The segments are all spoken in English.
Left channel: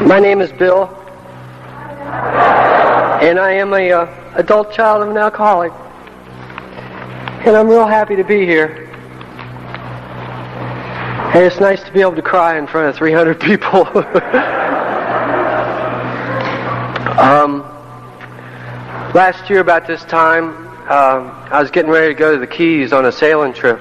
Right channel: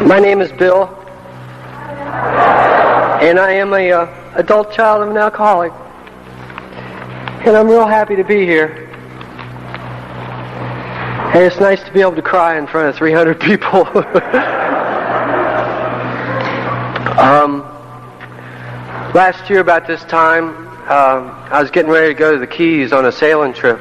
My name is Bill, and I am a adult child of an alcoholic, and I'm real happy to be here. And it's nice to be able to cry in front of 300 people. Last year about this time, I was getting ready to go to the Keys on a sailing trip.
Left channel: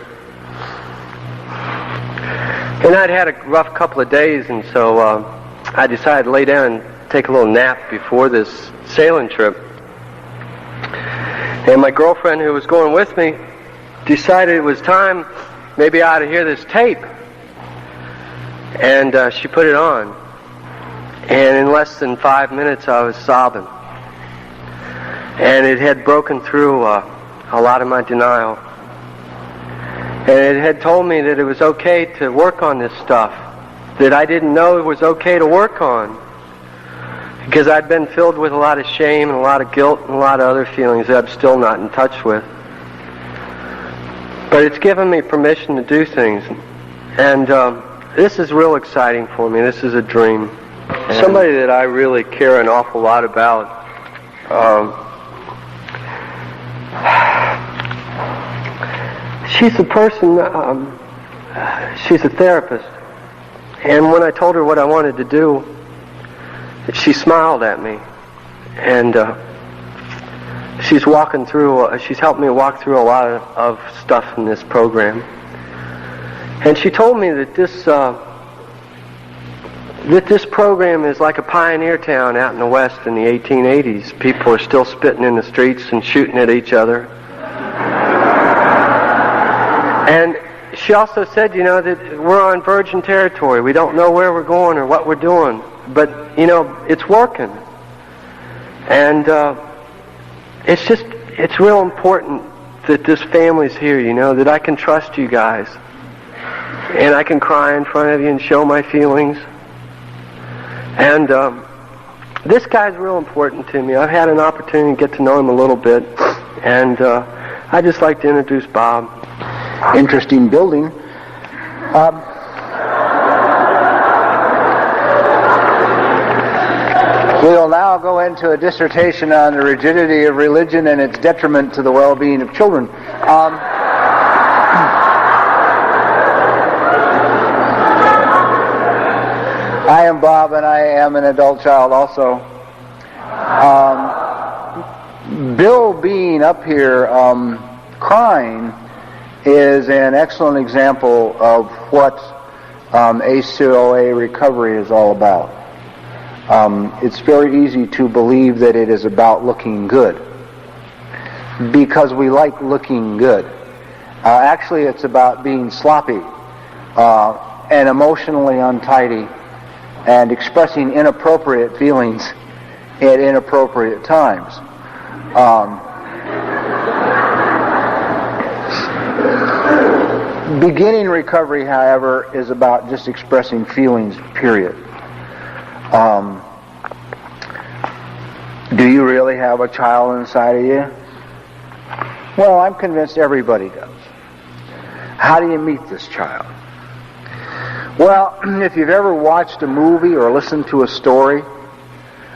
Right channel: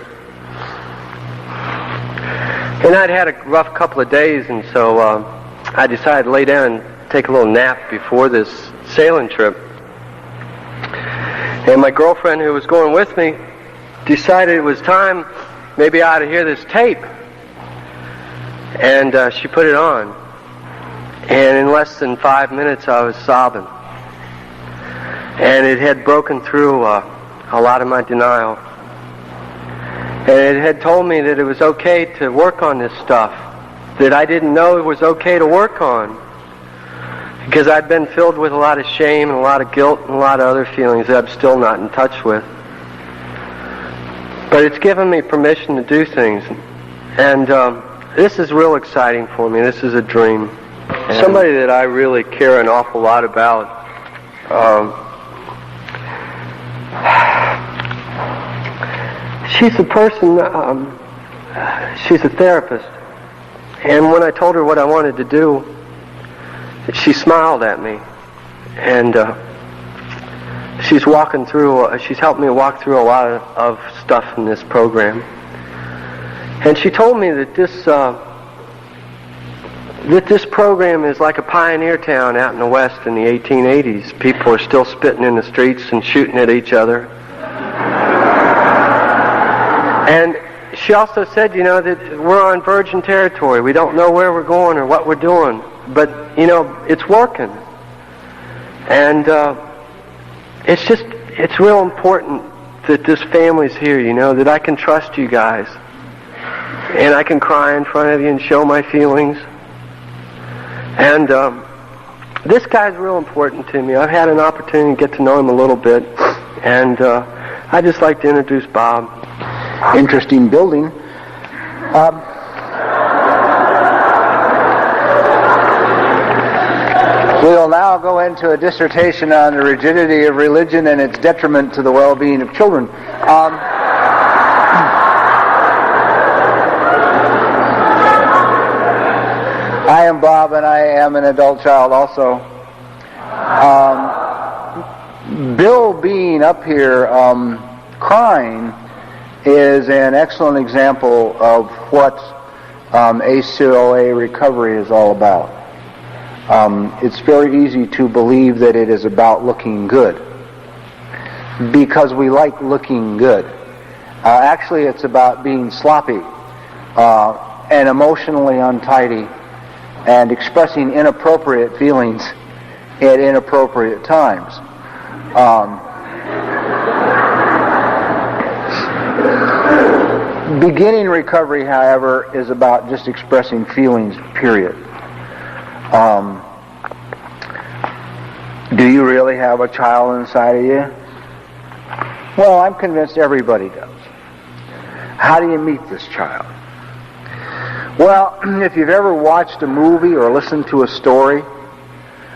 And I'd had a rough couple of days, and so I decided to lay down and take a little nap before this sailing trip. And my girlfriend, who was going with me, decided it was time, maybe I ought to hear this tape. And she put it on. And in less than 5 minutes, I was sobbing. And it had broken through a lot of my denial. And it had told me that it was okay to work on this stuff that I didn't know it was okay to work on, because I'd been filled with a lot of shame and a lot of guilt and a lot of other feelings that I'm still not in touch with. But it's given me permission to do things, and this is real exciting for me. This is a dream. Somebody that I really care an awful lot about. She's a person, she's a therapist. And when I told her what I wanted to do, she smiled at me. And she's walking through, she's helped me walk through a lot of stuff in this program. And she told me that this program is like a pioneer town out in the West in the 1880s. People are still spitting in the streets and shooting at each other. And she also said, that we're on virgin territory. We don't know where we're going or what we're doing. But, it's working. And it's real important that this family's here, that I can trust you guys. And I can cry in front of you and show my feelings. And this guy's real important to me. I've had an opportunity to get to know him a little bit. And I'd just like to introduce Bob. Interesting building. We'll now go into a dissertation on the rigidity of religion and its detriment to the well-being of children. I am Bob, and I am an adult child also. Bill being up here crying is an excellent example of what ACOA recovery is all about. It's very easy to believe that it is about looking good, because we like looking good. Actually, it's about being sloppy and emotionally untidy and expressing inappropriate feelings at inappropriate times. Beginning recovery, however, is about just expressing feelings, period. Do you really have a child inside of you? Well, I'm convinced everybody does. How do you meet this child? Well, if you've ever watched a movie or listened to a story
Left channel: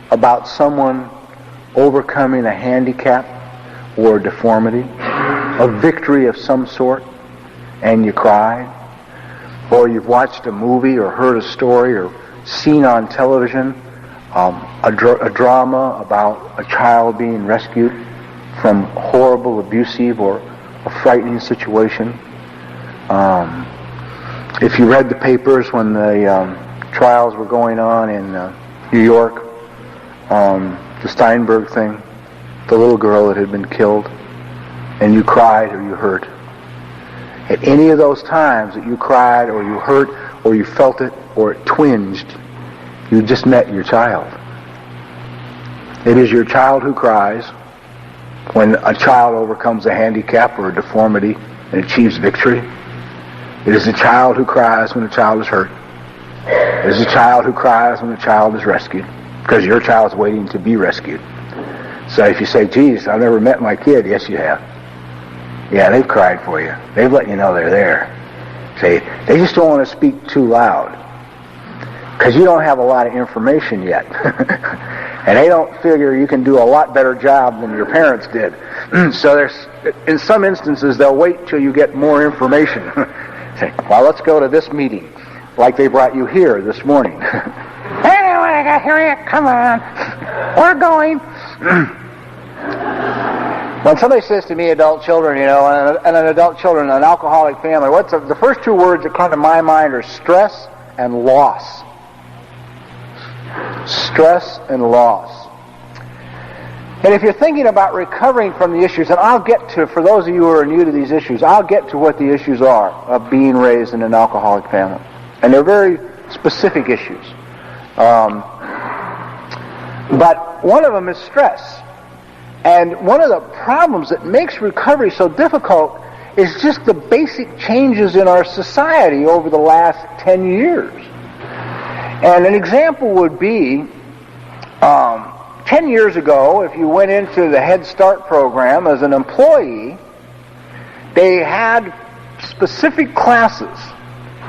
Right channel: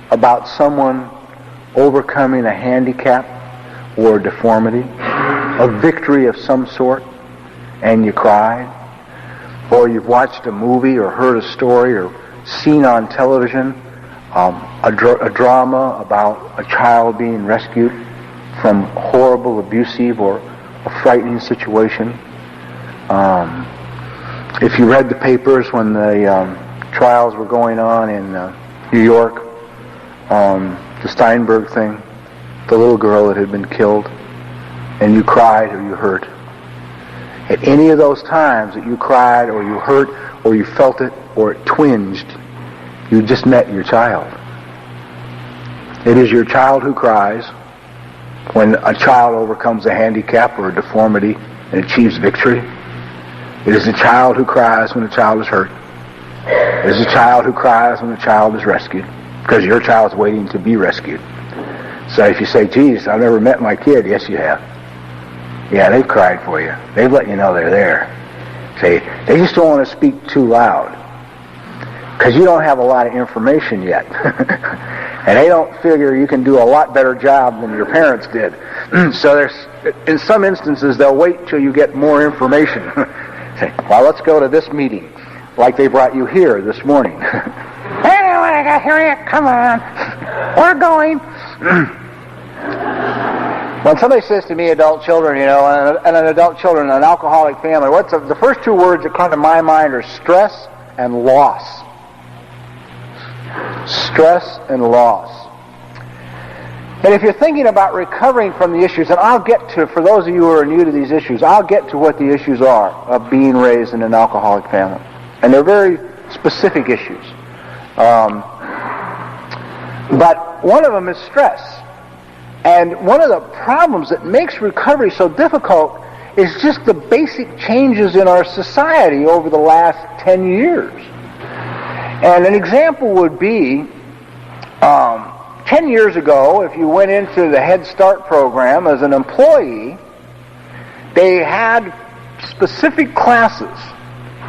about someone overcoming a handicap or a deformity, a victory of some sort, and you cried, or you've watched a movie or heard a story or seen on television a drama about a child being rescued from horrible, abusive, or a frightening situation. If you read the papers when the trials were going on in New York, the Steinberg thing, the little girl that had been killed, and you cried or you hurt. At any of those times that you cried or you hurt or you felt it or it twinged, you just met your child. It is your child who cries when a child overcomes a handicap or a deformity and achieves victory. It is the child who cries when a child is hurt. It is the child who cries when a child is rescued, because your child's waiting to be rescued. So if you say, geez, I've never met my kid, yes you have. Yeah, they've cried for you. They've let you know they're there. Say, they just don't want to speak too loud. because you don't have a lot of information yet. And they don't figure you can do a lot better job than your parents did. So in some instances, they'll wait till you get more information. Say, well, let's go to this meeting, like they brought you here this morning. I got here yet. Come on. We're going. When somebody says to me, adult children, and an adult children, an alcoholic family, what's the first two words that come to my mind are stress and loss. Stress and loss. And if you're thinking about recovering from the issues, and I'll get to, for those of you who are new to these issues, I'll get to what the issues are of being raised in an alcoholic family. And they're very specific issues. But one of them is stress. And one of the problems that makes recovery so difficult is just the basic changes in our society over the last 10 years. And an example would be, 10 years ago, if you went into the Head Start program as an employee, they had specific classes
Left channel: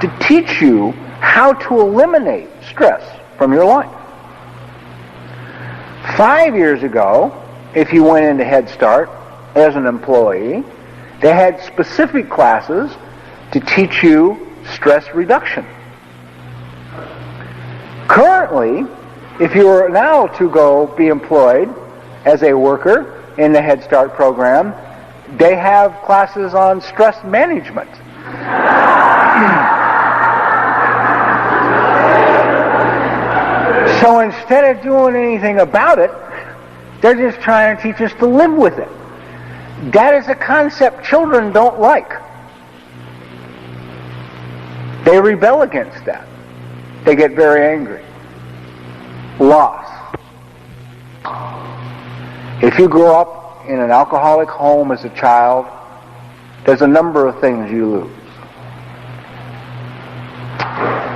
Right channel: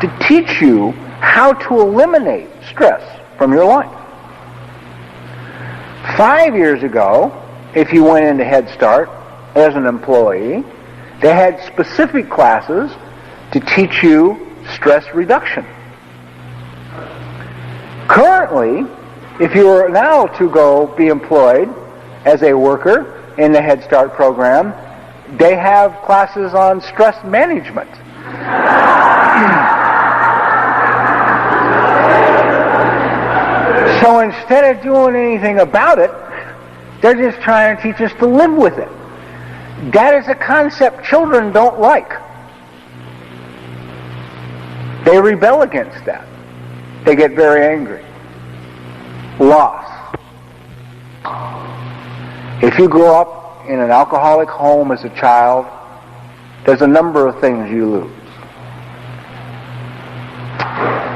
to teach you how to eliminate stress from your life. 5 years ago, if you went into Head Start as an employee, they had specific classes to teach you stress reduction. Currently, if you are now to go be employed as a worker in the Head Start program, they have classes on stress management. So instead of doing anything about it, they're just trying to teach us to live with it. That is a concept children don't like. They rebel against that. They get very angry. Loss. If you grow up in an alcoholic home as a child, there's a number of things you lose.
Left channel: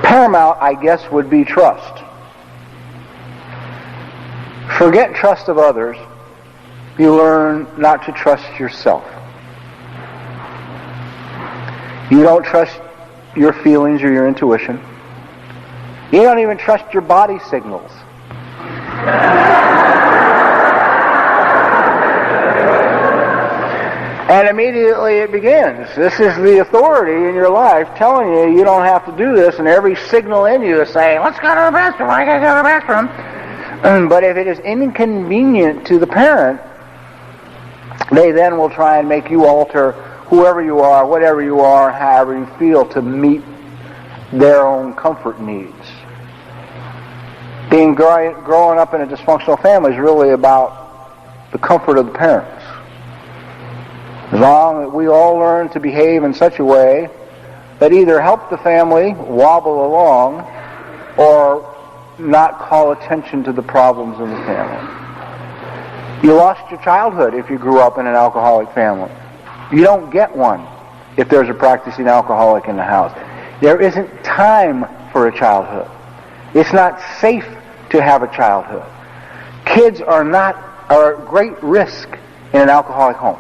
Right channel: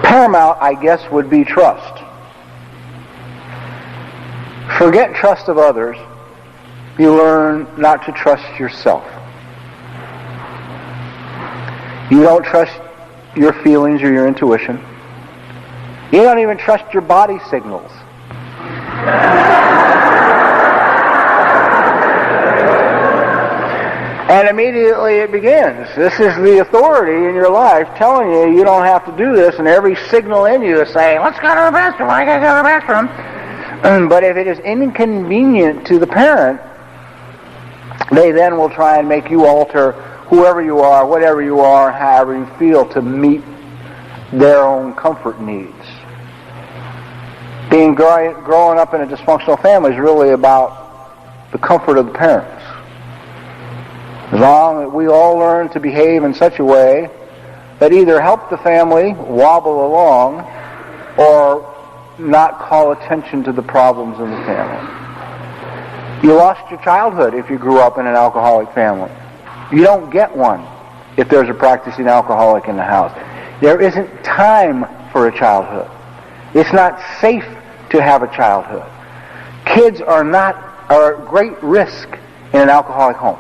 Paramount, I guess, would be trust. Forget trust of others. You learn not to trust yourself. You don't trust your feelings or your intuition. You don't even trust your body signals. And immediately it begins. This is the authority in your life telling you you don't have to do this, and every signal in you is saying, let's go to the bathroom, I gotta go to the bathroom. But if it is inconvenient to the parent, they then will try and make you alter whoever you are, whatever you are, however you feel to meet their own comfort needs. Growing up in a dysfunctional family is really about the comfort of the parents. As long as we all learn to behave in such a way that either help the family wobble along or not call attention to the problems in the family. You lost your childhood if you grew up in an alcoholic family. You don't get one if there's a practicing alcoholic in the house. There isn't time for a childhood. It's not safe to have a childhood. Kids are at great risk in an alcoholic home.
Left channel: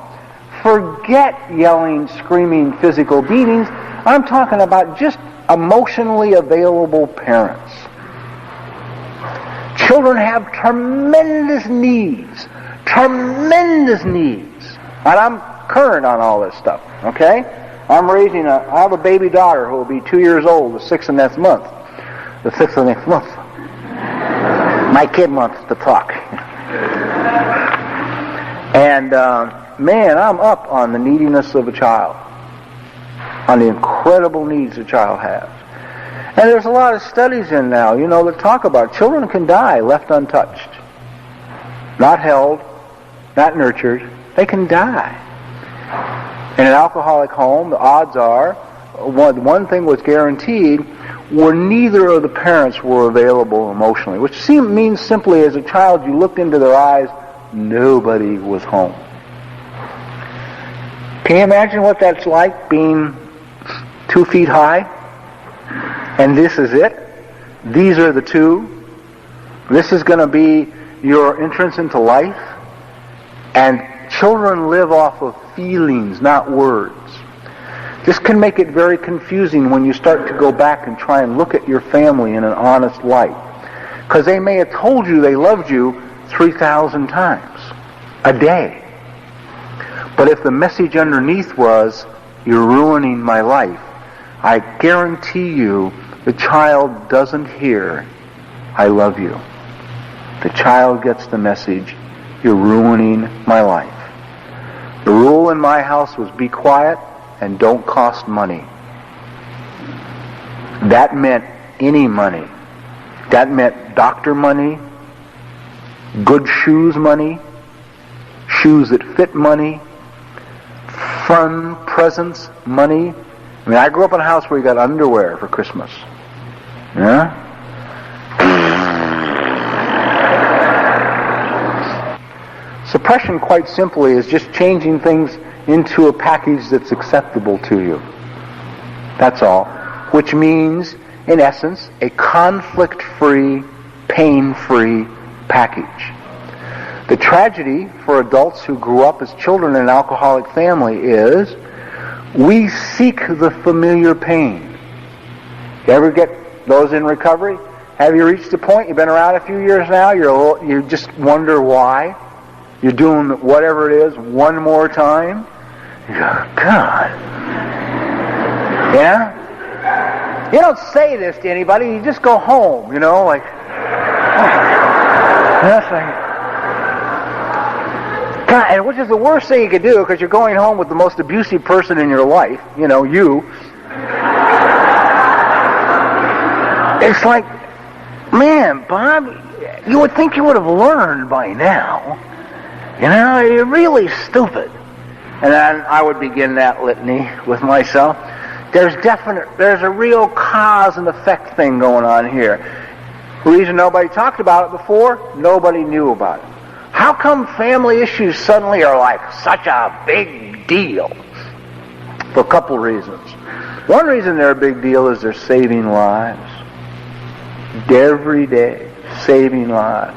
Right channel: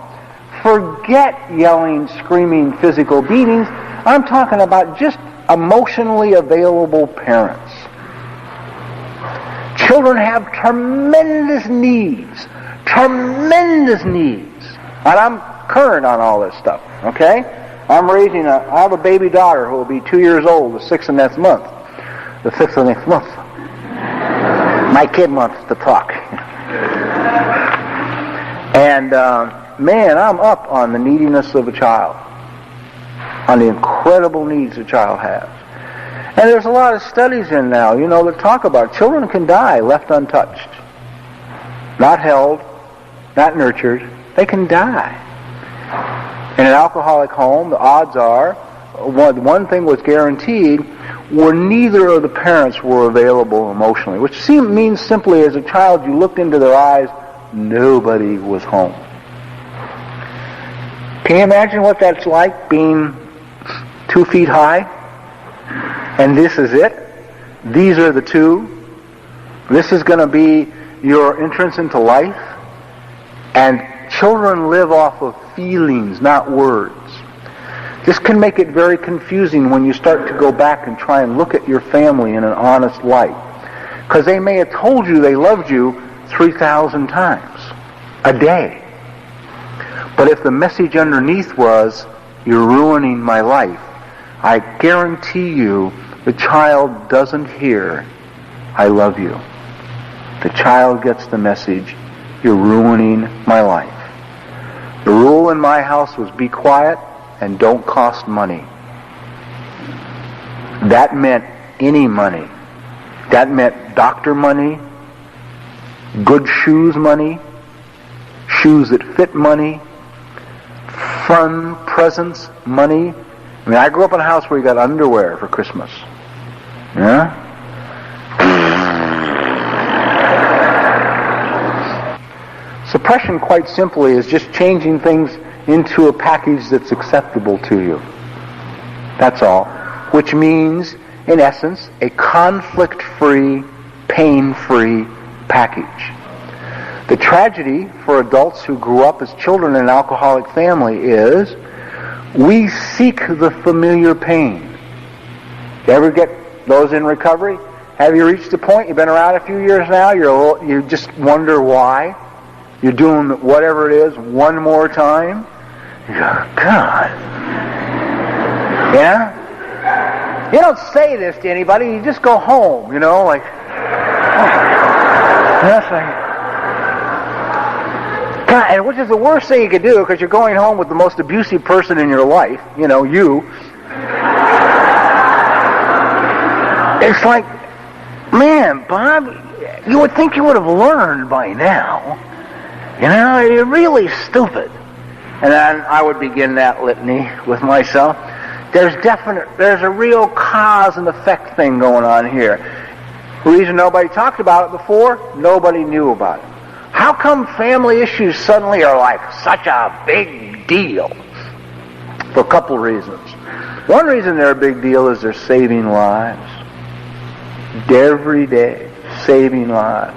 Forget yelling, screaming, physical beatings. I'm talking about just emotionally available parents. Children have tremendous needs. And I'm current on all this stuff, okay? I have a baby daughter who will be 2 years old the 6th of next month. My kid wants to talk. And, man, I'm up on the neediness of a child, on the incredible needs a child has. And there's a lot of studies in now, that talk about children can die left untouched. Not held, not nurtured. They can die. In an alcoholic home, the odds are, one thing was guaranteed, where neither of the parents were available emotionally, which means simply as a child you looked into their eyes, nobody was home. Can you imagine what that's like, being 2 feet high? And this is it? These are the two? This is going to be your entrance into life? And children live off of feelings, not words. This can make it very confusing when you start to go back and try and look at your family in an honest light. Because they may have told you they loved you 3,000 times a day. But if the message underneath was, you're ruining my life, I guarantee you the child doesn't hear, I love you. The child gets the message, you're ruining my life. The rule in my house was be quiet and don't cost money. That meant any money. That meant doctor money, good shoes money, shoes that fit money, fun presents money. I mean, I grew up in a house where you got underwear for Christmas. Yeah? Suppression, quite simply, is just changing things into a package that's acceptable to you. That's all. Which means, in essence, a conflict-free, pain-free package. The tragedy for adults who grew up as children in an alcoholic family is we seek the familiar pain. You ever get those in recovery? Have you reached the point, you've been around a few years now, you just wonder why? You're doing whatever it is one more time? You go, God. Yeah? You don't say this to anybody, you just go home, like, yes, God, and which is the worst thing you could do, because you're going home with the most abusive person in your life, you. It's like, man, Bob, you would think you would have learned by now. You're really stupid. And then I would begin that litany with myself. There's a real cause and effect thing going on here. The reason nobody talked about it before, nobody knew about it. How come family issues suddenly are like such a big deal? For a couple reasons. One reason they're a big deal is they're saving lives. Every day, saving lives.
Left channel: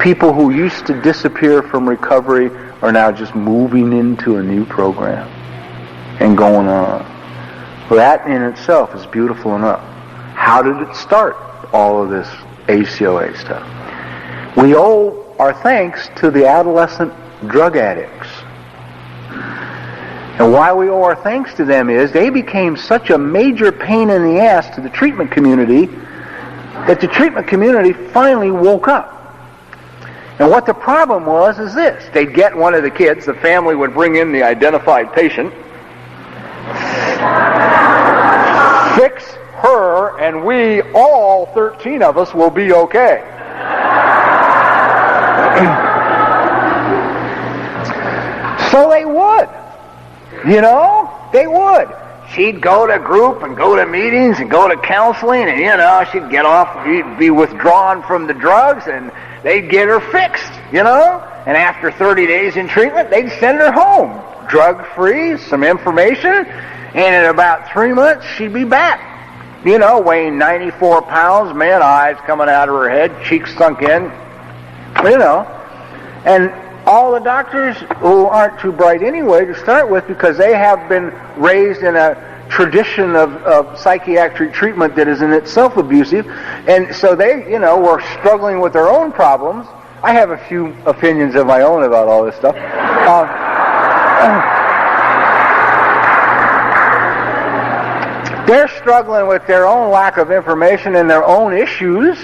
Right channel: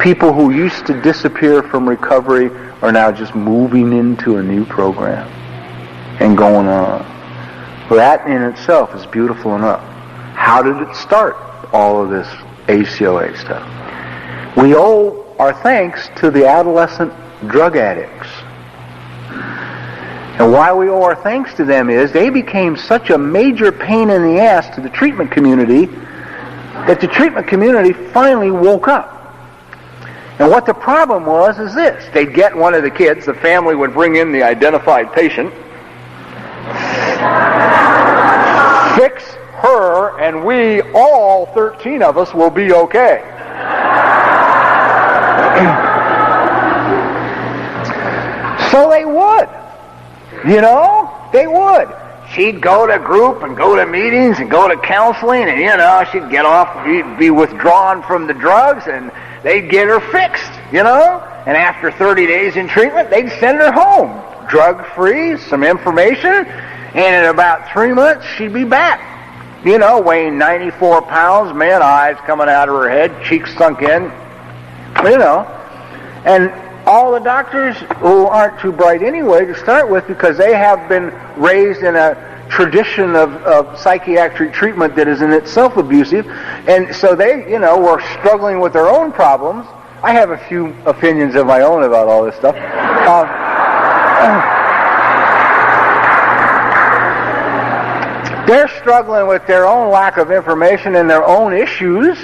People who used to disappear from recovery are now just moving into a new program and going on. Well, that in itself is beautiful enough. How did it start, all of this ACOA stuff? We owe our thanks to the adolescent drug addicts. And why we owe our thanks to them is they became such a major pain in the ass to the treatment community that the treatment community finally woke up. And what the problem was is this. They'd get one of the kids, the family would bring in the identified patient, fix her, and we, all 13 of us, will be okay. So they would. They would. She'd go to group and go to meetings and go to counseling, and, she'd get off, be withdrawn from the drugs, and they'd get her fixed, And after 30 days in treatment, they'd send her home, drug-free, some information, and in about 3 months, she'd be back. Weighing 94 pounds, man, eyes coming out of her head, cheeks sunk in, And all the doctors who aren't too bright anyway to start with, because they have been raised in a tradition of psychiatric treatment that is in itself abusive, and so they, were struggling with their own problems. I have a few opinions of my own about all this stuff. They're struggling with their own lack of information and their own issues,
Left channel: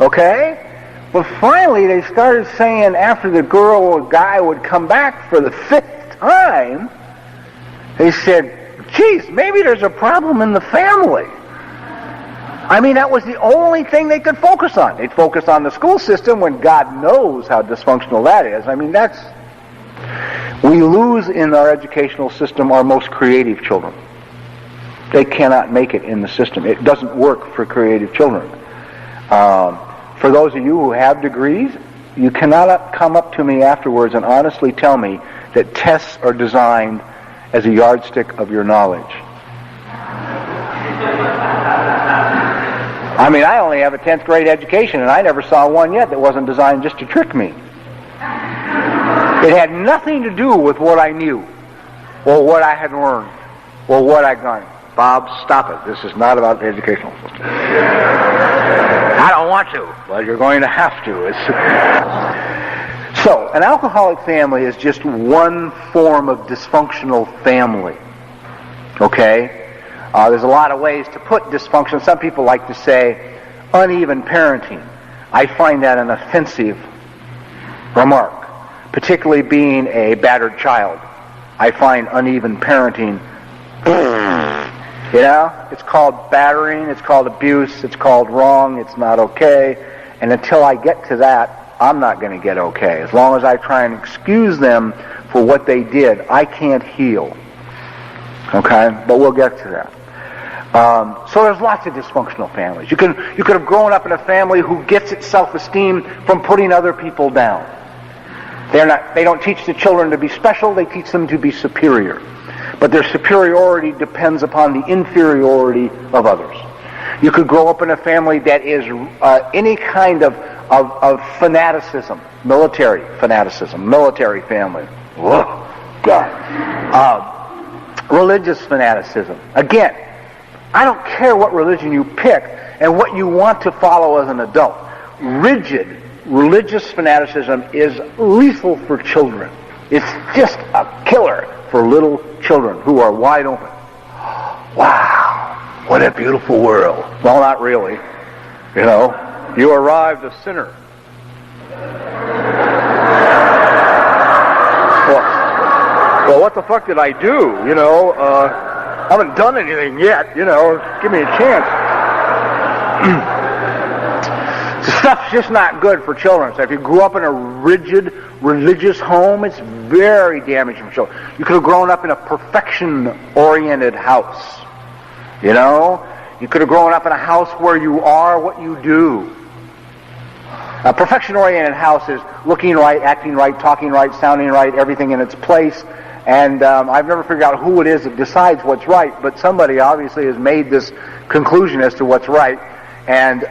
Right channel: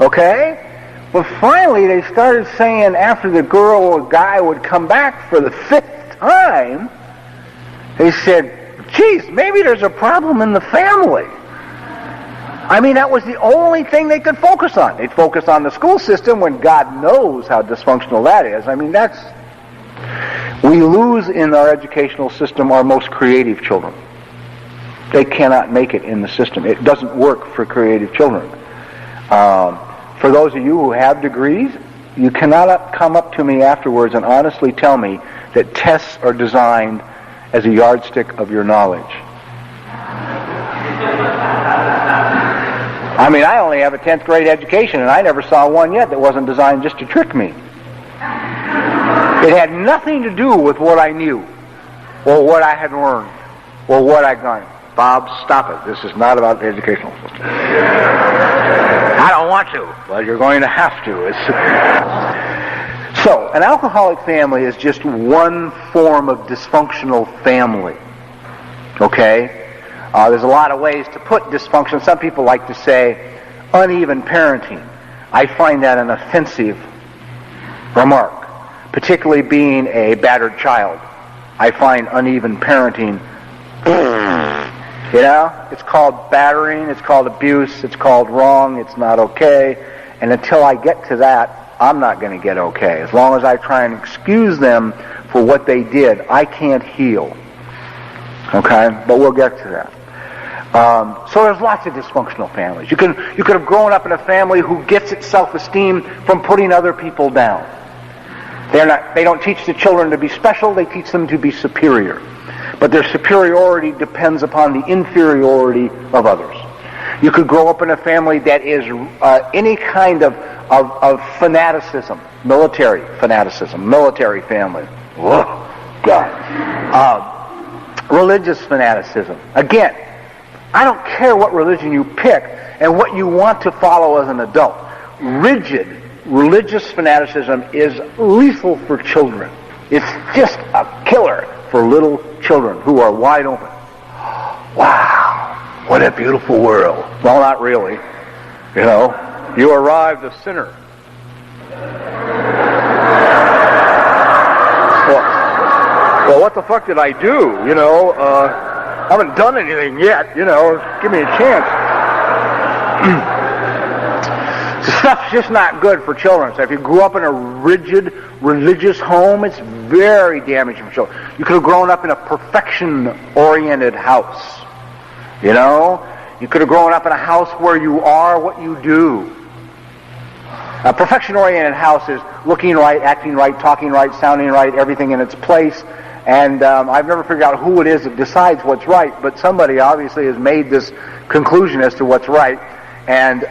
okay? But finally they started saying, after the girl or guy would come back for the 5th time, they said, geez, maybe there's a problem in the family. I mean, that was the only thing they could focus on. They'd focus on the school system when God knows how dysfunctional that is. I mean, we lose in our educational system our most creative children. They cannot make it in the system. It doesn't work for creative children. For those of you who have degrees, you cannot come up to me afterwards and honestly tell me that tests are designed as a yardstick of your knowledge. I mean, I only have a 10th grade education, and I never saw one yet that wasn't designed just to trick me. It had nothing to do with what I knew, or what I had learned, Well, what I done? Bob, stop it. This is not about the educational system. I don't want to. Well, you're going to have to. So, an alcoholic family is just one form of dysfunctional family. Okay? There's a lot of ways to put dysfunction. Some people like to say uneven parenting. I find that an offensive remark, particularly being a battered child. I find uneven parenting, it's called battering, it's called abuse, it's called wrong, it's not okay. And until I get to that, I'm not going to get okay. As long as I try and excuse them for what they did, I can't heal. Okay? But we'll get to that. So there's lots of dysfunctional families. You could have grown up in a family who gets its self-esteem from putting other people down. They don't teach the children to be special, they teach them to be superior. But their superiority depends upon the inferiority of others. You could grow up in a family that is any kind of fanaticism, military family. Whoa, God. Religious fanaticism. Again, I don't care what religion you pick and what you want to follow as an adult. Rigid religious fanaticism is lethal for children. It's just a killer for little children who are wide open. Wow, what a beautiful world. Well, not really. You arrived a sinner. Well, what the fuck did I do? I haven't done anything yet, give me a chance. The stuff's just not good for children. So if you grew up in a rigid, religious home, it's very damaging for children. You could have grown up in a perfection-oriented house. You could have grown up in a house where you are what you do. A perfection-oriented house is looking right, acting right, talking right, sounding right, everything in its place. And I've never figured out who it is that decides what's right, but somebody obviously has made this conclusion as to what's right, and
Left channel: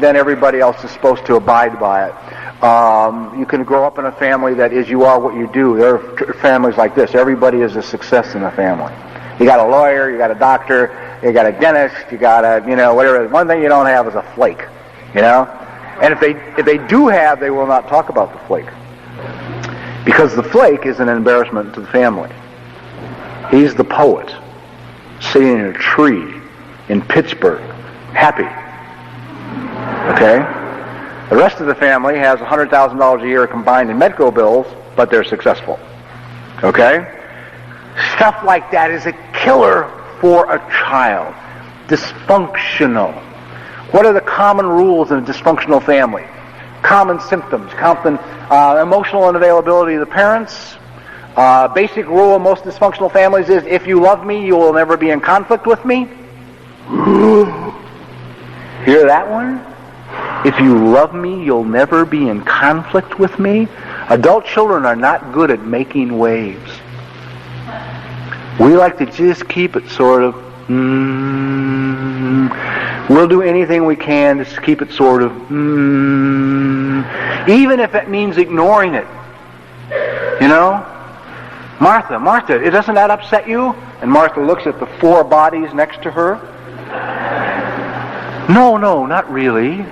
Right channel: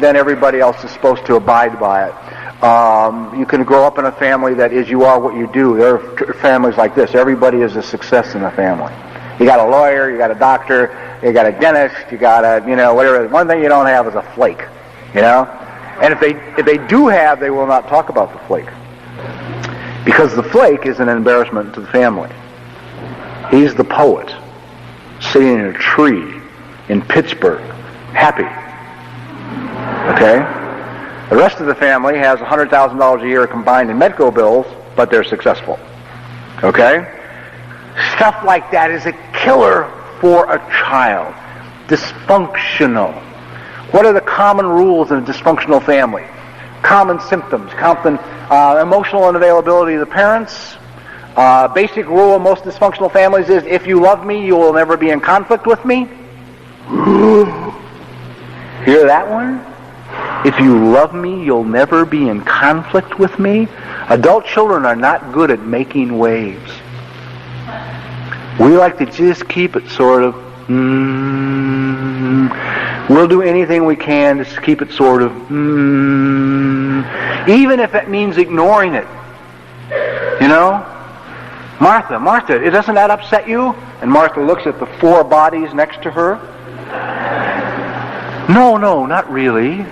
then everybody else is supposed to abide by it. You can grow up in a family that is you are what you do. There are families like this. Everybody is a success in the family. You got a lawyer, you got a doctor, you got a dentist, you got a, whatever. One thing you don't have is a flake, And if they do have, they will not talk about the flake. Because the flake is an embarrassment to the family. He's the poet, sitting in a tree in Pittsburgh, happy. Okay? The rest of the family has $100,000 a year combined in medical bills, but they're successful. Okay? Stuff like that is a killer for a child. Dysfunctional. What are the common rules in a dysfunctional family? Common symptoms, emotional unavailability of the parents. Basic rule of most dysfunctional families is, if you love me, you will never be in conflict with me. Hear that one? If you love me, you'll never be in conflict with me. Adult children are not good at making waves. We like to just keep it sort of, we'll do anything we can to keep it sort of, even if it means ignoring it. Martha, doesn't that upset you? And Martha looks at the 4 bodies next to her. No, not really.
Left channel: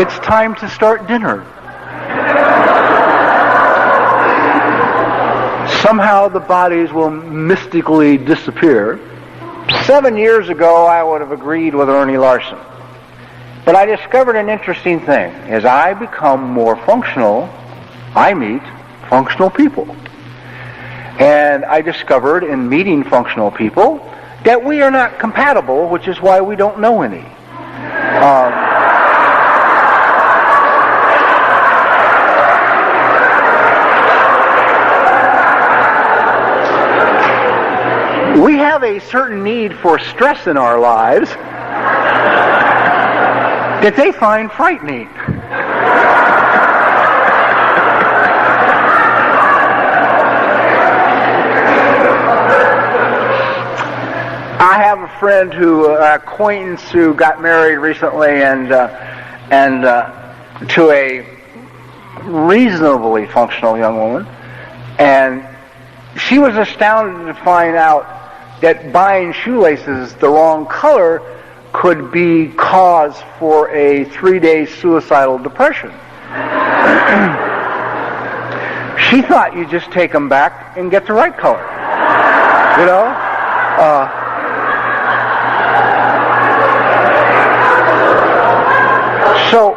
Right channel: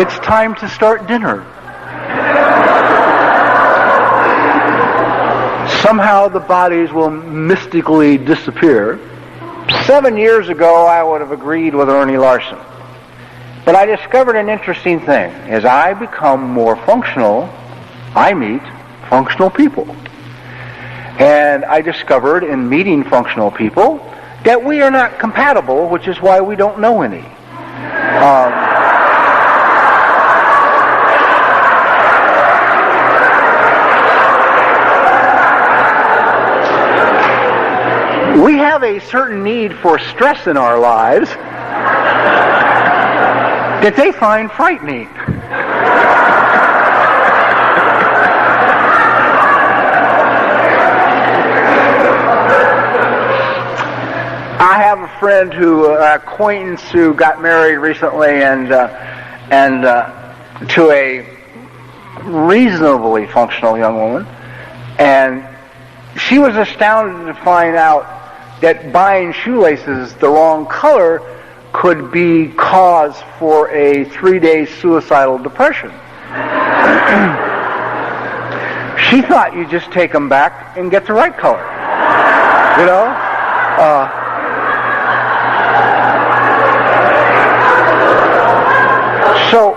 It's time to start dinner. Somehow the bodies will mystically disappear. 7 years ago, I would have agreed with Ernie Larson. But I discovered an interesting thing. As I become more functional, I meet functional people. And I discovered in meeting functional people that we are not compatible, which is why we don't know any. We have a certain need for stress in our lives that they find frightening. I have a friend acquaintance who got married recently and to a reasonably functional young woman. And she was astounded to find out that buying shoelaces the wrong color could be cause for a 3-day suicidal depression. She thought you just take them back and get the right color. You know? So,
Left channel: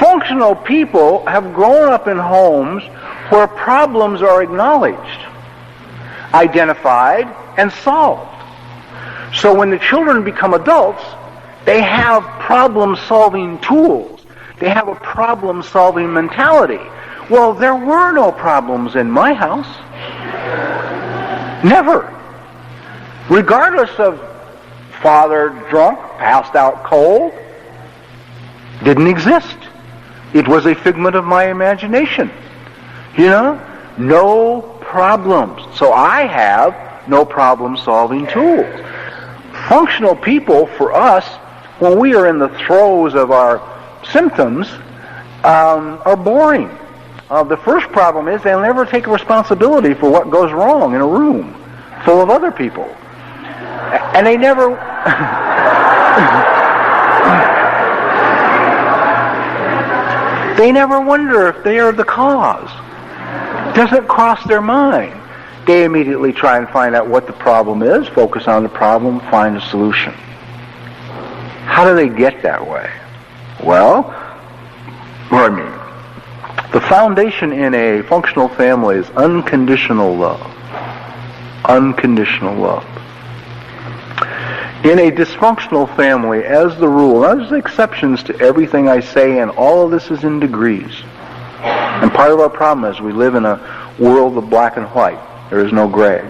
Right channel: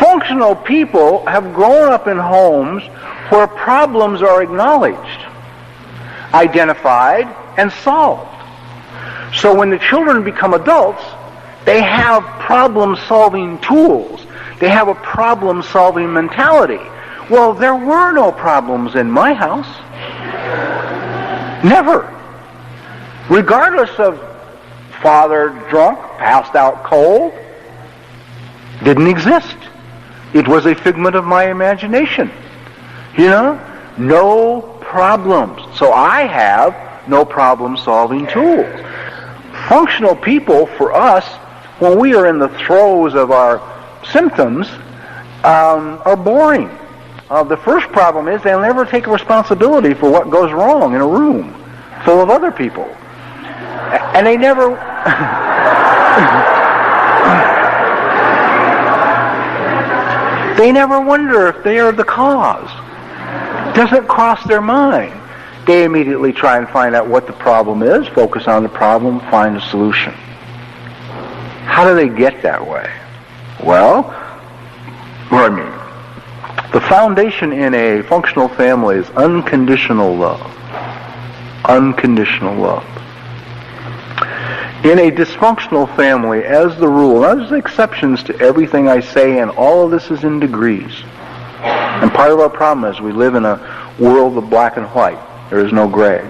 functional people have grown up in homes where problems are acknowledged, identified, and solved. So when the children become adults, they have problem-solving tools. They have a problem-solving mentality. Well, there were no problems in my house. Never. Regardless of father drunk, passed out cold, didn't exist. It was a figment of my imagination. You know? No problems. So I have no problem-solving tools. Functional people, for us, when we are in the throes of our symptoms, are boring. The first problem is they'll never take responsibility for what goes wrong in a room full of other people. And they never... they never wonder if they are the cause. It doesn't cross their mind. They immediately try and find out what the problem is, focus on the problem, find a solution. How do they get that way? Well, the foundation in a functional family is unconditional love. Unconditional love. In a dysfunctional family, as the rule, there's exceptions to everything I say, and all of this is in degrees. And part of our problem is we live in a world of black and white. There is no gray.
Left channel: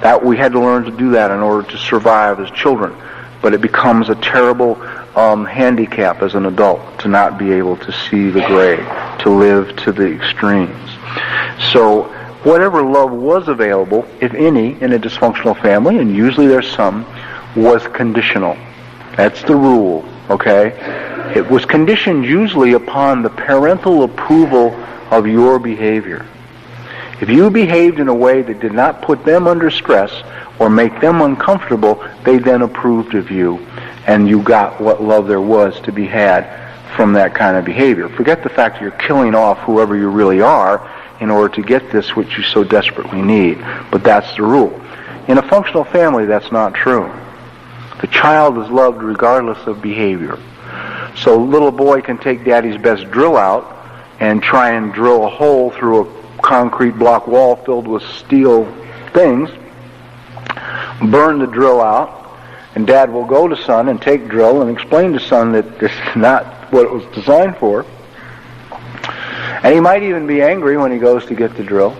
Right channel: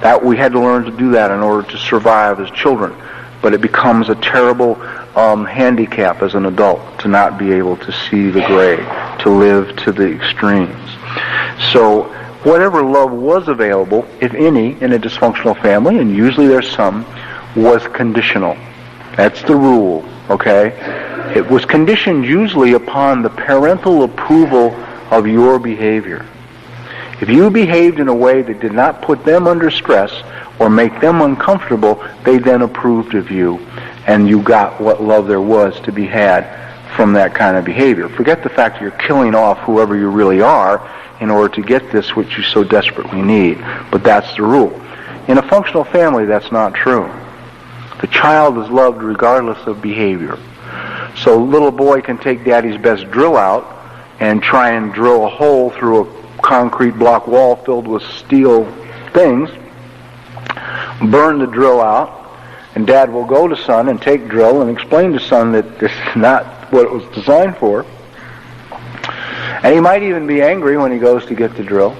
That we had to learn to do that in order to survive as children. But it becomes a terrible handicap as an adult to not be able to see the gray, to live to the extremes. So whatever love was available, if any, in a dysfunctional family, and usually there's some, was conditional. That's the rule, okay? It was conditioned usually upon the parental approval of your behavior. If you behaved in a way that did not put them under stress or make them uncomfortable, they then approved of you, and you got what love there was to be had from that kind of behavior. Forget the fact that you're killing off whoever you really are in order to get this which you so desperately need, but that's the rule. In a functional family, that's not true. The child is loved regardless of behavior. So a little boy can take daddy's best drill out and try and drill a hole through a concrete block wall filled with steel things, burn the drill out, and dad will go to son and take drill and explain to son that this is not what it was designed for. And he might even be angry when he goes to get the drill.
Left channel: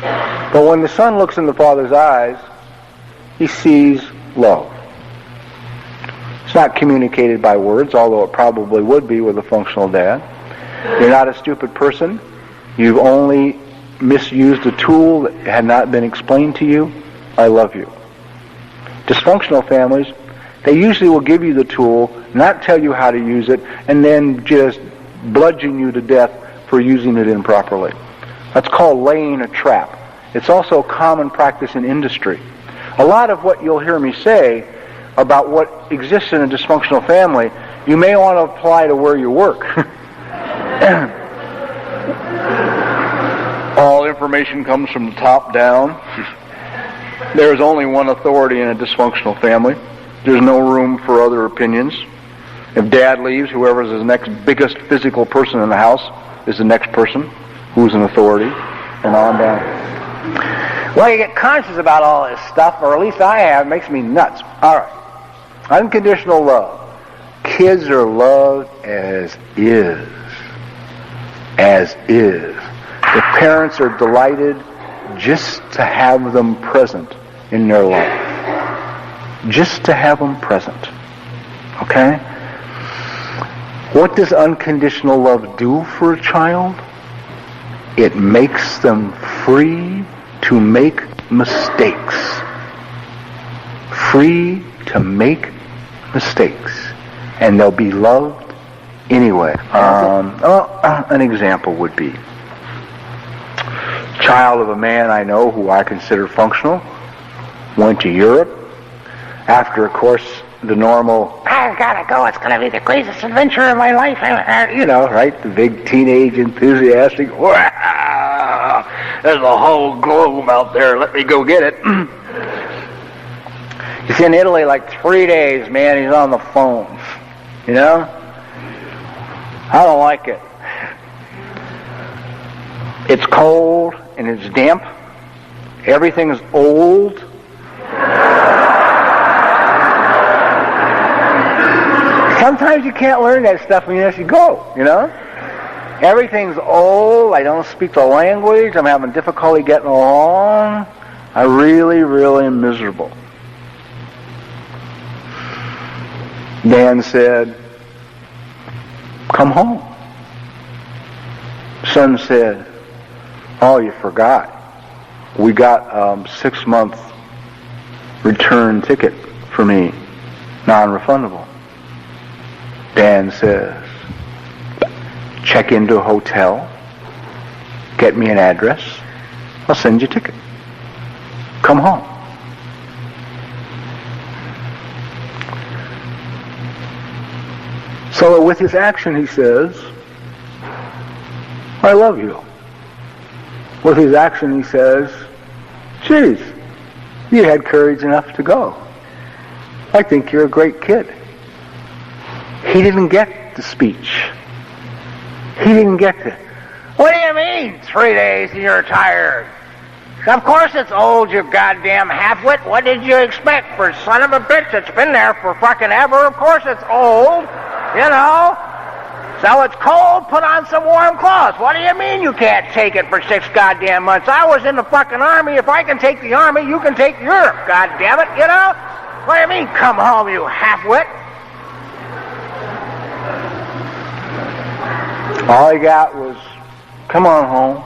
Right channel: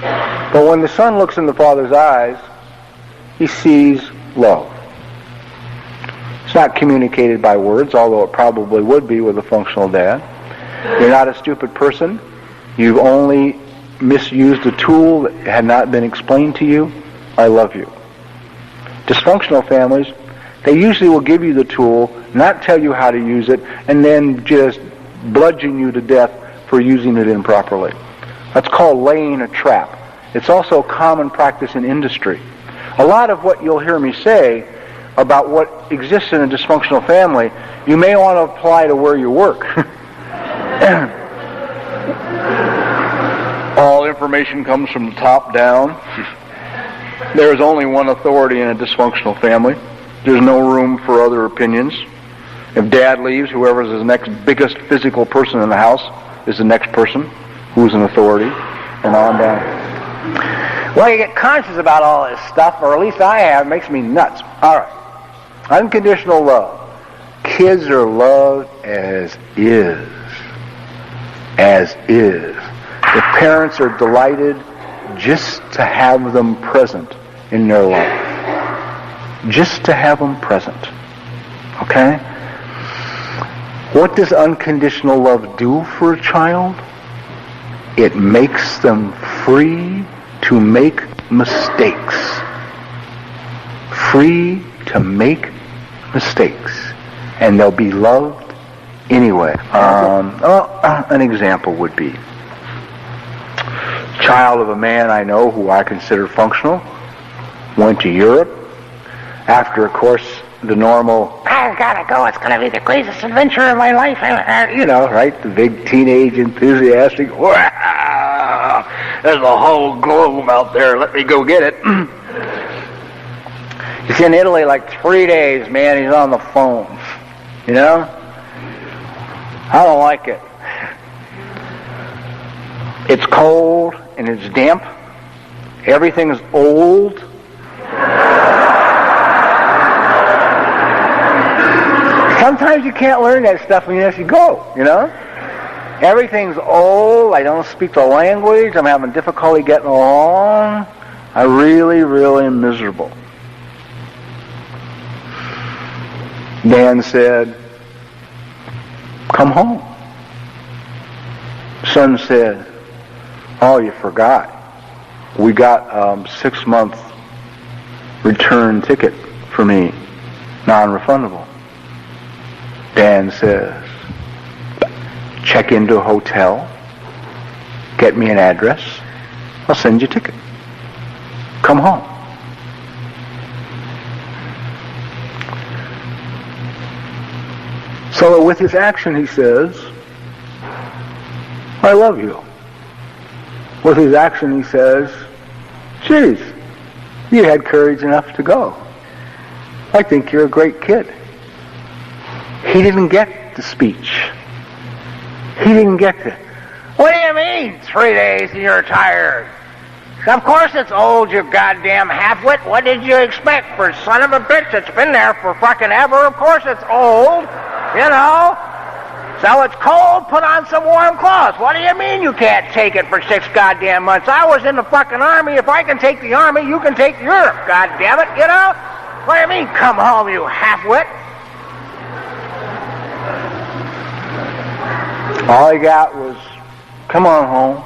But when the son looks in the father's eyes, he sees love. It's not communicated by words, although it probably would be with a functional dad. You're not a stupid person. You've only misused a tool that had not been explained to you. I love you. Dysfunctional families, they usually will give you the tool, not tell you how to use it, and then just bludgeon you to death for using it improperly. That's called laying a trap. It's also common practice in industry. A lot of what you'll hear me say about what exists in a dysfunctional family, you may want to apply to where you work. All information comes from the top down. There is only one authority in a dysfunctional family. There's no room for other opinions. If dad leaves, whoever's the next biggest physical person in the house is the next person who's an authority, and on down. Well, you get conscious about all this stuff, or at least I have. It makes me nuts. All right. Unconditional love. Kids are loved as is. As is. The parents are delighted just to have them present in their life. Just to have them present. Okay? What does unconditional love do for a child? It makes them free to make mistakes. Free to make mistakes. And they'll be loved anyway. An example would be, child of a man I know who I consider functional, went to Europe. After, of course, the normal, I've got to go, it's going to be the greatest adventure of my life, you know, right? The big teenage enthusiastic, wow, there's a whole globe out there, let me go get it. He's in Italy like 3 days, man, he's on the phone, you know? I don't like it. It's cold and it's damp. Everything's old. Sometimes you can't learn that stuff unless you go, you know? Everything's old. I don't speak the language. I'm having difficulty getting along. I really, really am miserable. Dan said, come home. Son said, oh, you forgot. We got 6-month return ticket for me, non-refundable. Dan says, check into a hotel, get me an address, I'll send you a ticket. Come home. So with his action he says, I love you. With his action he says, geez, you had courage enough to go. I think you're a great kid. He didn't get the speech. He didn't get the, what do you mean 3 days and you're tired? Of course it's old, you goddamn halfwit. What did you expect? For son of a bitch, it's been there for fucking ever. Of course it's old, you know. So it's cold, put on some warm clothes. What do you mean you can't take it for 6 goddamn months? I was in the fucking army. If I can take the army, you can take Europe, goddamn it, you know? What do you mean, come home, you halfwit? All he got was, come on home.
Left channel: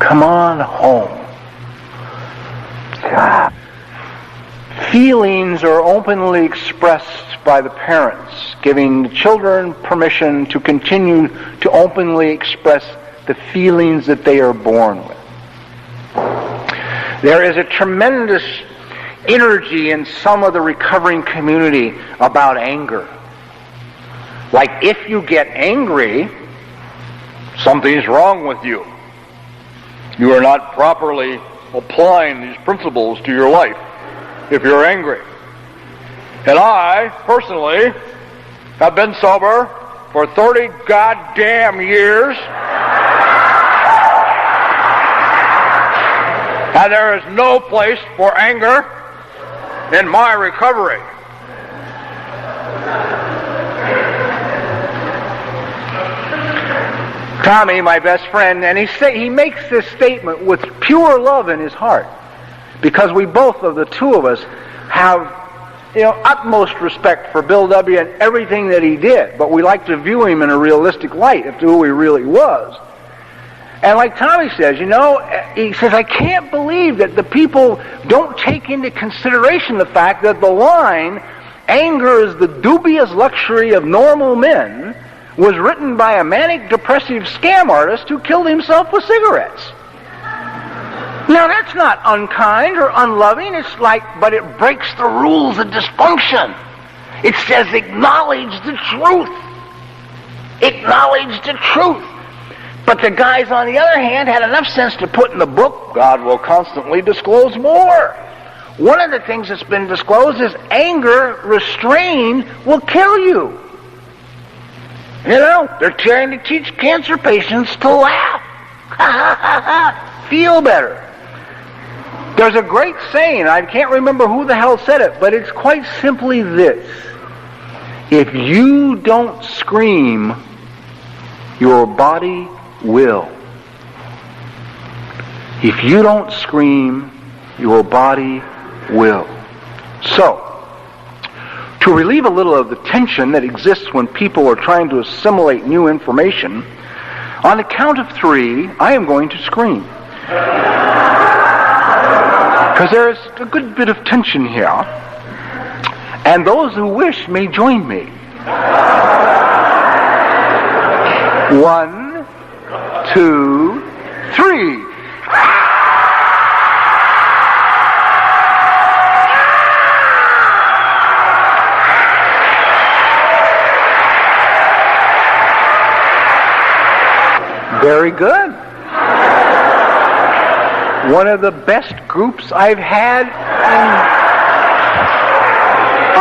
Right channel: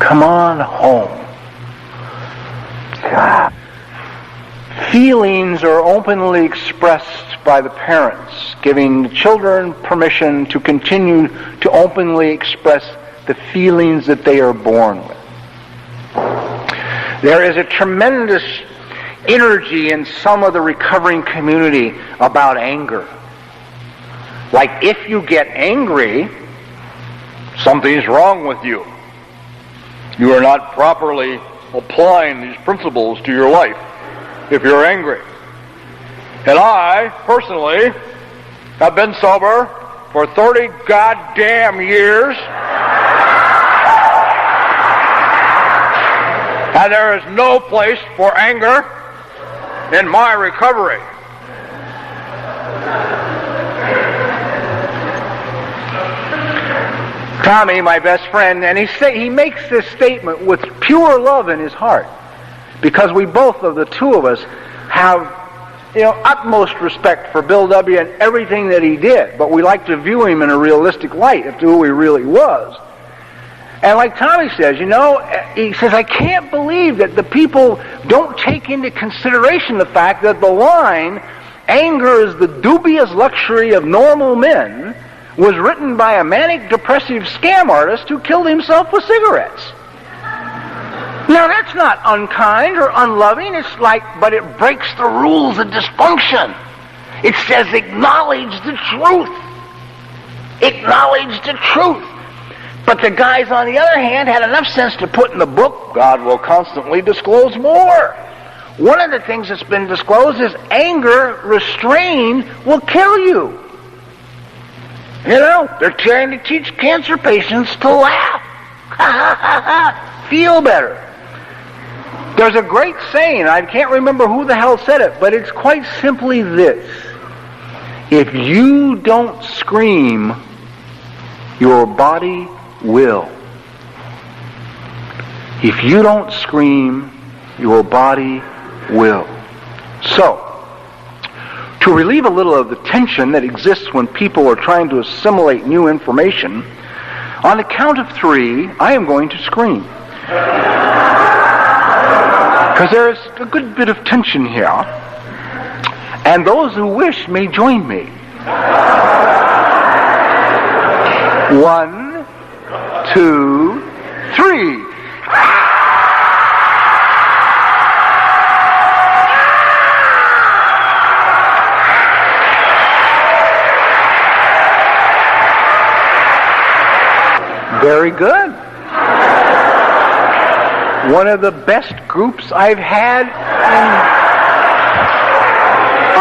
Come on home. God. Feelings are openly expressed by the parents, giving the children permission to continue to openly express the feelings that they are born with. There is a tremendous energy in some of the recovering community about anger. Like, if you get angry, something's wrong with you. You are not properly applying these principles to your life if you're angry. And I, personally, have been sober for 30 goddamn years. And there is no place for anger in my recovery. Tommy, my best friend, and he makes this statement with pure love in his heart, because we both of the two of us have, utmost respect for Bill W. and everything that he did, but we like to view him in a realistic light as to who he really was. And like Tommy says, he says, I can't believe that the people don't take into consideration the fact that the line, anger is the dubious luxury of normal men, was written by a manic depressive scam artist who killed himself with cigarettes. Now that's not unkind or unloving, but it breaks the rules of dysfunction. It says acknowledge the truth. Acknowledge the truth. But the guys on the other hand had enough sense to put in the book, God will constantly disclose more. One of the things that's been disclosed is anger restrained will kill you. They're trying to teach cancer patients to laugh. Feel better. There's a great saying, I can't remember who the hell said it, but it's quite simply this. If you don't scream, your body will. If you don't scream, your body will. So, to relieve a little of the tension that exists when people are trying to assimilate new information, on the count of 3, I am going to scream. Because there's a good bit of tension here. And those who wish may join me. 1, 2, 3. Very good. One of the best groups I've had in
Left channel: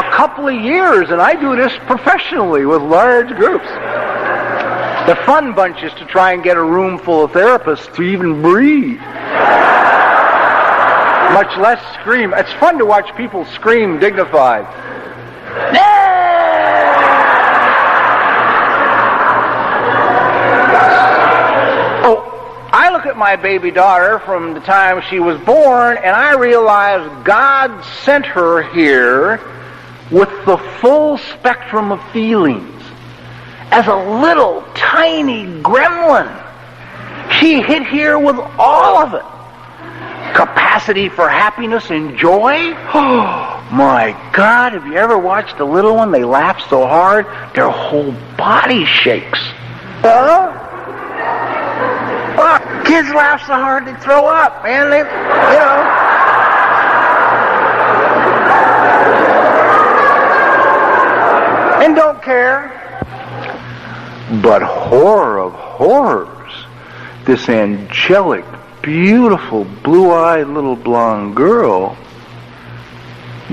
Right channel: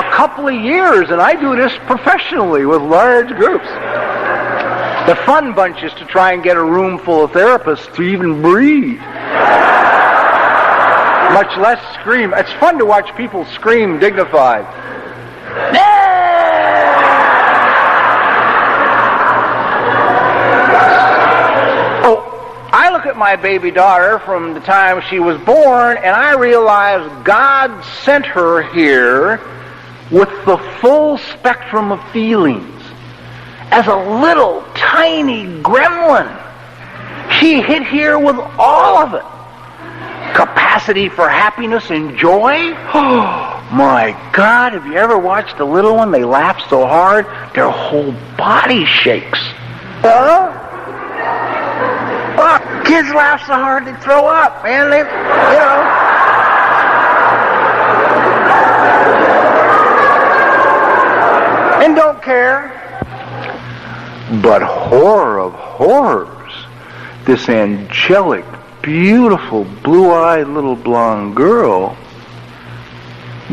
a couple of years, and I do this professionally with large groups. The fun bunch is to try and get a room full of therapists to even breathe, much less scream. It's fun to watch people scream dignified. I look at my baby daughter from the time she was born, and I realize God sent her here with the full spectrum of feelings. As a little tiny gremlin, she hit here with all of it. Capacity for happiness and joy. Oh my God, have you ever watched a little one? They laugh so hard, their whole body shakes. Kids laugh so hard they throw up, man. They, and don't care. But horror of horrors, this angelic, beautiful, blue-eyed little blonde girl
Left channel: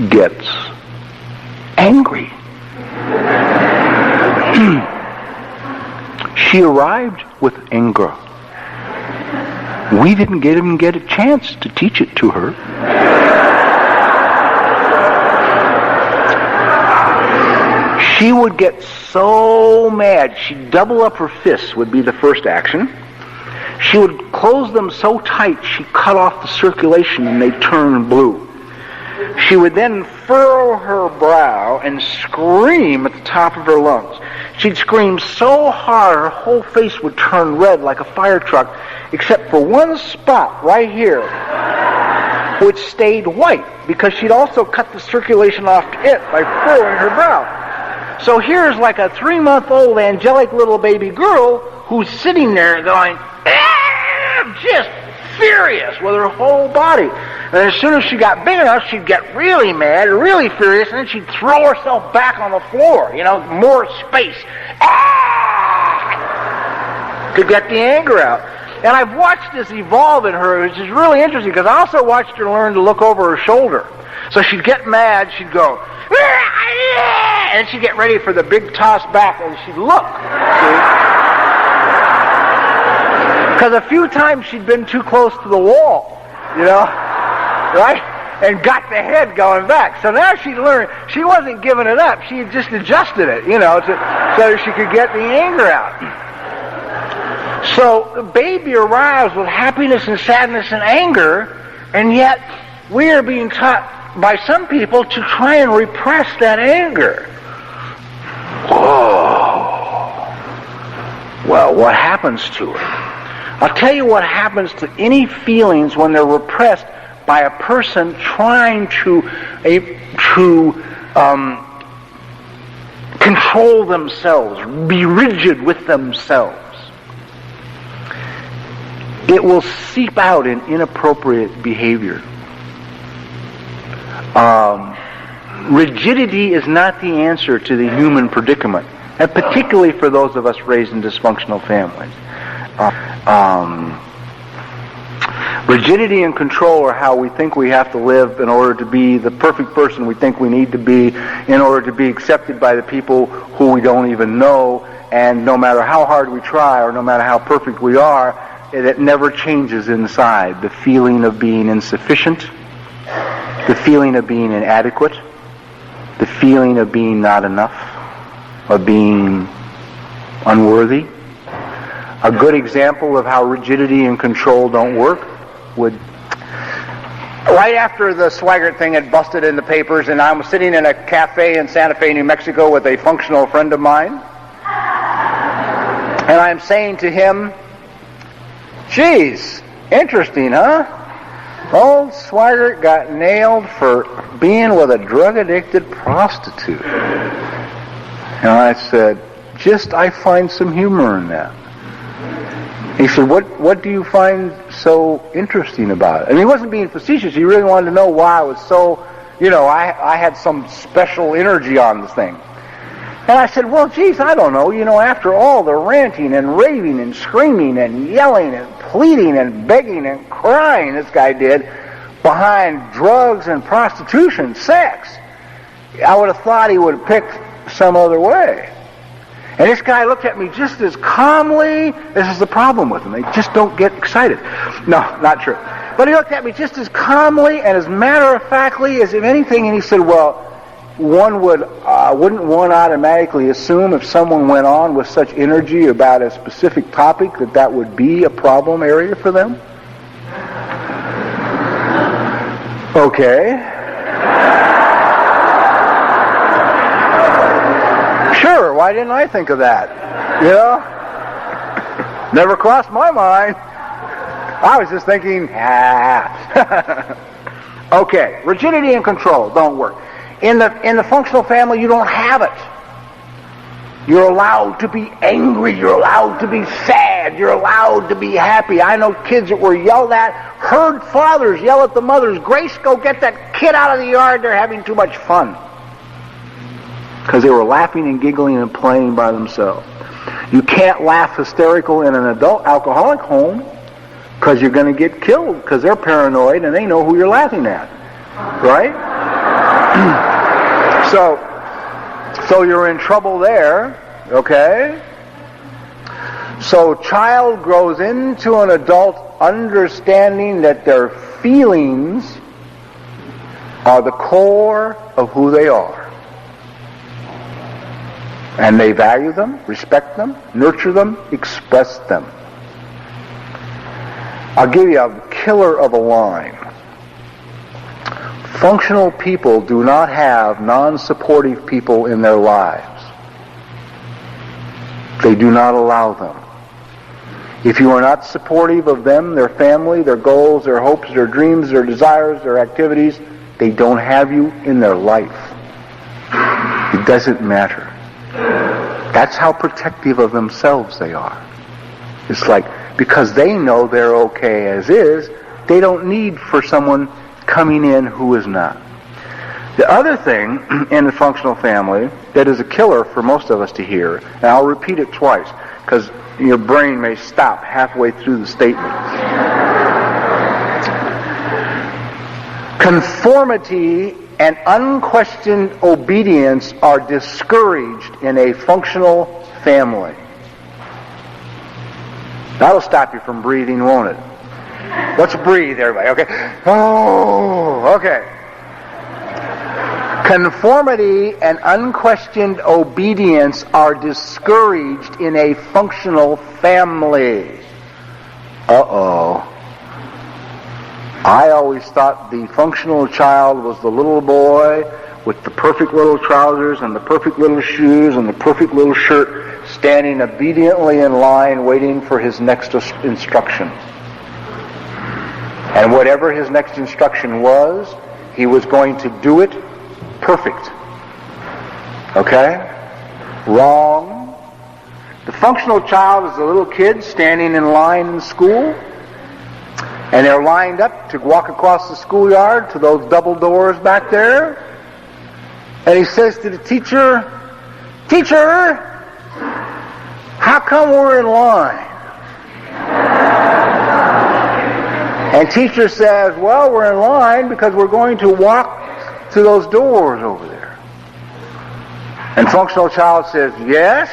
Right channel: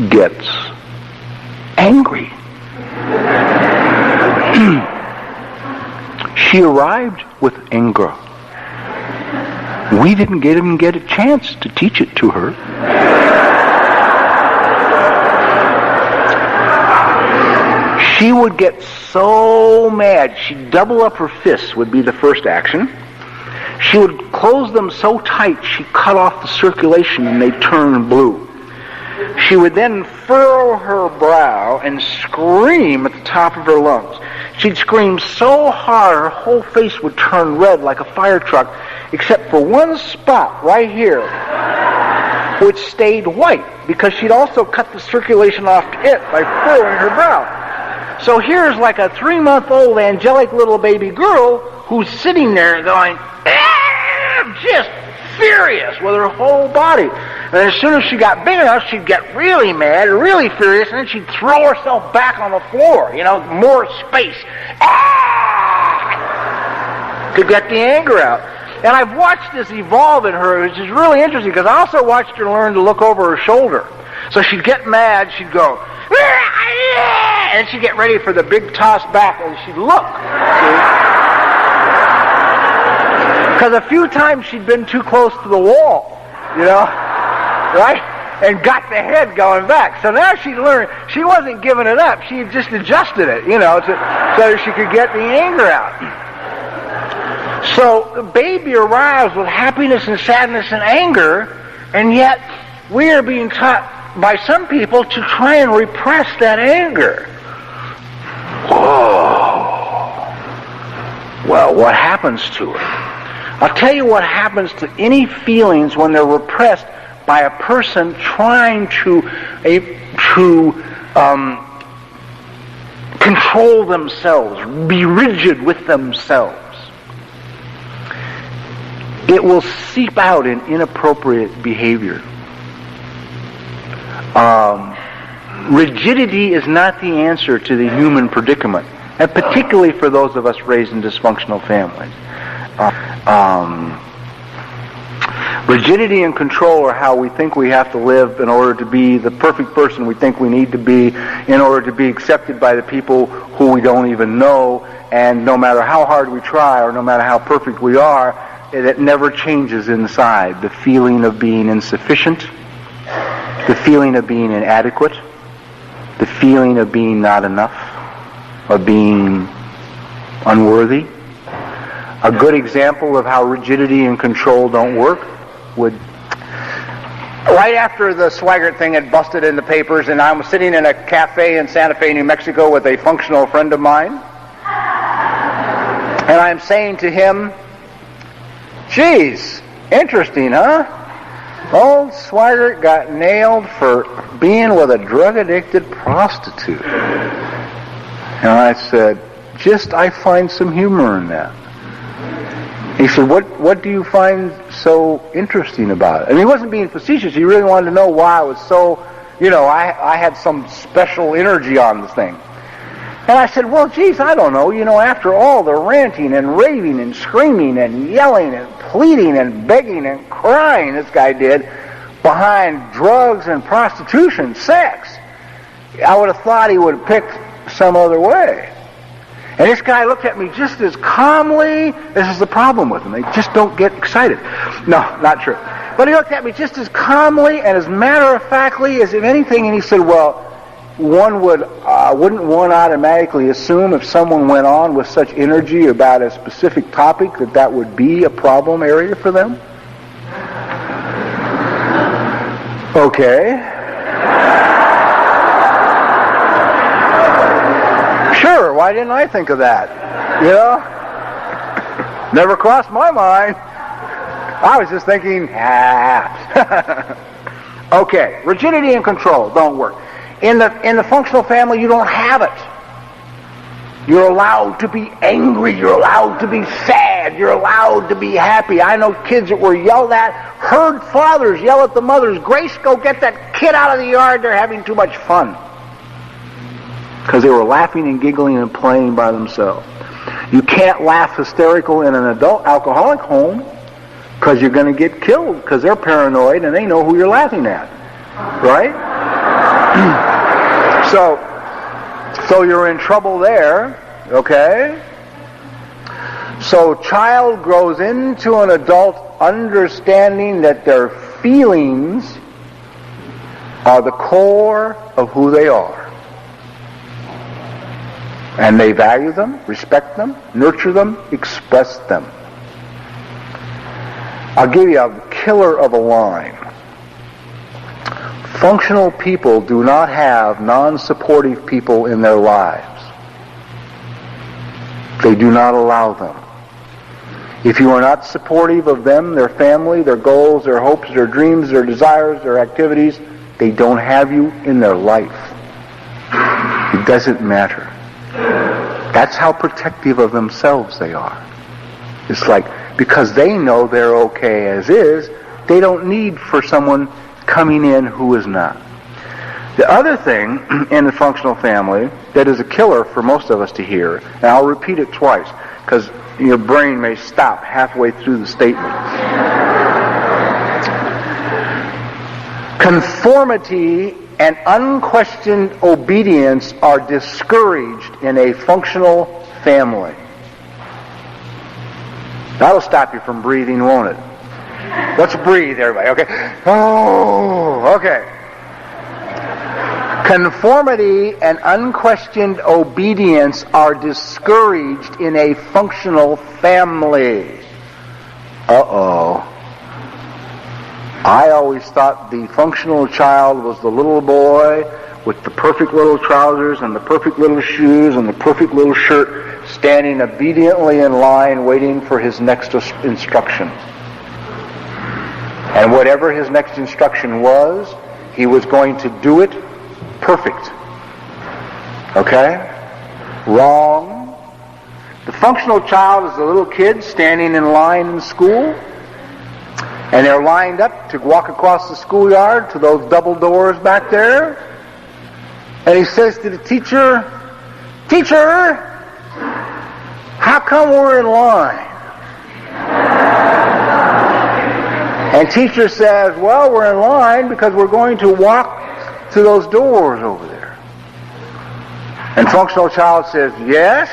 gets angry. She arrived with anger. We didn't even get a chance to teach it to her. She would get so mad, she'd double up her fists, would be the first action. She would close them so tight, she'd cut off the circulation and they'd turn blue. She would then furrow her brow and scream at the top of her lungs. She'd scream so hard, her whole face would turn red like a fire truck, except for one spot right here, which stayed white, because she'd also cut the circulation off it by furrowing her brow. So here's like a 3-month-old angelic little baby girl who's sitting there going, just furious with her whole body. And as soon as she got big enough, she'd get really mad, really furious, and then she'd throw herself back on the floor, more space, to get the anger out. And I've watched this evolve in her, which is really interesting, because I also watched her learn to look over her shoulder. So she'd get mad, she'd go, and she'd get ready for the big toss back, and she'd look. Because a few times she'd been too close to the wall, right? And got the head going back. So now she learned, she wasn't giving it up, she just adjusted it, so she could get the anger out. So the baby arrives with happiness and sadness and anger, and yet we are being taught by some people to try and repress that anger. Whoa. Well, what happens to it? I'll tell you what happens to any feelings when they're repressed by a person trying to control themselves, be rigid with themselves. It will seep out in inappropriate behavior. Rigidity is not the answer to the human predicament, and particularly for those of us raised in dysfunctional families. Rigidity and control are how we think we have to live in order to be the perfect person we think we need to be, in order to be accepted by the people who we don't even know, and no matter how hard we try or no matter how perfect we are, it never changes inside. The feeling of being insufficient, the feeling of being inadequate, the feeling of being not enough, of being unworthy. A good example of how rigidity and control don't work would... Right after the Swigert thing had busted in the papers, and I was sitting in a cafe in Santa Fe, New Mexico with a functional friend of mine, and I'm saying to him, geez, interesting, huh? Old Swigert got nailed for being with a drug-addicted prostitute. And I said, I find some humor in that. He said, what do you find so interesting about it? And he wasn't being facetious. He really wanted to know why I was so, I had some special energy on this thing. And I said, well, geez, I don't know. You know, after all the ranting and raving and screaming and yelling and pleading and begging and crying this guy did behind drugs and prostitution, sex, I would have thought he would have picked some other way. And this guy looked at me just as calmly. This is the problem with them. They just don't get excited. No, not true. But he looked at me just as calmly and as matter-of-factly as if anything, and he said, well, wouldn't one automatically assume if someone went on with such energy about a specific topic that would be a problem area for them? Okay. Sure, why didn't I think of that? You know? Never crossed my mind. I was just thinking, Okay, rigidity and control don't work. In the functional family, you don't have it. You're allowed to be angry. You're allowed to be sad. You're allowed to be happy. I know kids that were yelled at, heard fathers yell at the mothers, Grace, go get that kid out of the yard. They're having too much fun. Because they were laughing and giggling and playing by themselves. You can't laugh hysterical in an adult alcoholic home because you're going to get killed because they're paranoid and they know who you're laughing at. Right? So you're in trouble there, okay? So child grows into an adult understanding that their feelings are the core of who they are. And they value them, respect them, nurture them, express them. I'll give you a killer of a line. Functional people do not have non-supportive people in their lives. They do not allow them. If you are not supportive of them, their family, their goals, their hopes, their dreams, their desires, their activities, they don't have you in their life. It doesn't matter. That's how protective of themselves they are. It's like, because they know they're okay as is, they don't need for someone coming in who is not. The other thing in the functional family that is a killer for most of us to hear, and I'll repeat it twice, because your brain may stop halfway through the statement. Conformity and unquestioned obedience are discouraged in a functional family. That'll stop you from breathing, won't it? Let's breathe, everybody, okay? Oh, okay. Conformity and unquestioned obedience are discouraged in a functional family. Uh-oh. I always thought the functional child was the little boy with the perfect little trousers and the perfect little shoes and the perfect little shirt, standing obediently in line waiting for his next instruction. And whatever his next instruction was, he was going to do it perfect. Okay? Wrong. The functional child is the little kid standing in line in school, and they're lined up to walk across the schoolyard to those double doors back there. And he says to the teacher, "Teacher, how come we're in line?" And teacher says, "Well, we're in line because we're going to walk to those doors over there." And functional child says, "Yes,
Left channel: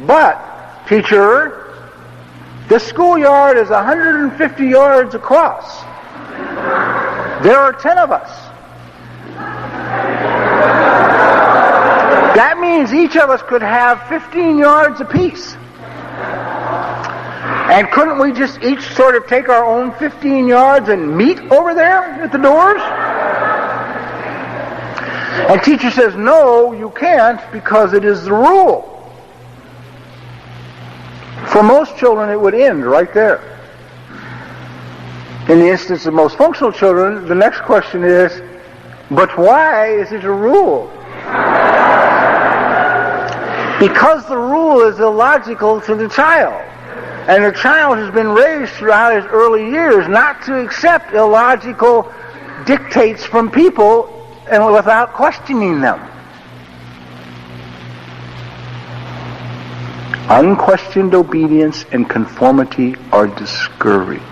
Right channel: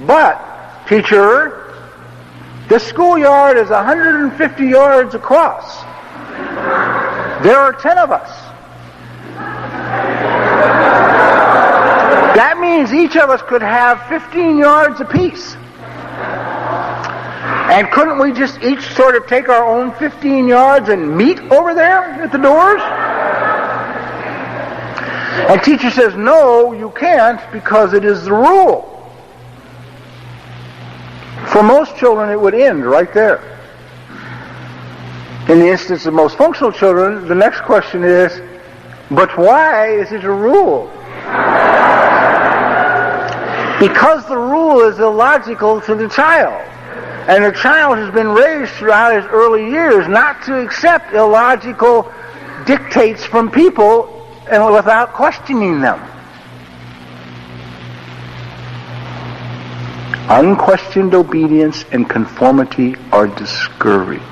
but teacher, the schoolyard is 150 yards across. There are 10 of us. That means each of us could have 15 yards apiece. And couldn't we just each sort of take our own 15 yards and meet over there at the doors?" And teacher says, "No, you can't, because it is the rule." For most children, it would end right there. In the instance of most functional children, the next question is, but why is it a rule? Because the rule is illogical to the child. And the child has been raised throughout his early years not to accept illogical dictates from people and without questioning them. Unquestioned obedience and conformity are discouraged.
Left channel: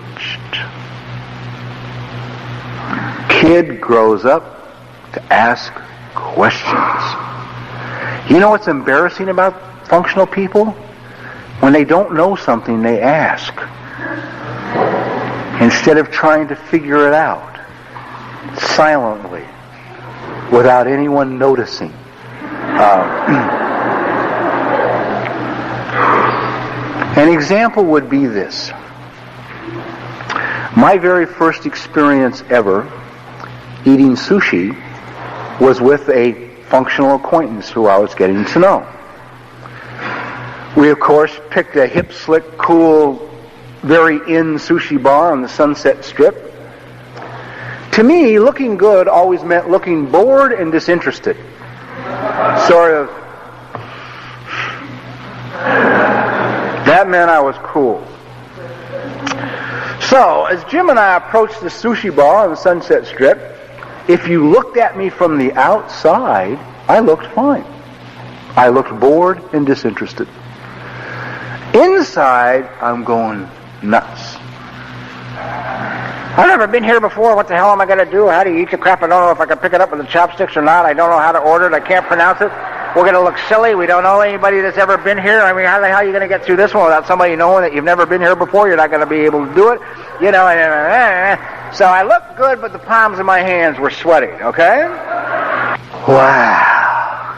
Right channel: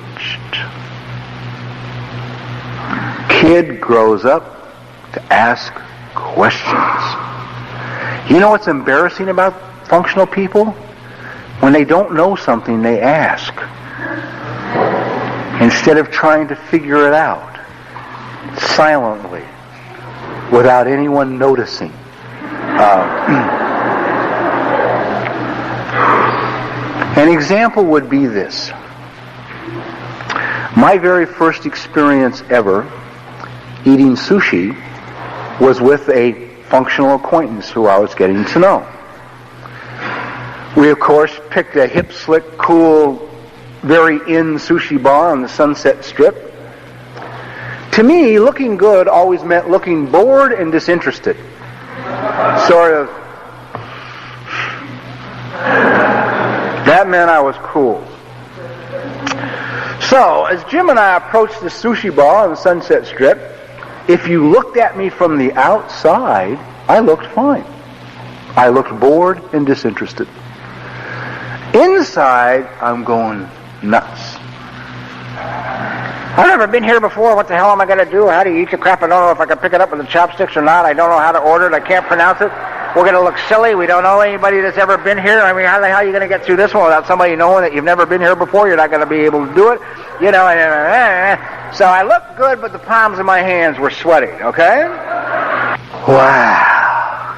Kid grows up to ask questions. You know what's embarrassing about functional people? When they don't know something, they ask. Instead of trying to figure it out silently, without anyone noticing. An example would be this. My very first experience ever eating sushi was with a functional acquaintance who I was getting to know. We, of course, picked a hip, slick, cool, very in sushi bar on the Sunset Strip. To me, looking good always meant looking bored and disinterested. Sort of. That meant I was cool. So, as Jim and I approached the sushi bar on the Sunset Strip, if you looked at me from the outside, I looked fine. I looked bored and disinterested. Inside, I'm going nuts. I've never been here before. What the hell am I going to do? How do you eat the crap? I don't know if I can pick it up with the chopsticks or not. I don't know how to order it. I can't pronounce it. We're going to look silly. We don't know anybody that's ever been here. I mean, how the hell are you going to get through this one without somebody knowing that you've never been here before? You're not going to be able to do it. You know, so I looked good, but the palms of my hands were sweaty, okay? Wow.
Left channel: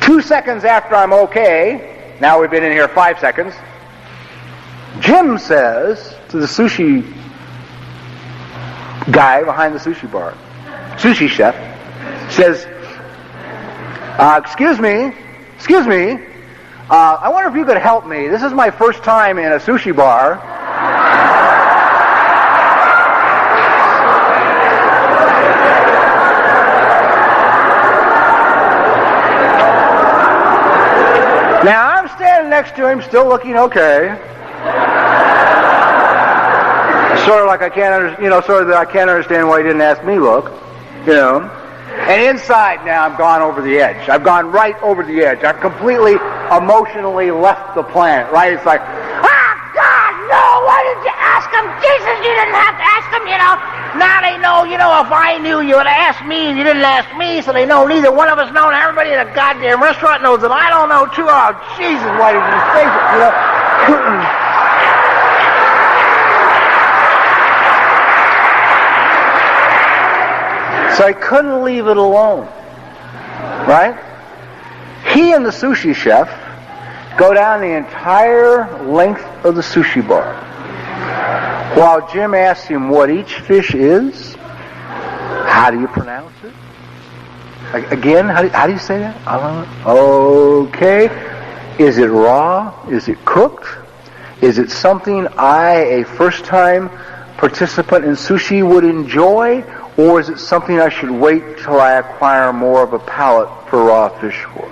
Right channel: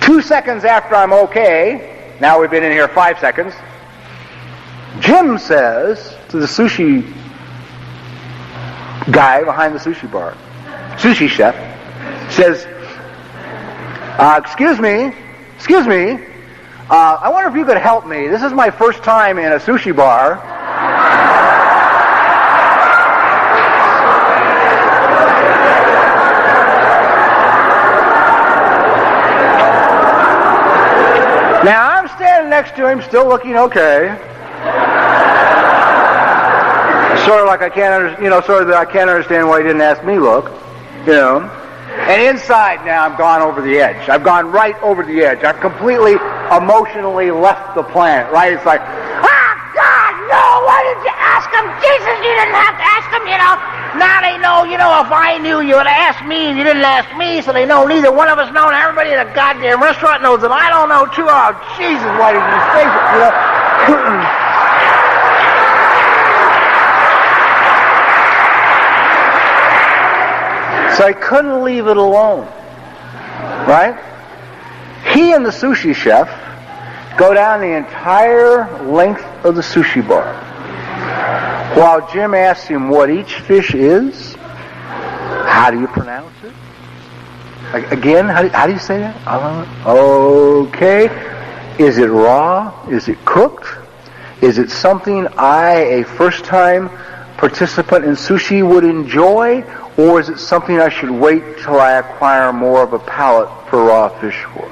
2 seconds after I'm okay, now we've been in here 5 seconds, Jim says to the sushi guy behind the sushi bar, sushi chef, says, excuse me, I wonder if you could help me. This is my first time in a sushi bar. Now, I'm standing next to him, still looking okay. Sort of like I can't understand why he didn't ask me look, you know. And inside now, I've gone over the edge. I've gone right over the edge. I've completely emotionally left the planet, right? It's like, God, no, why didn't you ask him? Jesus, you didn't have to ask him, you know. Now they know, you know, if I knew, you would have asked me, and you didn't ask me, so they know neither one of us know, and everybody in the goddamn restaurant knows that I don't know, too. Oh, Jesus, why didn't you say it, you know? So I couldn't leave it alone, right? He and the sushi chef go down the entire length of the sushi bar. While Jim asks him what each fish is, how do you pronounce it? Again, how do you say that? Okay. Is it raw? Is it cooked? Is it something a first-time participant in sushi would enjoy? Or is it something I should wait till I acquire more of a palate for raw fish for?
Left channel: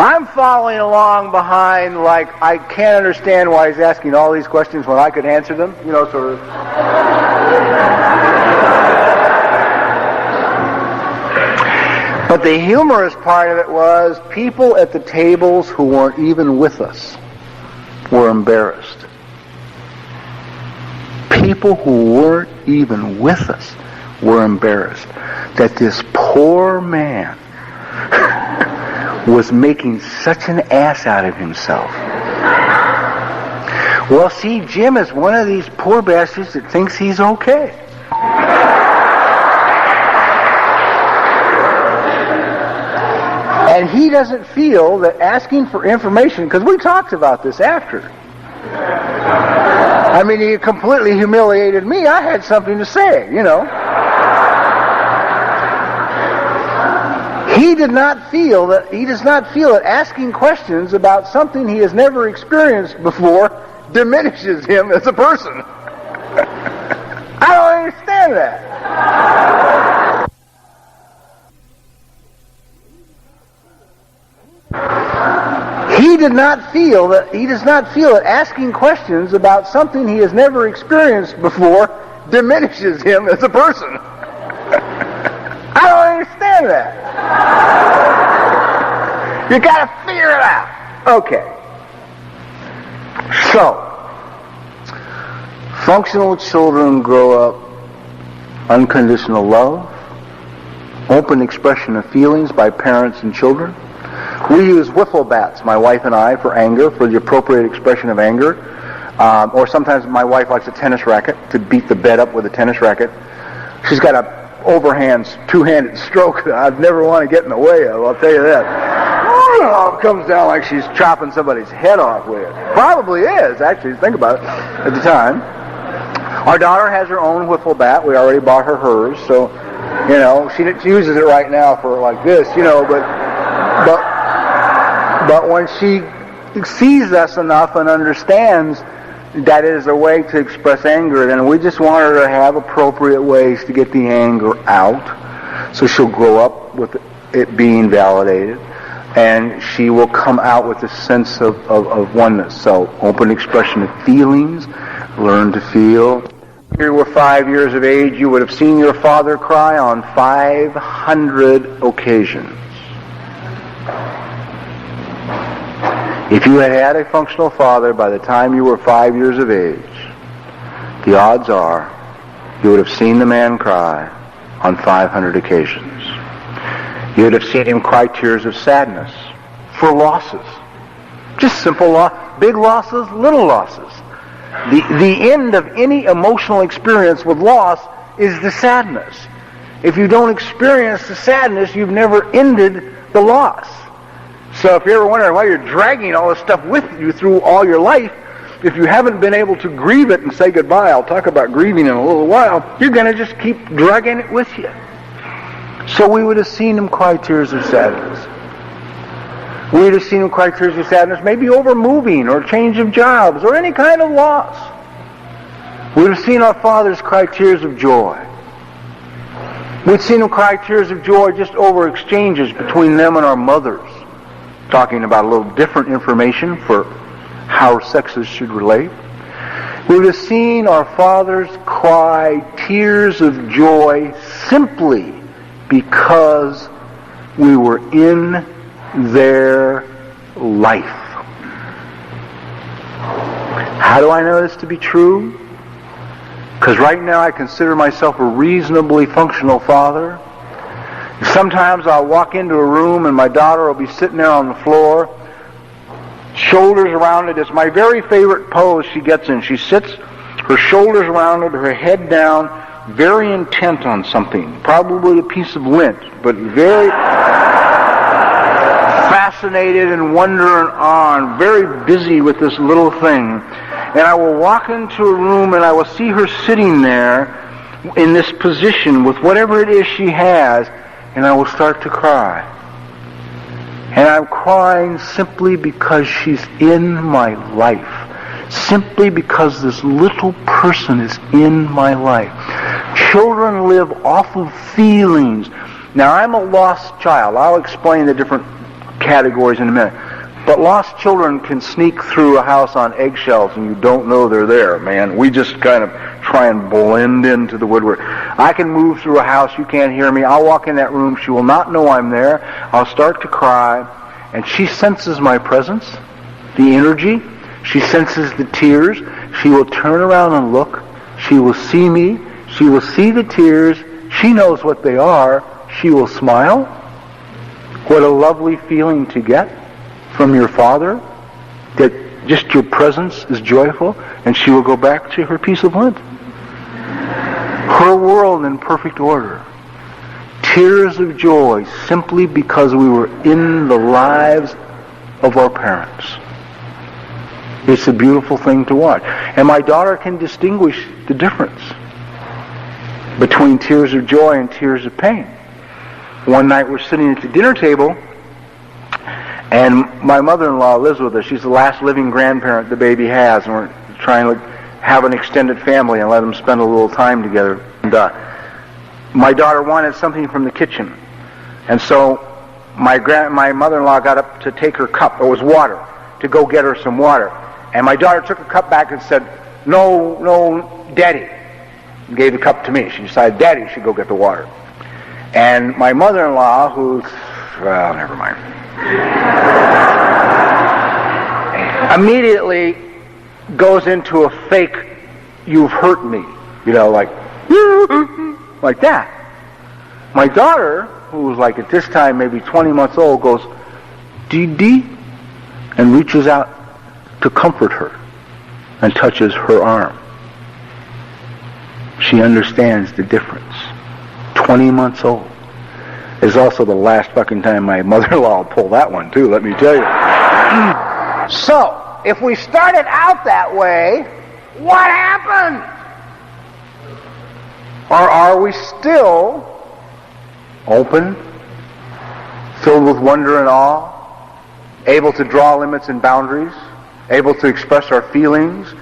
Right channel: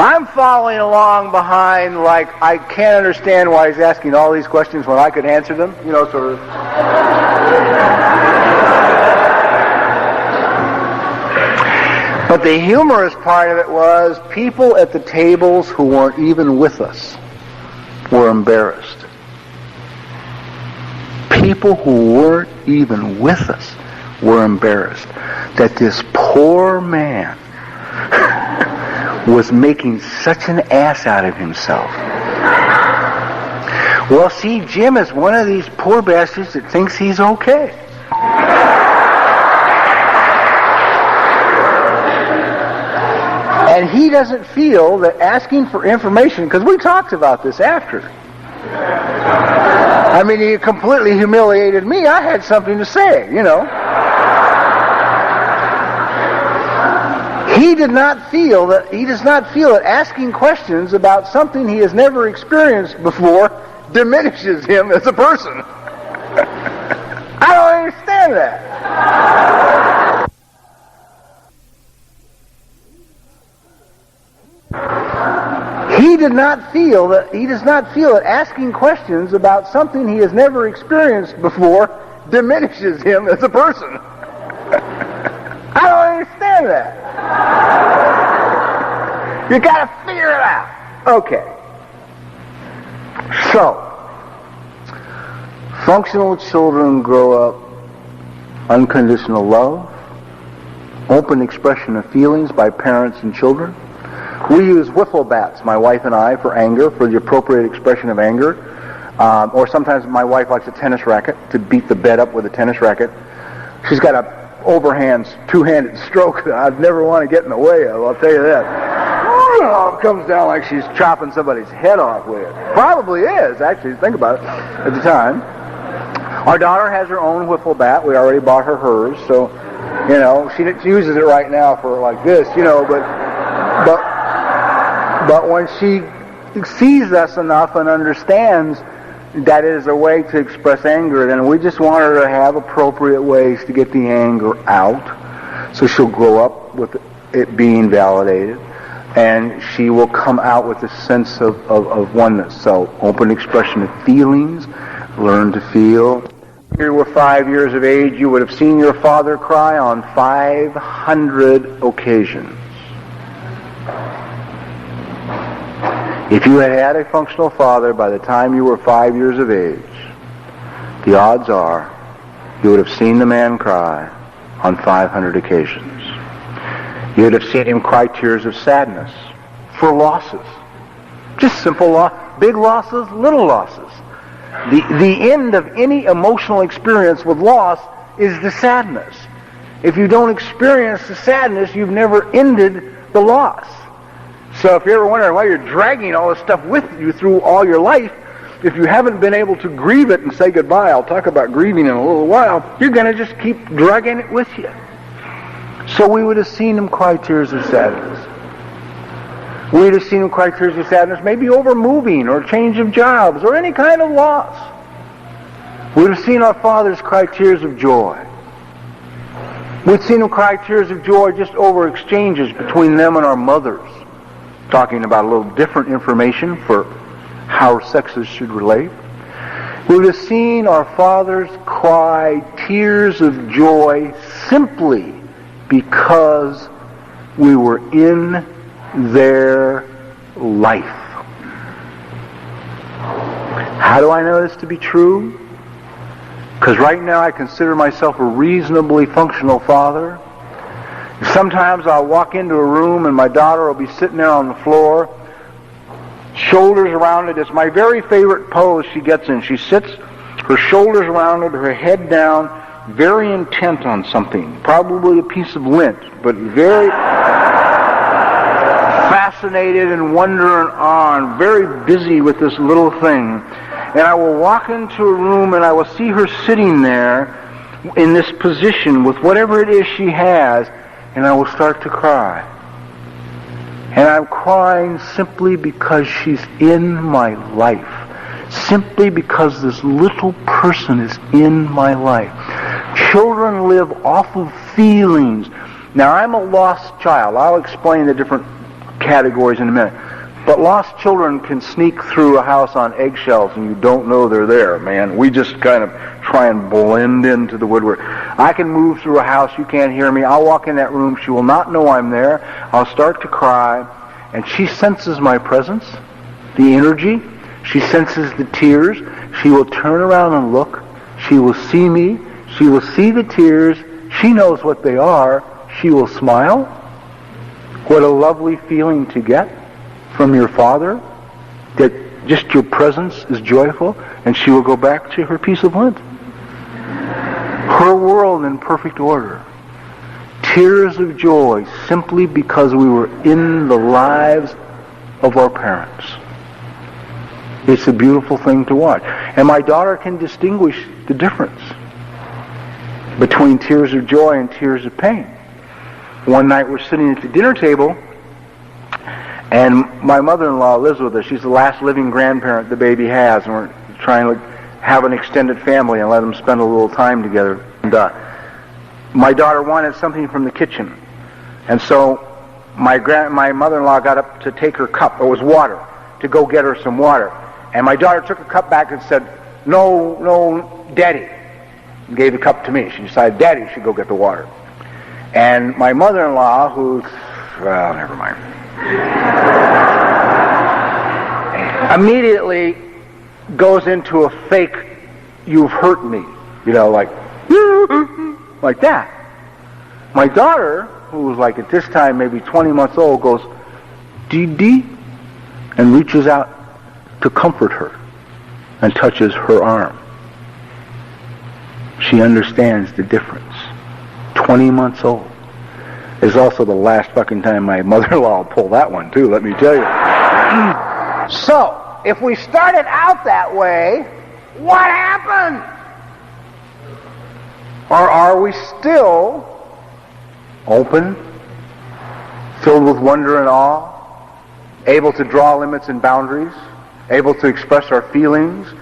I'm following along behind like I can't understand why he's asking all these questions when I could answer them. You know, sort of. But the humorous part of it was people at the tables who weren't even with us were embarrassed. People who weren't even with us were embarrassed that this poor man was making such an ass out of himself. Well, see, Jim is one of these poor bastards that thinks he's okay. And he doesn't feel that asking for information, because we talked about this after. I mean, he completely humiliated me. I had something to say, you know. He does not feel that asking questions about something he has never experienced before diminishes him as a person. I don't understand that. He does not feel that asking questions about something he has never experienced before diminishes him as a person. I don't understand that. You got to figure it out. Okay. So, functional children grow up unconditional love, open expression of feelings by parents and children. We use wiffle bats, my wife and I, for anger, for the appropriate expression of anger. Or sometimes my wife likes a tennis racket to beat the bed up with a tennis racket. She's got a overhand, two-handed stroke that I'd never want to get in the way of, I'll tell you that. It comes down like she's chopping somebody's head off with it. Probably is, actually, think about it, at the time. Our daughter has her own wiffle bat. We already bought her hers, so, she uses it right now for like this, but when she sees us enough and understands that it is a way to express anger, then we just want her to have appropriate ways to get the anger out, so she'll grow up with it being validated, and she will come out with a sense of oneness. So open expression of feelings, learn to feel. If you were 5 years of age, you would have seen your father cry on 500 occasions. If you had had a functional father by the time you were 5 years of age, the odds are you would have seen the man cry on 500 occasions. You would have seen him cry tears of sadness for losses. Just simple big losses, little losses. The end of any emotional experience with loss is the sadness. If you don't experience the sadness, you've never ended the loss. So if you're ever wondering why you're dragging all this stuff with you through all your life, if you haven't been able to grieve it and say goodbye, I'll talk about grieving in a little while, you're going to just keep dragging it with you. So we would have seen him cry tears of sadness. We would have seen him cry tears of sadness maybe over moving or change of jobs or any kind of loss. We would have seen our fathers cry tears of joy. We'd seen them cry tears of joy just over exchanges between them and our mothers, talking about a little different information for how sexes should relate. We would have seen our fathers cry tears of joy simply because we were in their life. How do I know this to be true? Because right now I consider myself a reasonably functional father. Sometimes I'll walk into a room and my daughter will be sitting there on the floor, shoulders around it. It's my very favorite pose she gets in. She sits, her shoulders around it, her head down, very intent on something, probably a piece of lint, but very fascinated and wondering on, very busy with this little thing. And I will walk into a room and I will see her sitting there in this position with whatever it is she has, and I will start to cry. And I'm crying simply because she's in my life. Simply because this little person is in my life. Children live off of feelings. Now, I'm a lost child. I'll explain the different categories in a minute. But lost children can sneak through a house on eggshells and you don't know they're there, man. We just kind of try and blend into the woodwork. I can move through a house, you can't hear me. I'll walk in that room, she will not know I'm there. I'll start to cry, and she senses my presence, the energy. She senses the tears. She will turn around and look. She will see me. She will see the tears. She knows what they are. She will smile. What a lovely feeling to get from your father, that just your presence is joyful, and she will go back to her piece of lint. Her world in perfect order. Tears of joy simply because we were in the lives of our parents. It's a beautiful thing to watch. And my daughter can distinguish the difference between tears of joy and tears of pain. One night we're sitting at the dinner table, and my mother-in-law lives with us. She's the last living grandparent the baby has, and we're trying to have an extended family and let them spend a little time together. And my daughter wanted something from the kitchen, and so my mother-in-law got up to take her cup. It was water, to go get her some water. And my daughter took the cup back and said, "No, Daddy," and gave the cup to me. She decided Daddy should go get the water. And my mother-in-law, who's, well, never mind, immediately goes into a fake, you've hurt me, like that. My daughter, who was like at this time maybe 20 months old, goes, Dee, and reaches out to comfort her and touches her arm. She understands the difference. 20 months old. It's also the last fucking time my mother-in-law will pull that one too, let me tell you. So, if we started out that way, what happened? Or are we still open, filled with wonder and awe, able to draw limits and boundaries, able to express our feelings?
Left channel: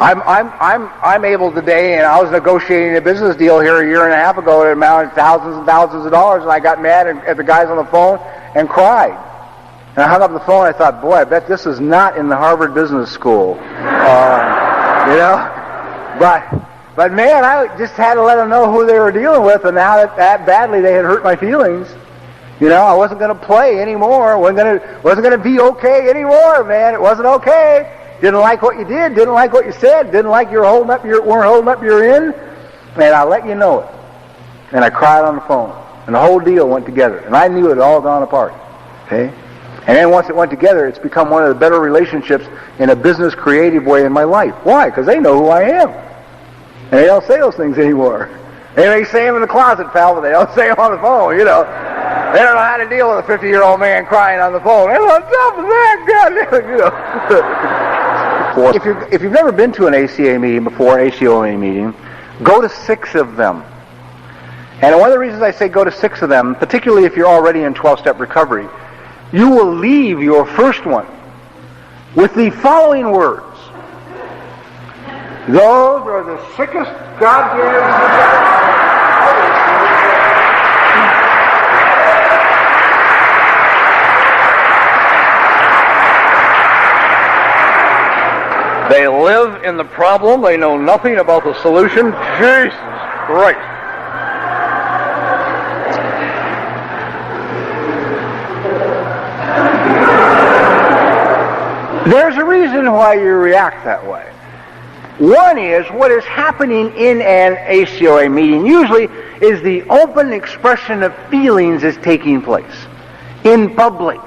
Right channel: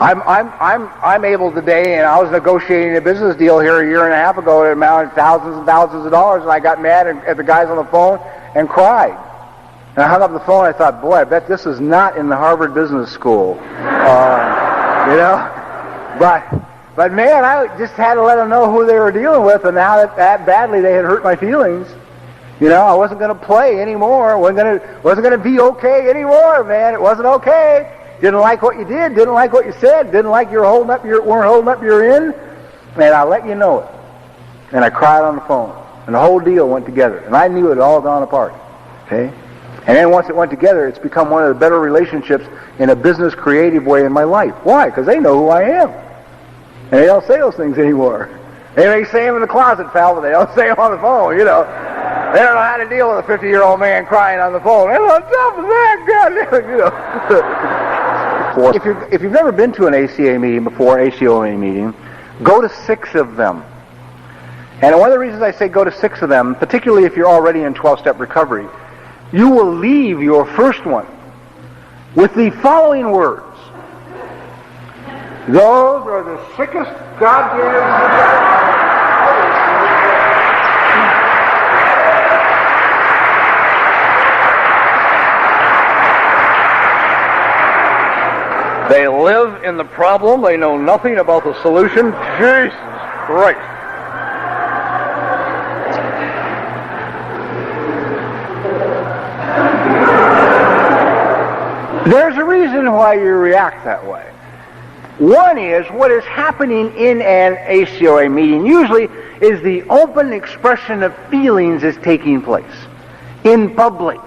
I'm able today, and I was negotiating a business deal here a year and a half ago that amounted to thousands and thousands of dollars, and I got mad at the guys on the phone and cried. And I hung up the phone, and I thought, boy, I bet this is not in the Harvard Business School. But man, I just had to let them know who they were dealing with, and how that badly they had hurt my feelings. I wasn't going to play anymore. wasn't going to be okay anymore, man. It wasn't okay. Didn't like what you did. Didn't like what you said. Didn't like weren't holding up your end. And I let you know it. And I cried on the phone. And the whole deal went together. And I knew it had all gone apart. Okay? And then once it went together, it's become one of the better relationships in a business creative way in my life. Why? Because they know who I am. And they don't say those things anymore. They may say them in the closet, pal, but they don't say them on the phone, They don't know how to deal with a 50-year-old man crying on the phone. Hey, what's up with that? If you've never been to an ACA meeting before, an ACOA meeting, go to 6 of them. And one of the reasons I say go to 6 of them, particularly if you're already in 12-step recovery, you will leave your first one with the following words. Those are the sickest goddamn... They live in the problem. They know nothing about the solution. Jesus Christ. There's a reason why you react that way. One is what is happening in an ACOA meeting usually is the open expression of feelings is taking place in public.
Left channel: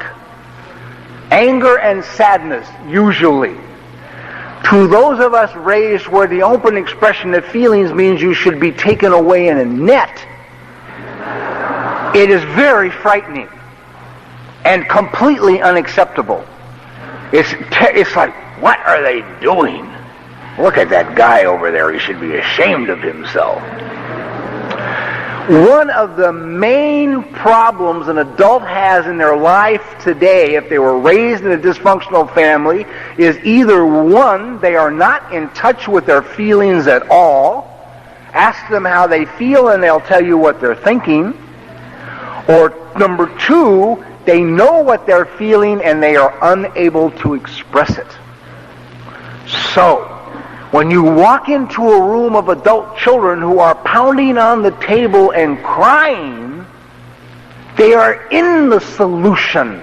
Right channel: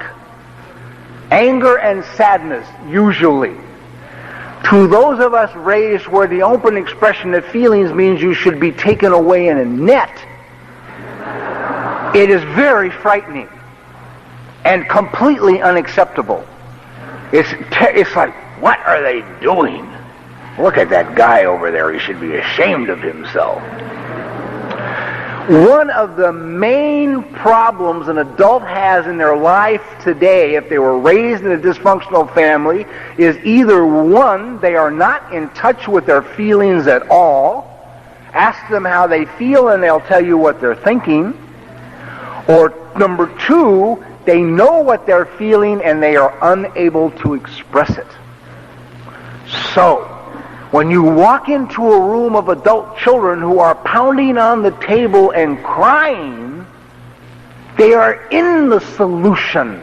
Anger and sadness, usually. To those of us raised where the open expression of feelings means you should be taken away in a net, it is very frightening and completely unacceptable. It's like, what are they doing? Look at that guy over there. He should be ashamed of himself. One of the main problems an adult has in their life today, if they were raised in a dysfunctional family, is either one, they are not in touch with their feelings at all. Ask them how they feel and they'll tell you what they're thinking. Or number 2, they know what they're feeling and they are unable to express it. So, when you walk into a room of adult children who are pounding on the table and crying, they are in the solution.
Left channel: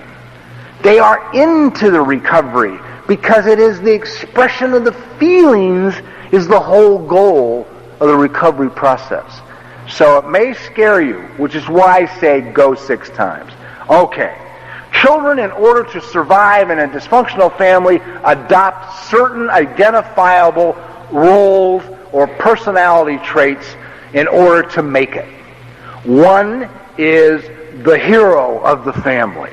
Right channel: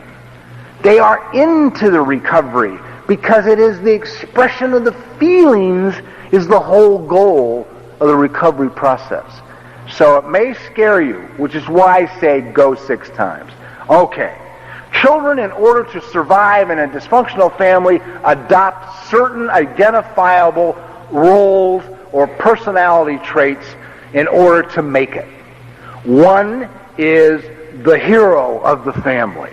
They are into the recovery because it is the expression of the feelings is the whole goal of the recovery process. So it may scare you, which is why I say go 6 times. Okay. Children, in order to survive in a dysfunctional family, adopt certain identifiable roles or personality traits in order to make it. One is the hero of the family.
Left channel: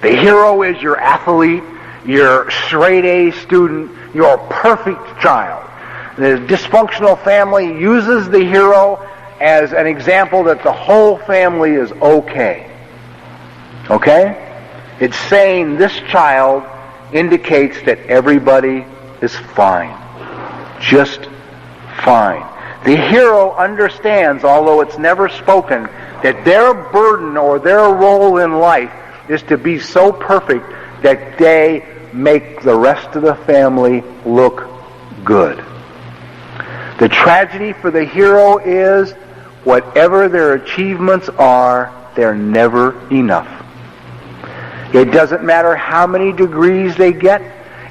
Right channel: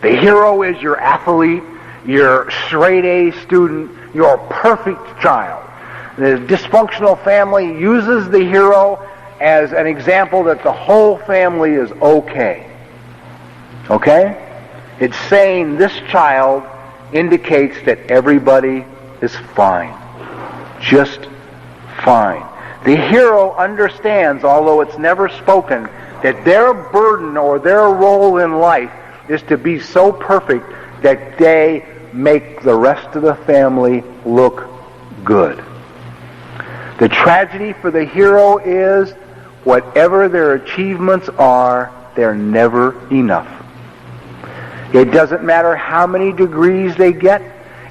The hero is your athlete, your straight A student, your perfect child. The dysfunctional family uses the hero as an example that the whole family is okay. Okay? It's saying this child indicates that everybody is fine. Just fine. The hero understands, although it's never spoken, that their burden or their role in life is to be so perfect that they make the rest of the family look good. The tragedy for the hero is whatever their achievements are, they're never enough. It doesn't matter how many degrees they get.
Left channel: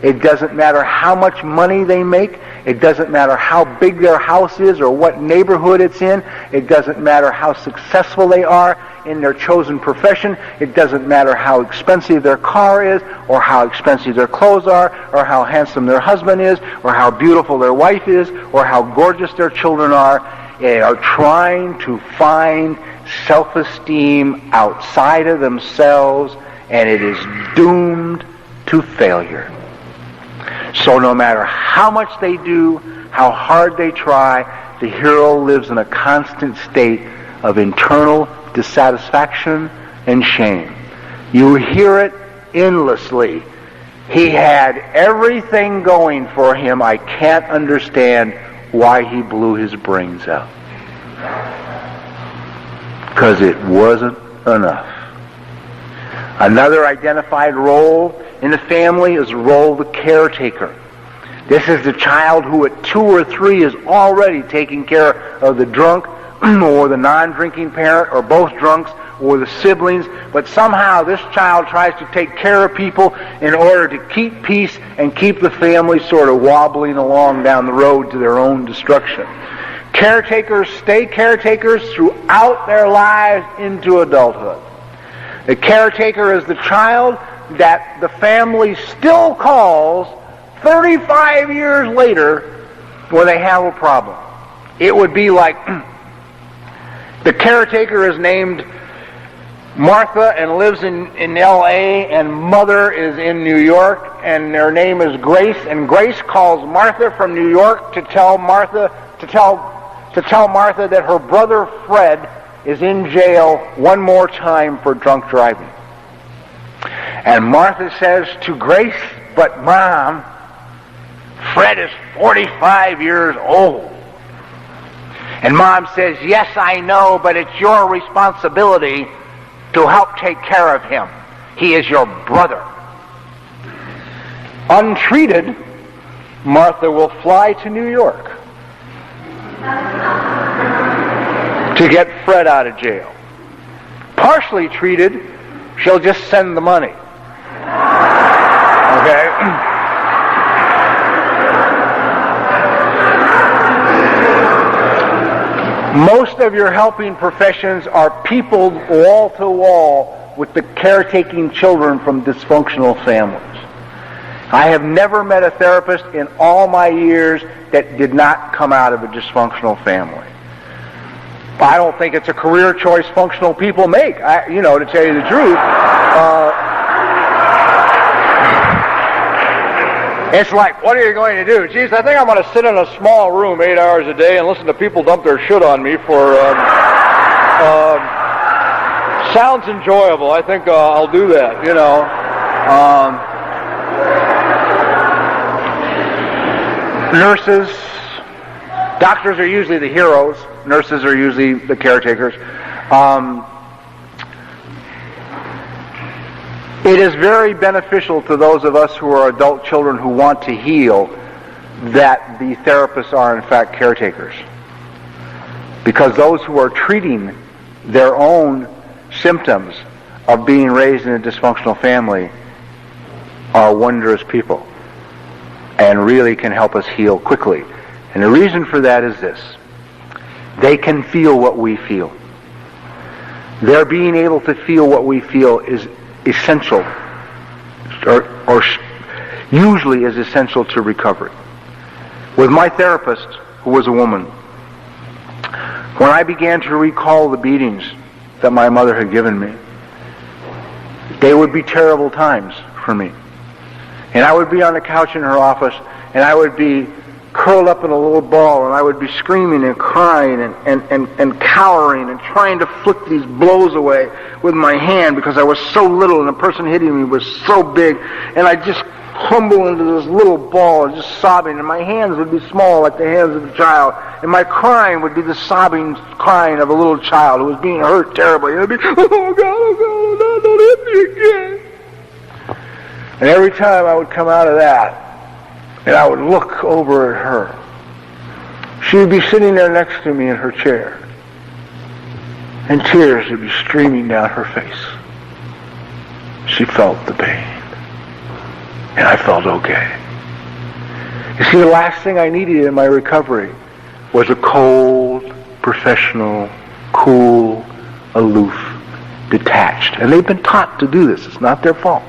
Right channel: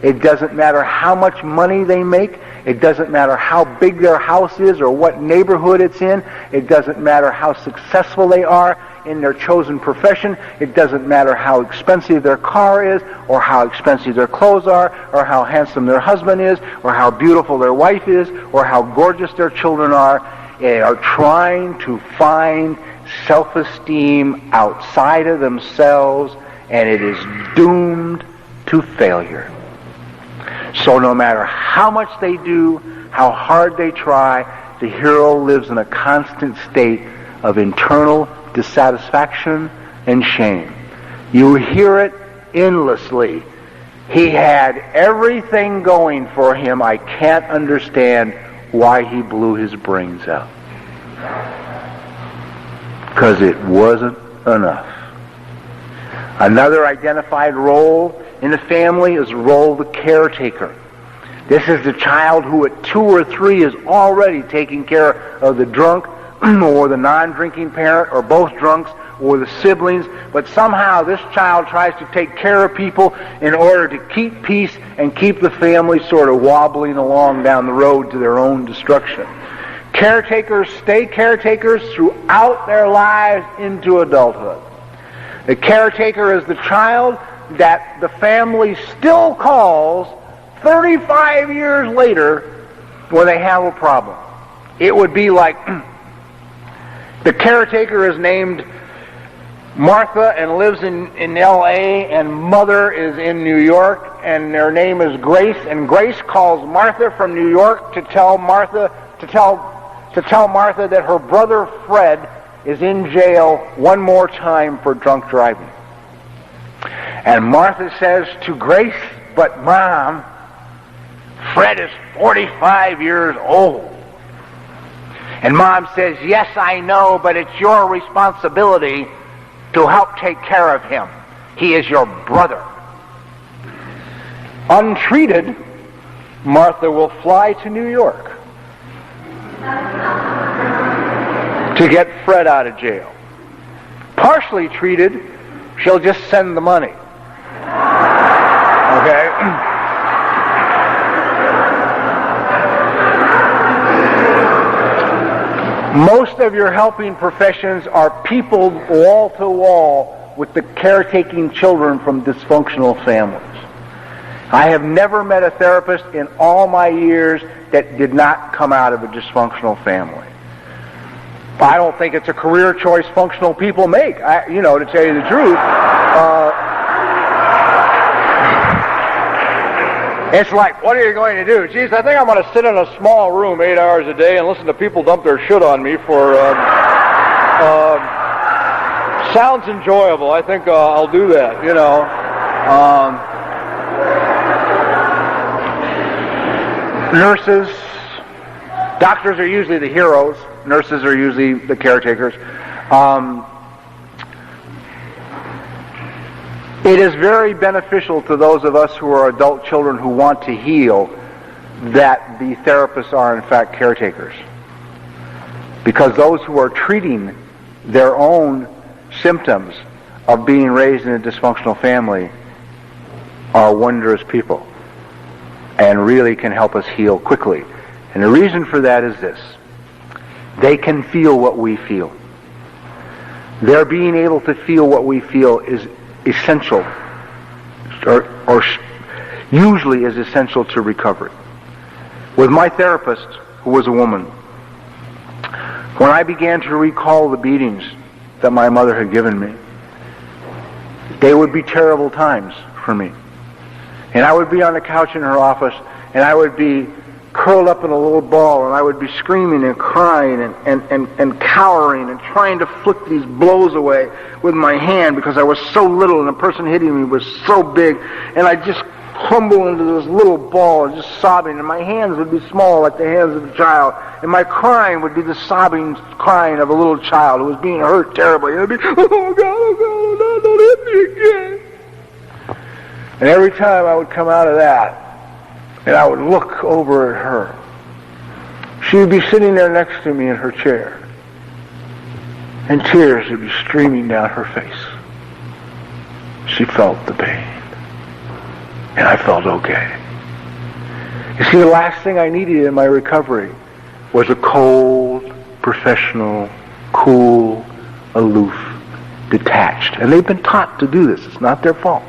It doesn't matter how much money they make. It doesn't matter how big their house is or what neighborhood it's in. It doesn't matter how successful they are in their chosen profession. It doesn't matter how expensive their car is or how expensive their clothes are or how handsome their husband is or how beautiful their wife is or how gorgeous their children are. They are trying to find self-esteem outside of themselves, and it is doomed to failure. So no matter how much they do, how hard they try, the hero lives in a constant state of internal dissatisfaction and shame. You hear it endlessly. He had everything going for him. I can't understand why he blew his brains out. Because it wasn't enough. Another identified role in the family is the role of the caretaker. This is the child who at 2 or 3 is already taking care of the drunk or the non-drinking parent or both drunks or the siblings, but somehow this child tries to take care of people in order to keep peace and keep the family sort of wobbling along down the road to their own destruction. Caretakers stay caretakers throughout their lives into adulthood. The caretaker is the child that the family still calls 35 years later when they have a problem. It would be like the caretaker is named Martha and lives in L.A. and mother is in New York and their name is Grace, and Grace calls Martha from New York to tell Martha that her brother Fred is in jail one more time for drunk driving. And Martha says to Grace, "But Mom, Fred is 45 years old." And Mom says, "Yes, I know, but it's your responsibility to help take care of him. He is your brother." Untreated, Martha will fly to New York to get Fred out of jail. Partially treated, she'll just send the money. Okay? Most of your helping professions are peopled wall to wall with the caretaking children from dysfunctional families. I have never met a therapist in all my years that did not come out of a dysfunctional family. I don't think it's a career choice functional people make, to tell you the truth. It's like, what are you going to do? Geez, I think I'm going to sit in a small room 8 hours a day and listen to people dump their shit on me for... sounds enjoyable. I think I'll do that, Nurses, doctors are usually the heroes. Nurses are usually the caretakers. It is very beneficial to those of us who are adult children who want to heal that the therapists are in fact caretakers. Because those who are treating their own symptoms of being raised in a dysfunctional family are wondrous people and really can help us heal quickly. And the reason for that is this. They can feel what we feel. Their being able to feel what we feel is essential, or usually is essential to recovery. With my therapist, who was a woman, when I began to recall the beatings that my mother had given me, they would be terrible times for me. And I would be on the couch in her office, and I would be curled up in a little ball, and I would be screaming and crying and cowering and trying to flick these blows away with my hand because I was so little and the person hitting me was so big, and I just crumble into this little ball and just sobbing, and my hands would be small like the hands of a child, and my crying would be the sobbing crying of a little child who was being hurt terribly. And I'd be, oh God, don't hit me again. And every time I would come out of that, and I would look over at her, she would be sitting there next to me in her chair. and tears would be streaming down her face. She felt the pain, and I felt okay. You see, the last thing I needed in my recovery was a cold, professional, cool, aloof, detached. And they've been taught to do this. It's not their fault.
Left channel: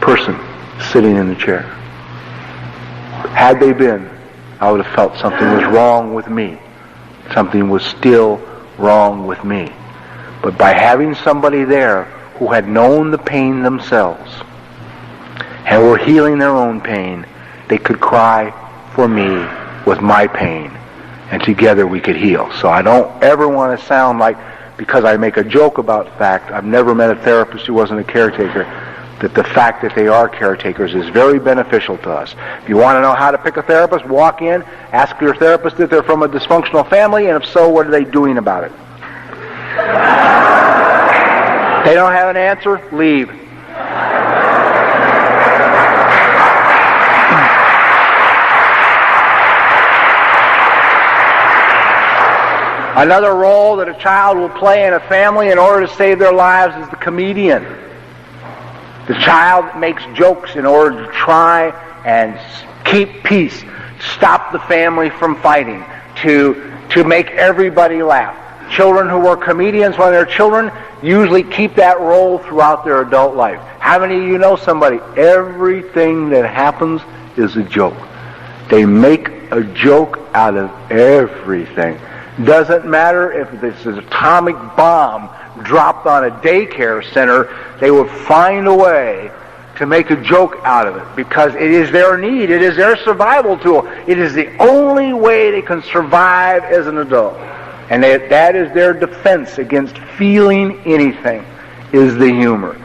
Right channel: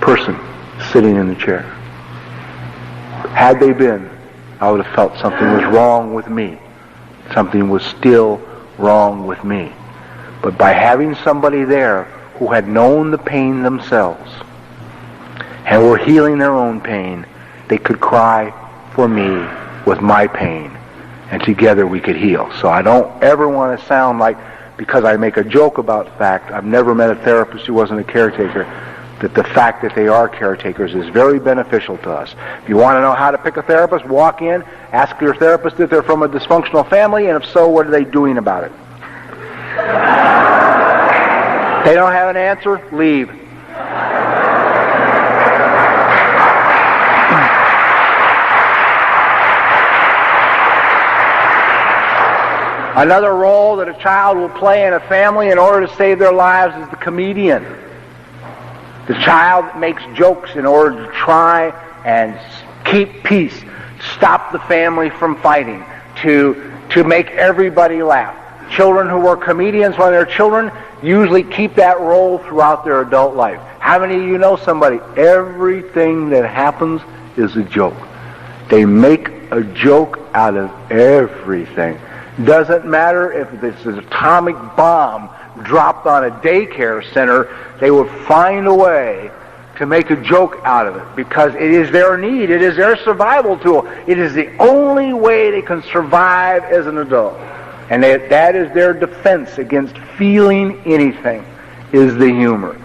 Person sitting in the chair. Had they been, I would have felt something was wrong with me. Something was still wrong with me. But by having somebody there who had known the pain themselves and were healing their own pain, they could cry for me with my pain, and together we could heal. So I don't ever want to sound like, because I make a joke about the fact I've never met a therapist who wasn't a caretaker, that the fact that they are caretakers is very beneficial to us. If you want to know how to pick a therapist, walk in, ask your therapist if they're from a dysfunctional family, and if so, what are they doing about it? They don't have an answer, leave. Another role that a child will play in a family in order to save their lives is the comedian. The child makes jokes in order to try and keep peace, stop the family from fighting, to make everybody laugh. Children who are comedians when they're children usually keep that role throughout their adult life. How many of you know somebody? Everything that happens is a joke. They make a joke out of everything. Doesn't matter if this is an atomic bomb dropped on a daycare center, they will find a way to make a joke out of it because it is their need. It is their survival tool. It is the only way they can survive as an adult. And that is their defense against feeling anything, is the humor.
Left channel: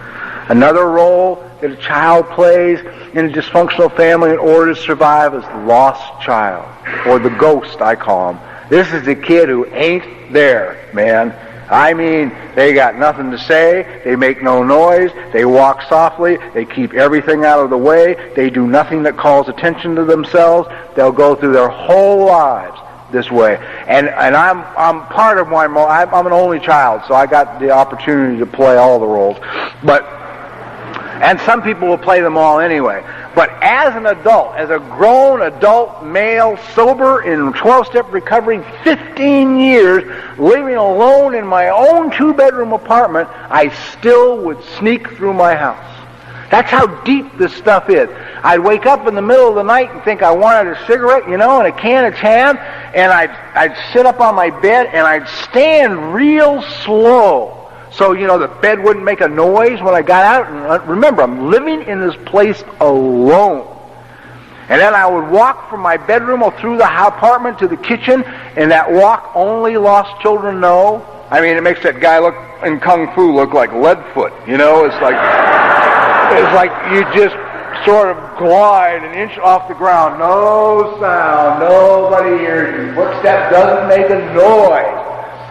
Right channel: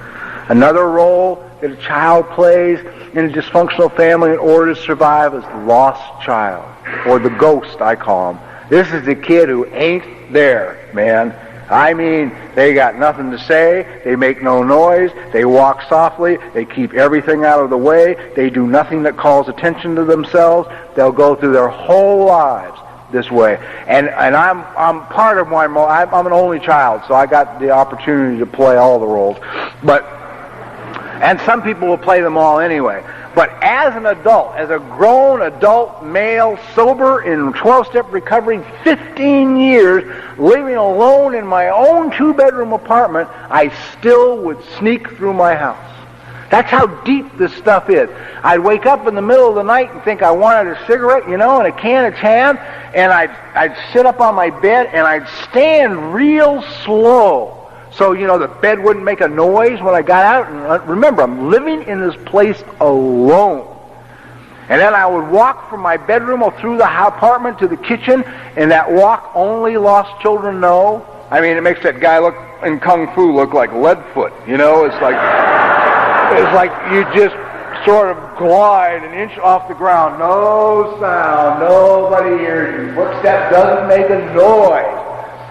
Another role that a child plays in a dysfunctional family in order to survive is the lost child, or the ghost, I call him. This is the kid who ain't there, man. I mean, they got nothing to say, they make no noise, they walk softly, they keep everything out of the way, they do nothing that calls attention to themselves. They'll go through their whole lives this way. And I'm part of I'm an only child, so I got the opportunity to play all the roles. And some people will play them all anyway. But as an adult, as a grown adult male, sober in 12-step recovery, 15 years, living alone in my own 2-bedroom apartment, I still would sneak through my house. That's how deep this stuff is. I'd wake up in the middle of the night and think I wanted a cigarette, and a can of Chan, and I'd sit up on my bed and I'd stand real slow. So, the bed wouldn't make a noise when I got out. And remember, I'm living in this place alone. And then I would walk from my bedroom or through the apartment to the kitchen, and that walk only lost children know. I mean, it makes that guy in Kung Fu look like Leadfoot. It's like you just sort of glide an inch off the ground. No sound. Nobody hears you. Footstep doesn't make a noise.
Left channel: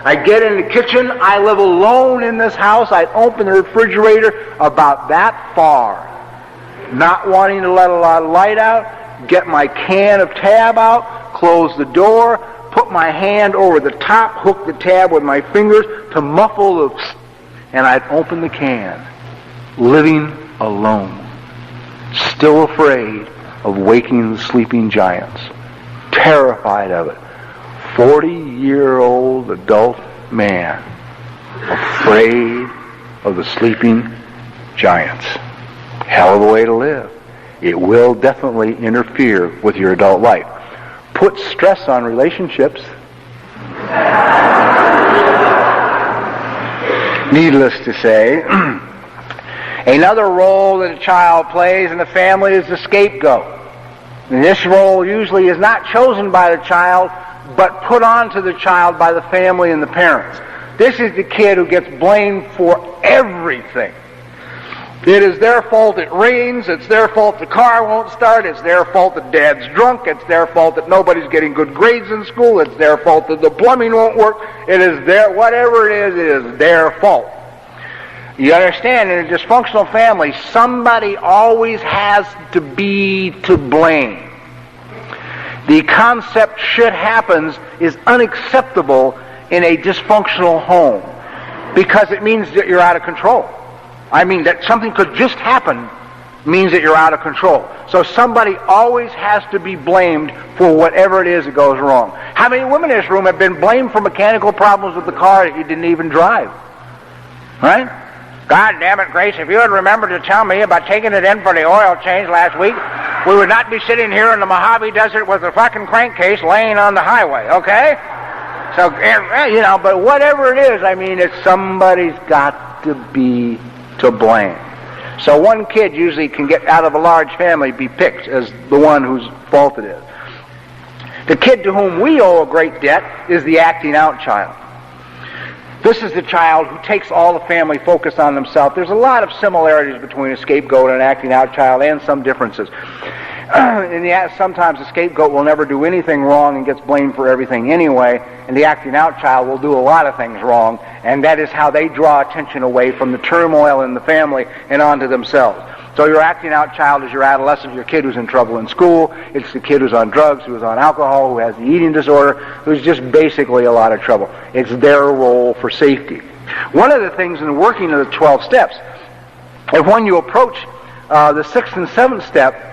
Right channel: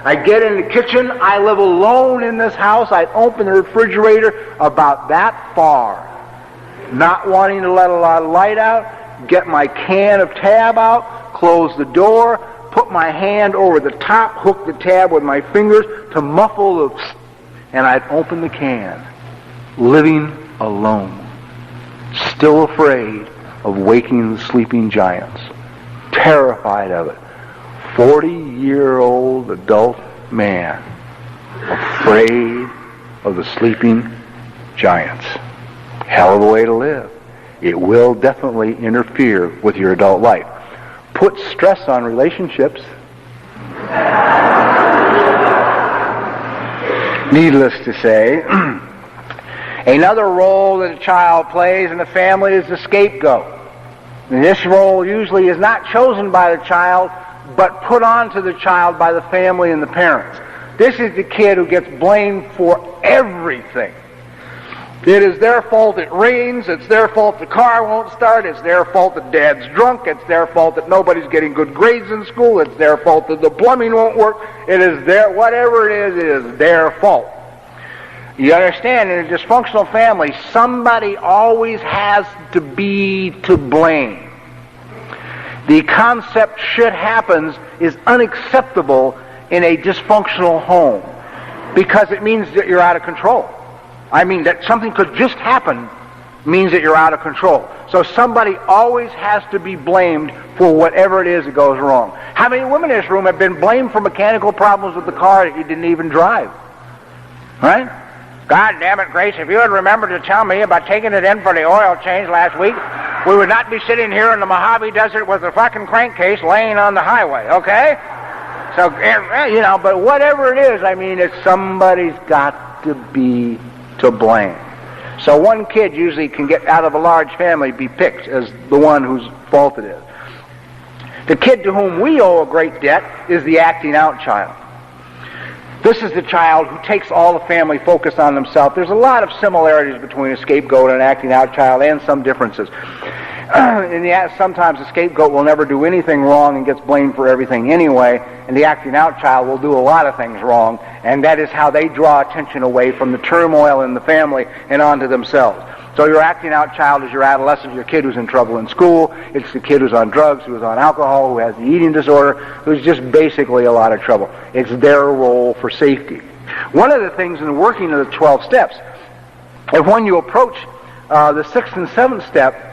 I get in the kitchen, I live alone in this house, I'd open the refrigerator about that far, not wanting to let a lot of light out, get my can of tab out, close the door, put my hand over the top, hook the tab with my fingers to muffle the and I'd open the can, living alone, still afraid of waking the sleeping giants, terrified of it. 40-year-old adult man, afraid of the sleeping giants. Hell of a way to live. It will definitely interfere with your adult life. Put stress on relationships. Needless to say, another role that a child plays in the family is the scapegoat. And this role usually is not chosen by the child, but put onto the child by the family and the parents. This is the kid who gets blamed for everything. It is their fault it rains, it's their fault the car won't start, it's their fault that dad's drunk, it's their fault that nobody's getting good grades in school, it's their fault that the plumbing won't work, whatever it is their fault. You understand, in a dysfunctional family, somebody always has to be to blame. The concept "shit happens" is unacceptable in a dysfunctional home, because it means that you're out of control. I mean, that something could just happen means that you're out of control. So somebody always has to be blamed for whatever it is that goes wrong. How many women in this room have been blamed for mechanical problems with the car that you didn't even drive? Right? God damn it, Grace, if you had remembered to tell me about taking it in for the oil change last week, we would not be sitting here in the Mojave Desert with a fucking crankcase laying on the highway, okay? So, you know, but whatever it is, I mean, it's somebody's got to be to blame. So one kid usually can get out of a large family, be picked as the one whose fault it is. The kid to whom we owe a great debt is the acting out child. This is the child who takes all the family focus on himself. There's a lot of similarities between a scapegoat and an acting out child, and some differences. Sometimes the scapegoat will never do anything wrong and gets blamed for everything anyway, and the acting out child will do a lot of things wrong, and that is how they draw attention away from the turmoil in the family and onto themselves. So your acting out child is your adolescent, your kid who's in trouble in school. It's the kid who's on drugs, who's on alcohol, who has an eating disorder, who's just basically a lot of trouble. It's their role for safety. One of the things in the working of the 12 steps, if when you approach the 6th and 7th step,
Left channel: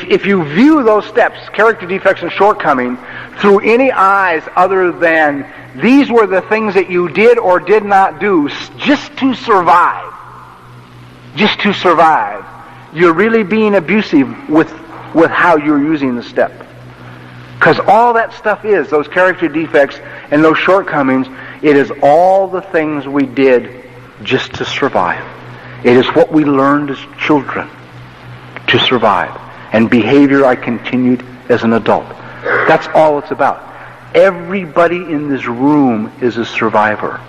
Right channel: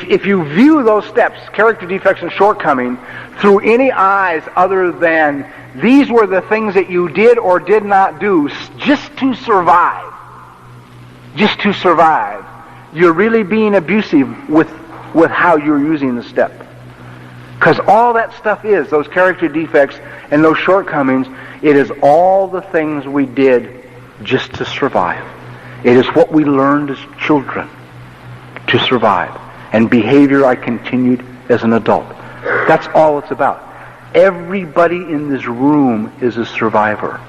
if you view those steps, character defects and shortcoming, through any eyes other than these were the things that you did or did not do just to survive, you're really being abusive with how you're using the step. Because all that stuff is, those character defects and those shortcomings, it is all the things we did just to survive. It is what we learned as children to survive. And behavior I continued as an adult. That's all it's about. Everybody in this room is a survivor.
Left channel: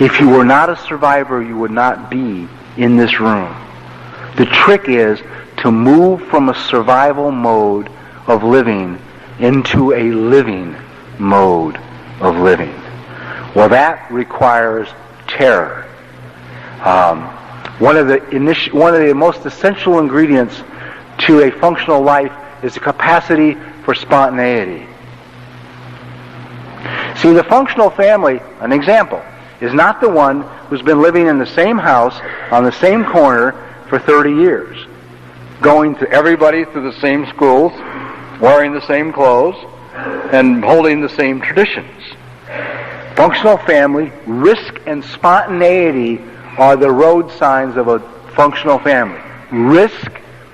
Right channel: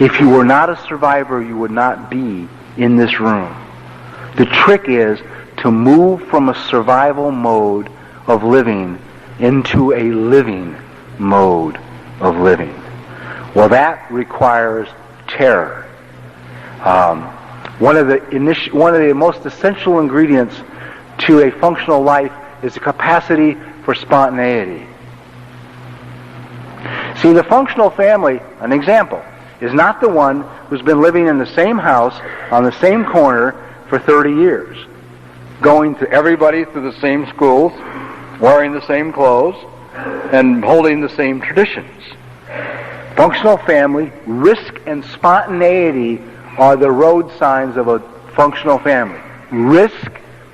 If you were not a survivor, you would not be in this room. The trick is to move from a survival mode of living into a living mode of living. Well, that requires terror. One of the most essential ingredients to a functional life is the capacity for spontaneity. See, the functional family, an example, is not the one who's been living in the same house on the same corner for 30 years, going to everybody through the same schools, wearing the same clothes, and holding the same traditions. Functional family, risk and spontaneity are the road signs of a functional family. Risk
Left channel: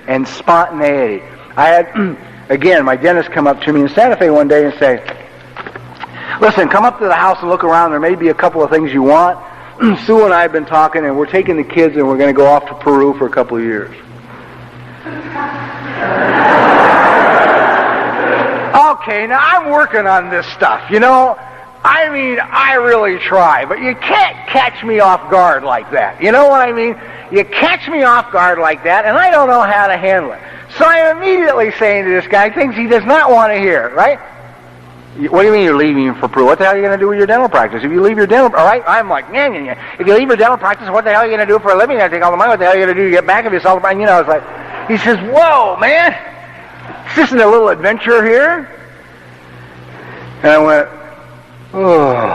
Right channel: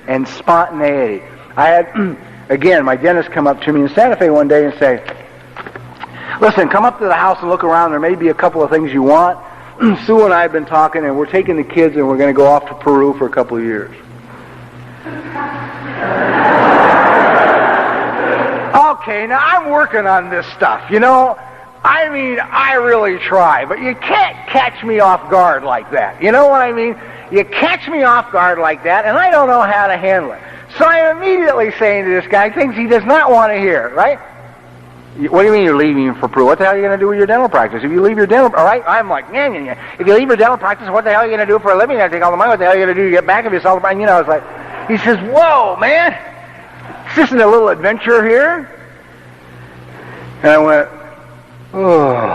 and spontaneity. I had, again, my dentist come up to me in Santa Fe one day and say, listen, come up to the house and look around. There may be a couple of things you want. Sue and I have been talking, and we're taking the kids, and we're going to go off to Peru for a couple of years. Okay, now I'm working on this stuff, you know. I mean, I really try, but you can't catch me off guard like that. You know what I mean? You catch me off guard like that, and I don't know how to handle it. So I'm immediately saying to this guy things he does not want to hear, right? What do you mean you're leaving for Peru? What the hell are you going to do with your dental practice? If you leave your dental, all right, I'm like, yeah. If you leave your dental practice, what the hell are you going to do for a living? You take all the money. What the hell are you going to do to get back if you sell the money? You know, it's like, he says, whoa, man, this isn't a little adventure here. And I went, oh,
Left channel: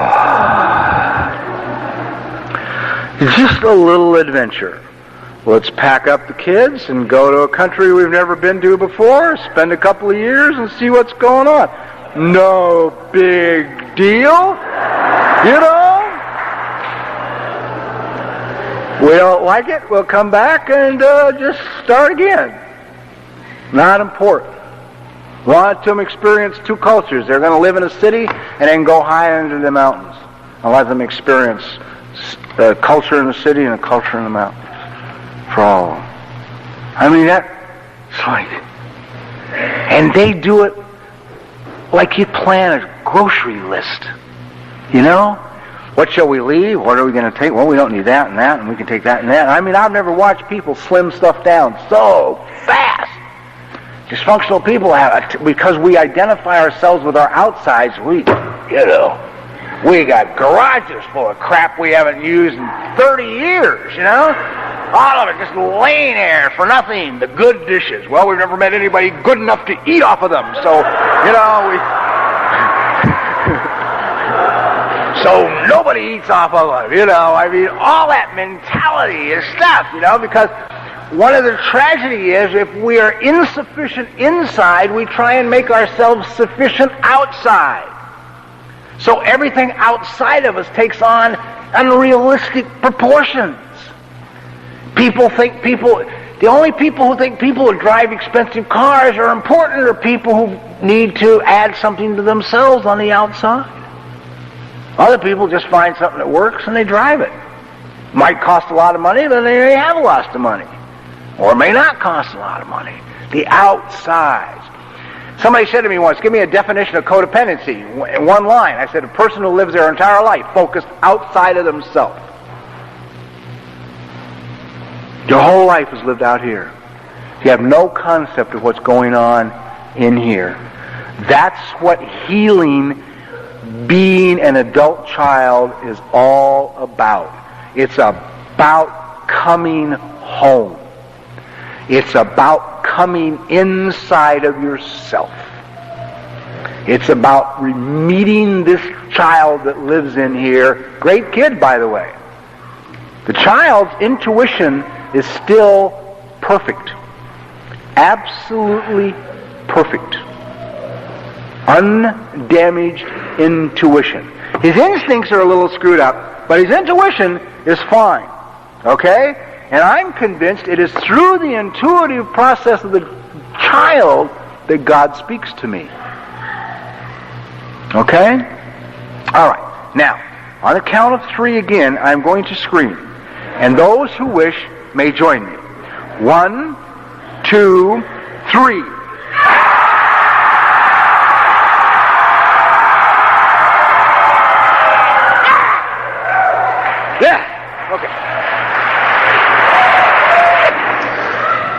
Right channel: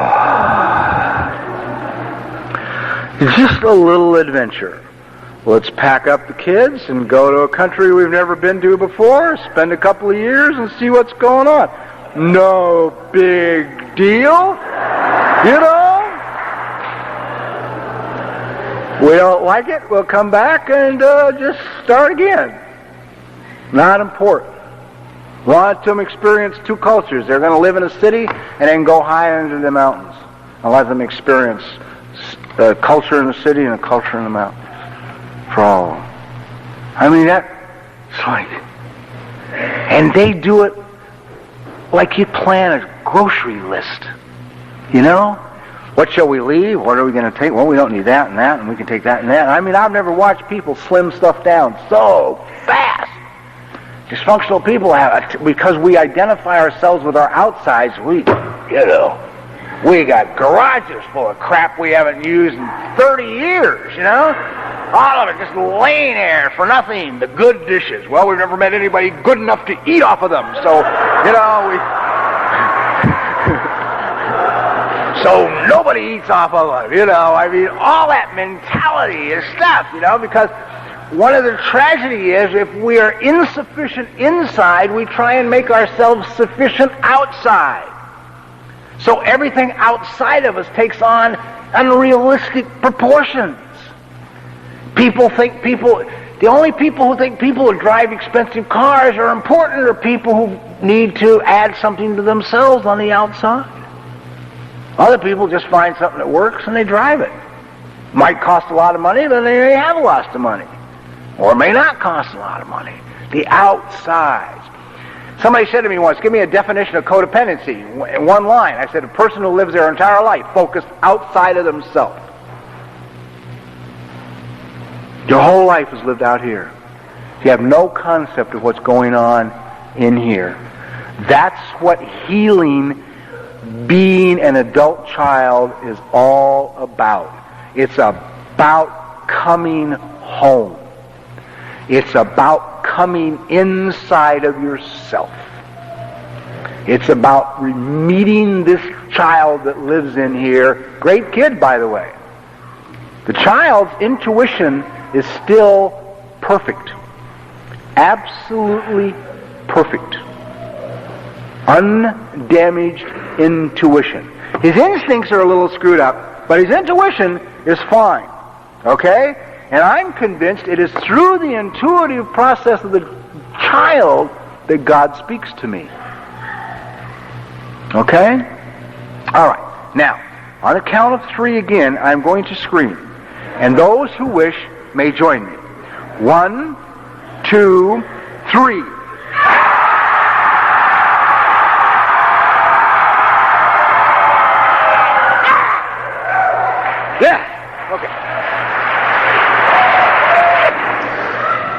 just a little adventure. Let's pack up the kids and go to a country we've never been to before, spend a couple of years and see what's going on. No big deal, you know? We don't like it, we'll come back and just start again. Not important. Want them to experience two cultures. They're going to live in a city and then go high into the mountains. And let them experience a culture in the city and a culture in the mountains. For all of them. I mean, that's like... And they do it like you plan a grocery list. You know? What shall we leave? What are we going to take? Well, we don't need that, and we can take that and that. I mean, I've never watched people slim stuff down so fast. Dysfunctional people have, because we identify ourselves with our outsides, we, you know, We got garages full of crap we haven't used in 30 years, you know? All of it just laying there for nothing. The good dishes. Well, we've never met anybody good enough to eat off of them. So, you know, so nobody eats off of it, you know. I mean, all that mentality is stuff, you know, because one of the tragedy is if we are insufficient inside, we try and make ourselves sufficient outside. So everything outside of us takes on unrealistic proportions. The only people who think people who drive expensive cars are important are people who need to add something to themselves on the outside. Other people just find something that works and they drive it. Might cost a lot of money, but they have a lot of money. Or it may not cost a lot of money. The outside. Somebody said to me once, give me a definition of codependency in one line. I said, a person who lives their entire life focused outside of themselves. Your whole life is lived out here. You have no concept of what's going on in here. That's what healing, being an adult child, is all about. It's about coming home. It's about coming inside of yourself. It's about meeting this child that lives in here. Great kid, by the way. The child's intuition is still perfect. Absolutely perfect. Undamaged intuition. His instincts are a little screwed up, but his intuition is fine. Okay? And I'm convinced it is through the intuitive process of the child that God speaks to me. Okay? All right. Now, on the count of 3 again, I'm going to scream. And those who wish may join me. 1, 2, 3. Yeah. Okay.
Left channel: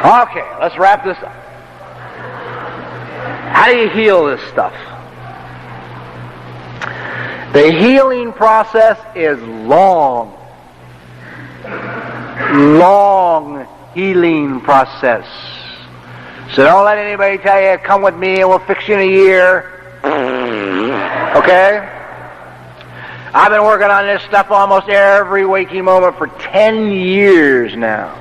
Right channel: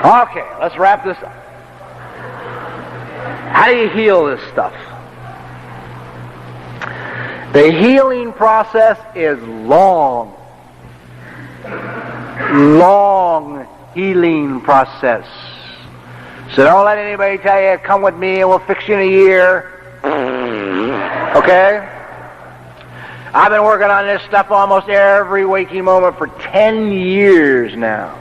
Okay, let's wrap this up. How do you heal this stuff? The healing process is long healing process. So don't let anybody tell you, come with me and we'll fix you in a year. Okay? I've been working on this stuff almost every waking moment for 10 years now.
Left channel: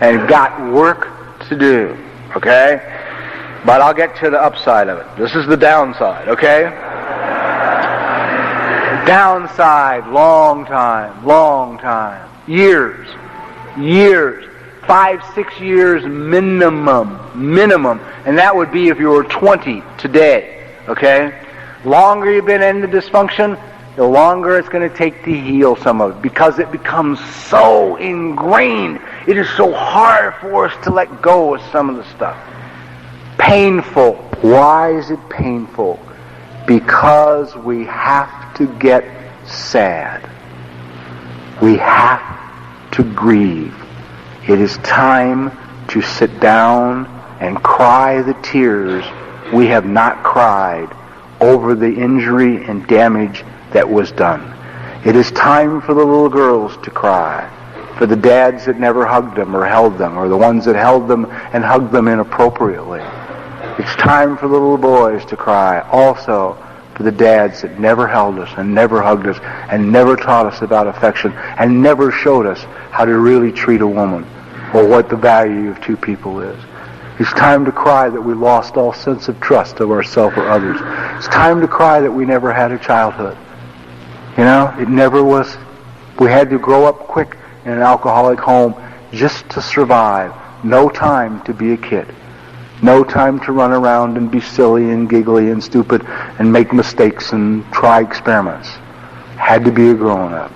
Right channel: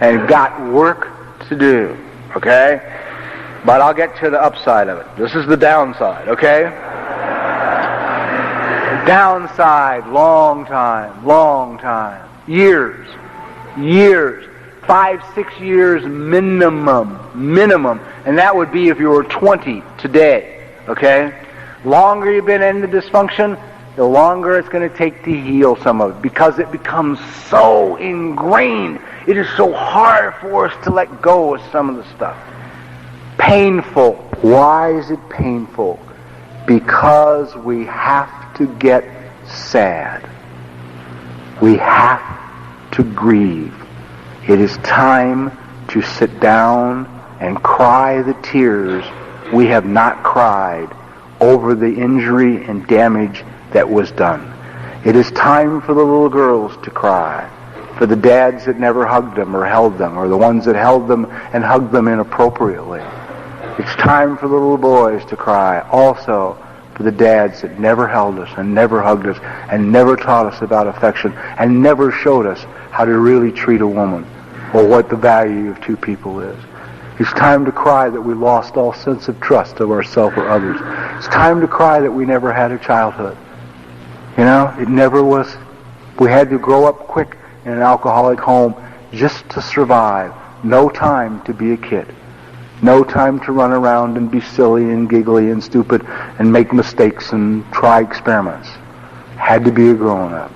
And got work to do. Okay? But I'll get to the upside of it. This is the downside. Okay? Downside, long time. Years. 5, 6 years minimum. And that would be if you were 20 today. Okay? Longer you've been in the dysfunction, the longer it's going to take to heal some of it. Because it becomes so ingrained. It is so hard for us to let go of some of the stuff. Painful. Why is it painful? Because we have to get sad. We have to grieve. It is time to sit down and cry the tears we have not cried over the injury and damage that was done. It is time for the little girls to cry, for the dads that never hugged them or held them, or the ones that held them and hugged them inappropriately. It's time for the little boys to cry also for the dads that never held us and never hugged us and never taught us about affection and never showed us how to really treat a woman or what the value of two people is. It's time to cry that we lost all sense of trust of ourselves or others. It's time to cry that we never had a childhood. You know, it never was. We had to grow up quick in an alcoholic home just to survive. No time to be a kid. No time to run around and be silly and giggly and stupid and make mistakes and try experiments. Had to be a grown-up.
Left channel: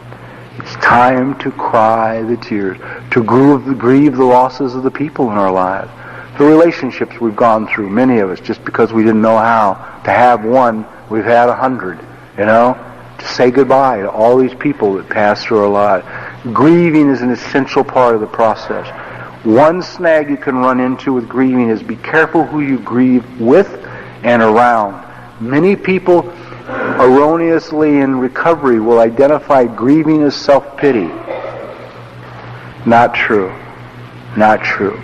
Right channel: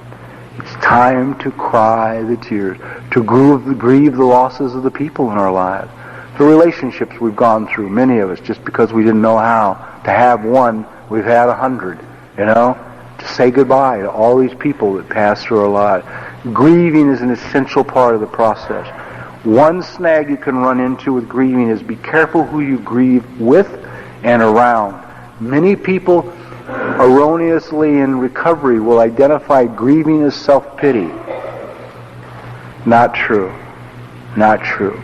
It's time to cry the tears, to grieve the losses of the people in our lives, the relationships we've gone through, many of us, just because we didn't know how to have one, we've had 100, you know, to say goodbye to all these people that passed through our lives. Grieving is an essential part of the process. One snag you can run into with grieving is be careful who you grieve with and around. Many people erroneously in recovery will identify grieving as self-pity. Not true. Not true.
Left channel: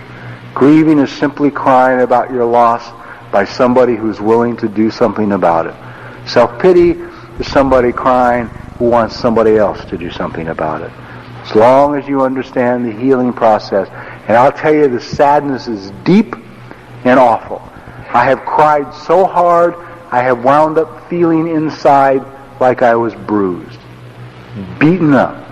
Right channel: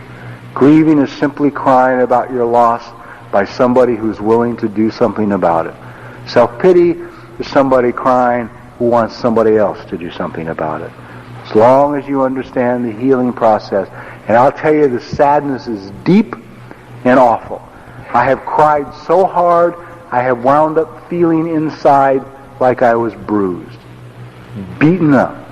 Grieving is simply crying about your loss by somebody who's willing to do something about it. Self-pity is somebody crying who wants somebody else to do something about it. As long as you understand the healing process. And I'll tell you, the sadness is deep and awful. I have cried so hard, I have wound up feeling inside like I was bruised, beaten up.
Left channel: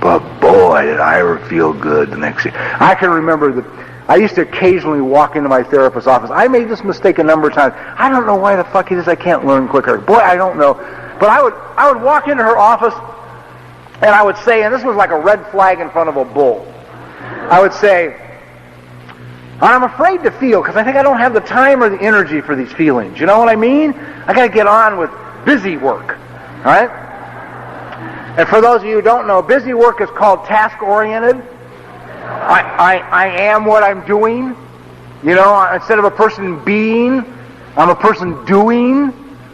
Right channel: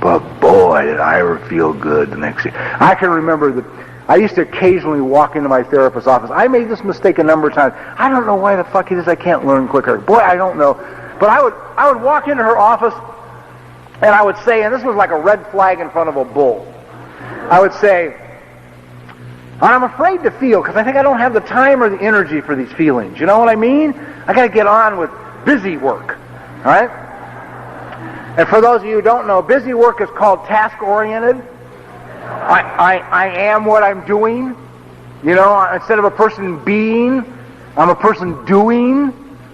But boy, did I ever feel good the next day. I can remember that I used to occasionally walk into my therapist's office. I made this mistake a number of times. I don't know why the fuck it is I can't learn quicker. Boy, I don't know. But I would walk into her office and I would say, and this was like a red flag in front of a bull, I would say, I'm afraid to feel because I think I don't have the time or the energy for these feelings. You know what I mean? I got to get on with busy work, right? And for those of you who don't know, busy work is called task-oriented. I am what I'm doing. You know, instead of a person being, I'm a person doing.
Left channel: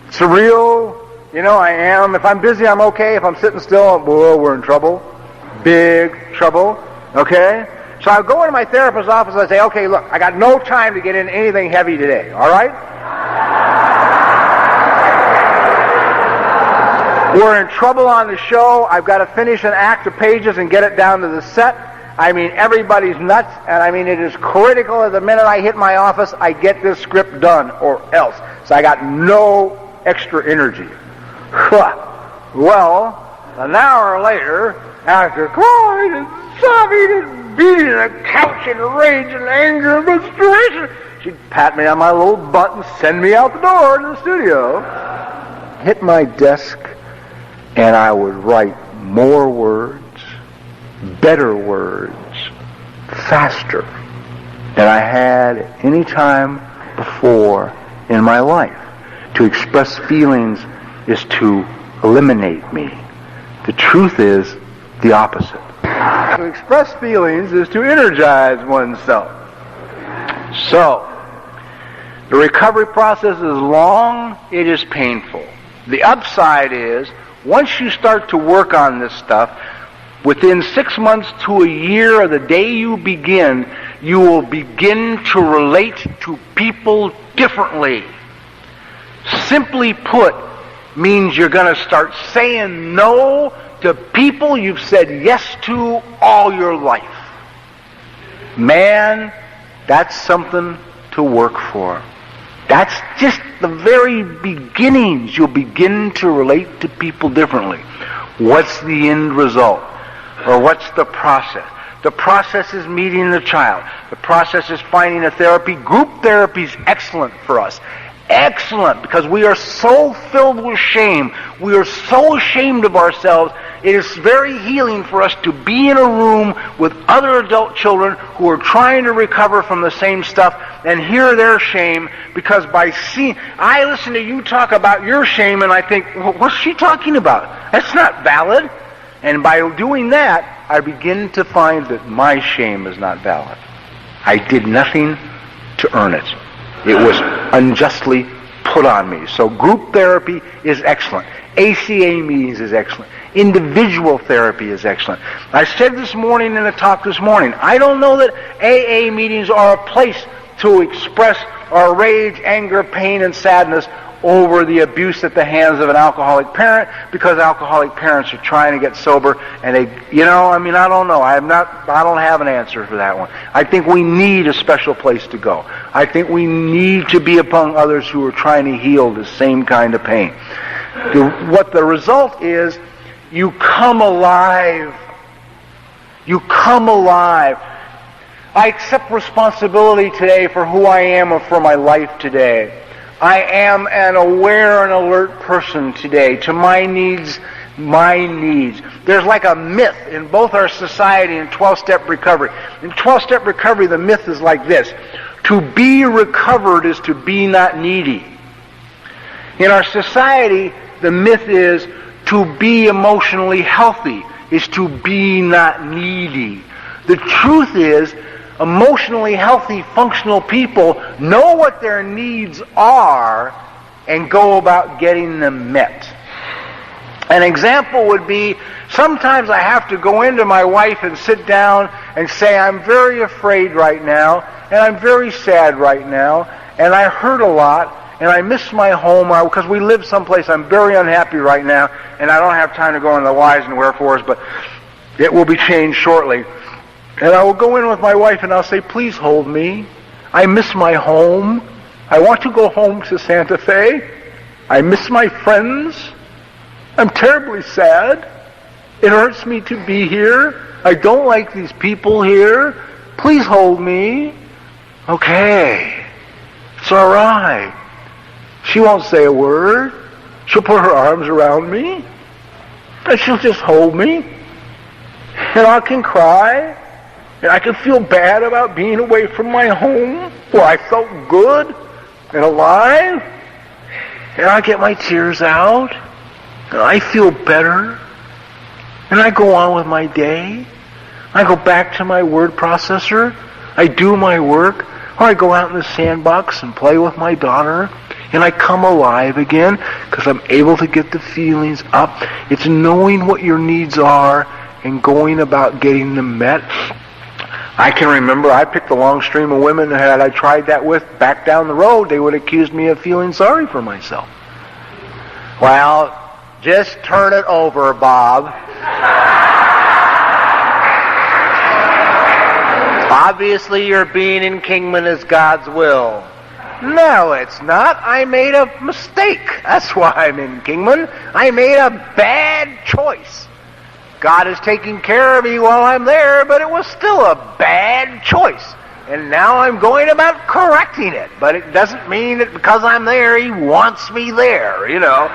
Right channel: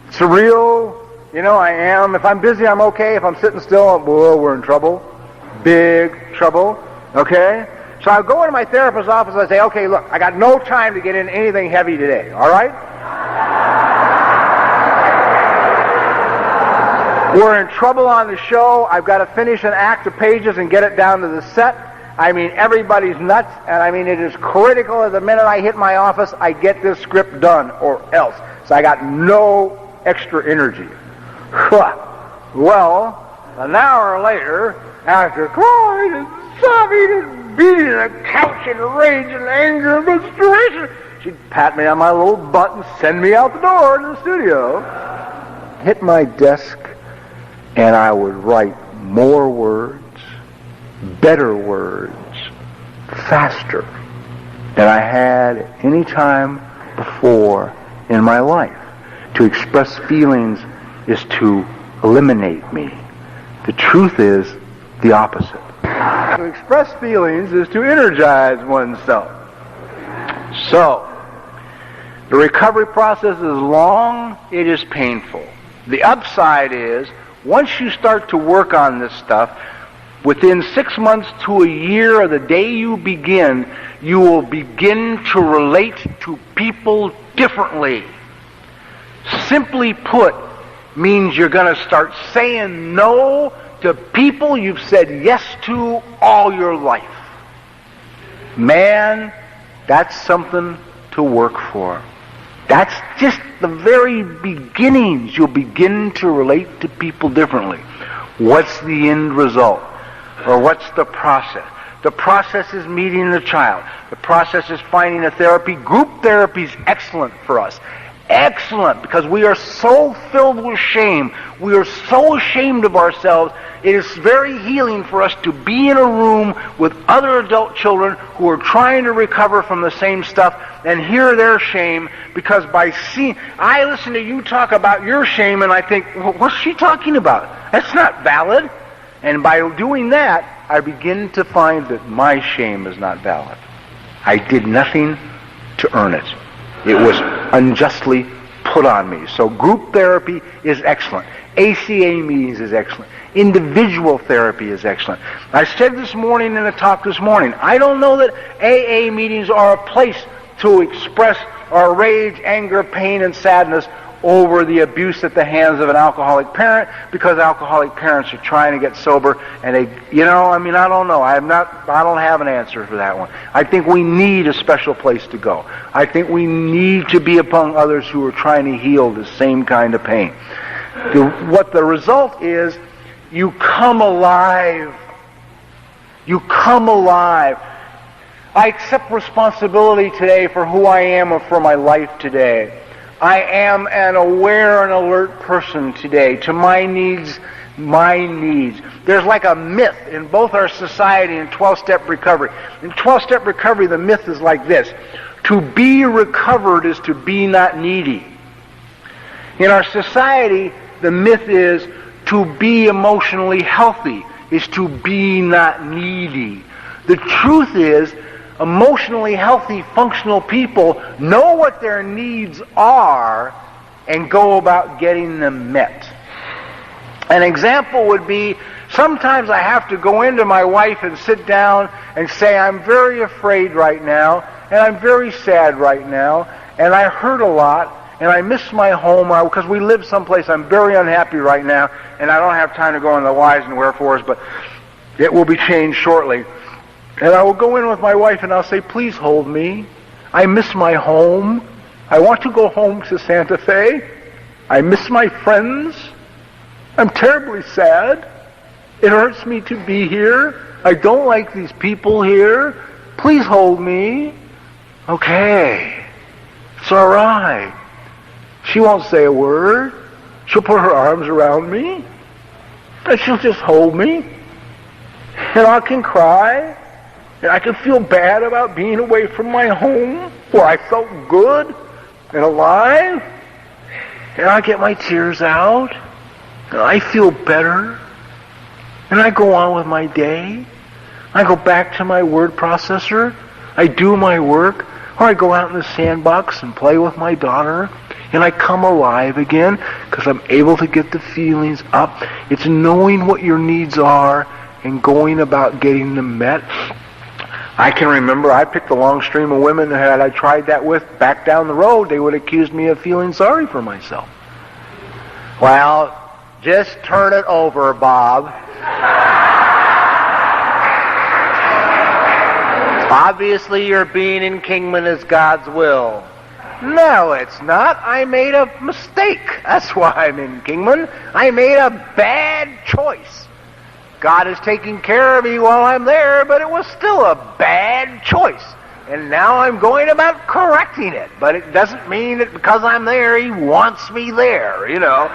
It's a real, you know, I am. If I'm busy, I'm okay. If I'm sitting still, whoa, we're in trouble. Big trouble. Okay? So I go into my therapist's office and I say, okay, look, I got no time to get in anything heavy today, all right? We're in trouble on the show. I've got to finish an act of pages and get it down to the set. I mean, everybody's nuts, and I mean, it is critical the minute I hit my office, I get this script done, or else. So I got no extra energy. Well, an hour later, after crying and sobbing and beating the couch in rage and anger and frustration, she'd pat me on my little butt and send me out the door to the studio. Hit my desk, and I would write more words, better words, faster than I had any time before in my life. To express feelings is to eliminate me. The truth is the opposite. To express feelings is to energize oneself. So, the recovery process is long, it is painful. The upside is, once you start to work on this stuff, within 6 months to a year of the day you begin, you will begin to relate to people differently. Simply put, means you're going to start saying no to people you've said yes to all your life. Man, that's something to work for. That's just the very beginnings. You'll begin to relate to people differently. What's the end result? Or what's the process? The process is meeting the child. The process is finding a therapy. Group therapy is excellent for us. Excellent, because we are so filled with shame. We are so ashamed of ourselves. It is very healing for us to be in a room with other adult children who are trying to recover from the same stuff and hear their shame, because by seeing, I listen to you talk about your shame and I think, well, what's she talking about? That's not valid. And by doing that, I begin to find that my shame is not valid. I did nothing to earn it. It was unjustly put on me. So group therapy is excellent. ACA meetings is excellent. Individual therapy is excellent. I said this morning in a talk this morning, I don't know that AA meetings are a place to express our rage, anger, pain, and sadness over the abuse at the hands of an alcoholic parent, because alcoholic parents are trying to get sober, and they, you know, I mean, I don't know. I don't have an answer for that one. I think we need a special place to go. I think we need to be among others who are trying to heal the same kind of pain. What the result is, you come alive. You come alive. I accept responsibility today for who I am or for my life today. I am an aware and alert person today to my needs, my needs. There's like a myth in both our society and 12-step recovery. In 12-step recovery, the myth is like this. To be recovered is to be not needy. In our society, the myth is to be emotionally healthy is to be not needy. The truth is, emotionally healthy, functional people know what their needs are and go about getting them met. An example would be, sometimes I have to go into my wife and sit down and say, I'm very afraid right now, and I'm very sad right now, and I hurt a lot, and I miss my home, because we live someplace I'm very unhappy right now, and I don't have time to go into the whys and wherefores, but it will be changed shortly. And I will go in with my wife and I'll say, please hold me. I miss my home. I want to go home to Santa Fe. I miss my friends. I'm terribly sad. It hurts me to be here. I don't like these people here. Please hold me. Okay. It's all right. She won't say a word. She'll put her arms around me. And she'll just hold me. And I can cry. And I can feel bad about being away from my home where I felt good and alive. And I get my tears out. And I feel better. And I go on with my day. I go back to my word processor. I do my work. Or I go out in the sandbox and play with my daughter. And I come alive again because I'm able to get the feelings up. It's knowing what your needs are and going about getting them met. I can remember I picked a long stream of women that had I tried that with back down the road, they would accuse me of feeling sorry for myself. Well, just turn it over, Bob. Obviously your being in Kingman is God's will. No, it's not. I made a mistake. That's why I'm in Kingman. I made a bad choice. God is taking care of me while I'm there, but it was still a bad choice. And now I'm going about correcting it. But it doesn't mean that because I'm there, He wants me there, you know.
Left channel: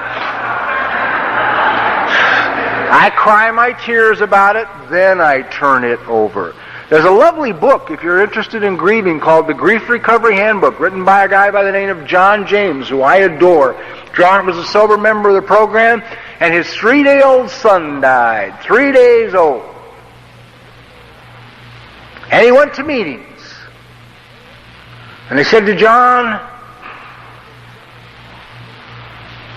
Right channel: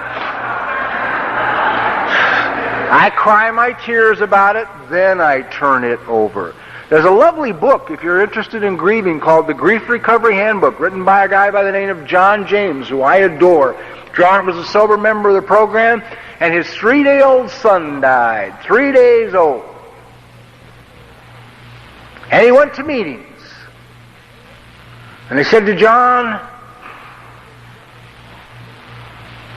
I cry my tears about it, then I turn it over. There's a lovely book, if you're interested in grieving, called The Grief Recovery Handbook, written by a guy by the name of John James, who I adore. John was a sober member of the program, and his 3-day-old son died, 3 days old. And he went to meetings. And they said to John,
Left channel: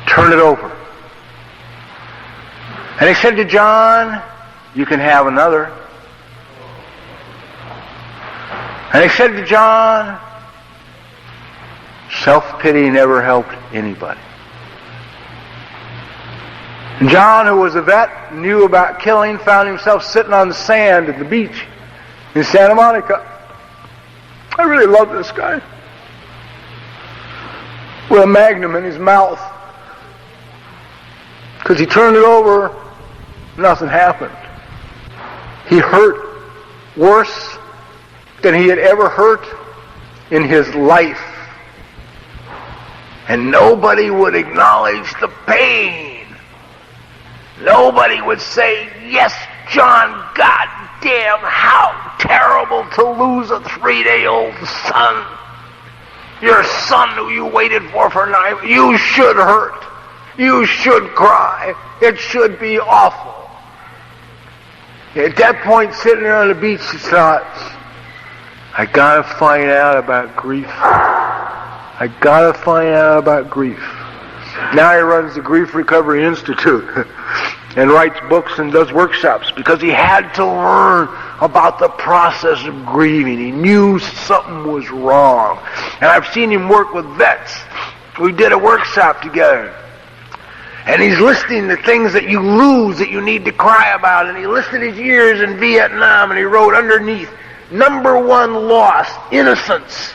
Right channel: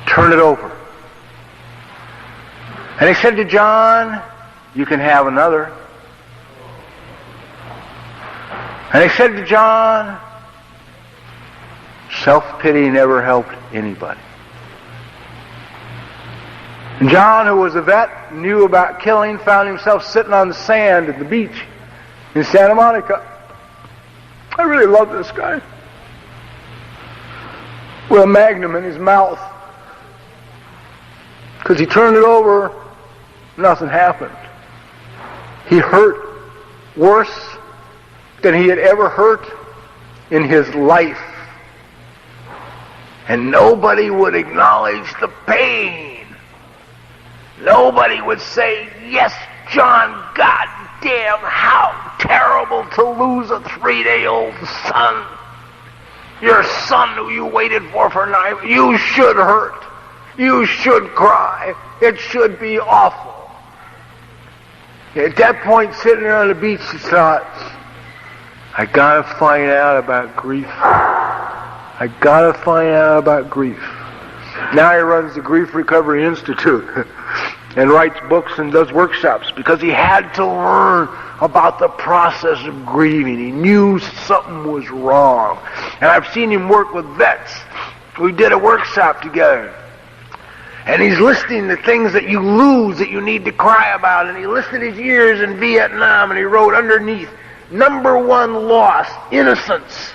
turn it over. And they said to John, you can have another. And they said to John, self-pity never helped anybody. And John, who was a vet, knew about killing, found himself sitting on the sand at the beach in Santa Monica. I really love this guy. With a magnum in his mouth. Because he turned it over, nothing happened. He hurt worse than he had ever hurt in his life. And nobody would acknowledge the pain. Nobody would say, yes, John, goddamn, how terrible to lose a 3-day-old son. Your son who you waited for 9 years. You should hurt. You should cry. It should be awful. At that point, sitting there on the beach, he thought, I gotta find out about grief. I gotta find out about grief. Now he runs the Grief Recovery Institute and writes books and does workshops because he had to learn about the process of grieving. He knew something was wrong. And I've seen him work with vets. We did a workshop together. And he's listing the things that you lose that you need to cry about. And he listed his years in Vietnam and he wrote underneath, number 1 loss, innocence.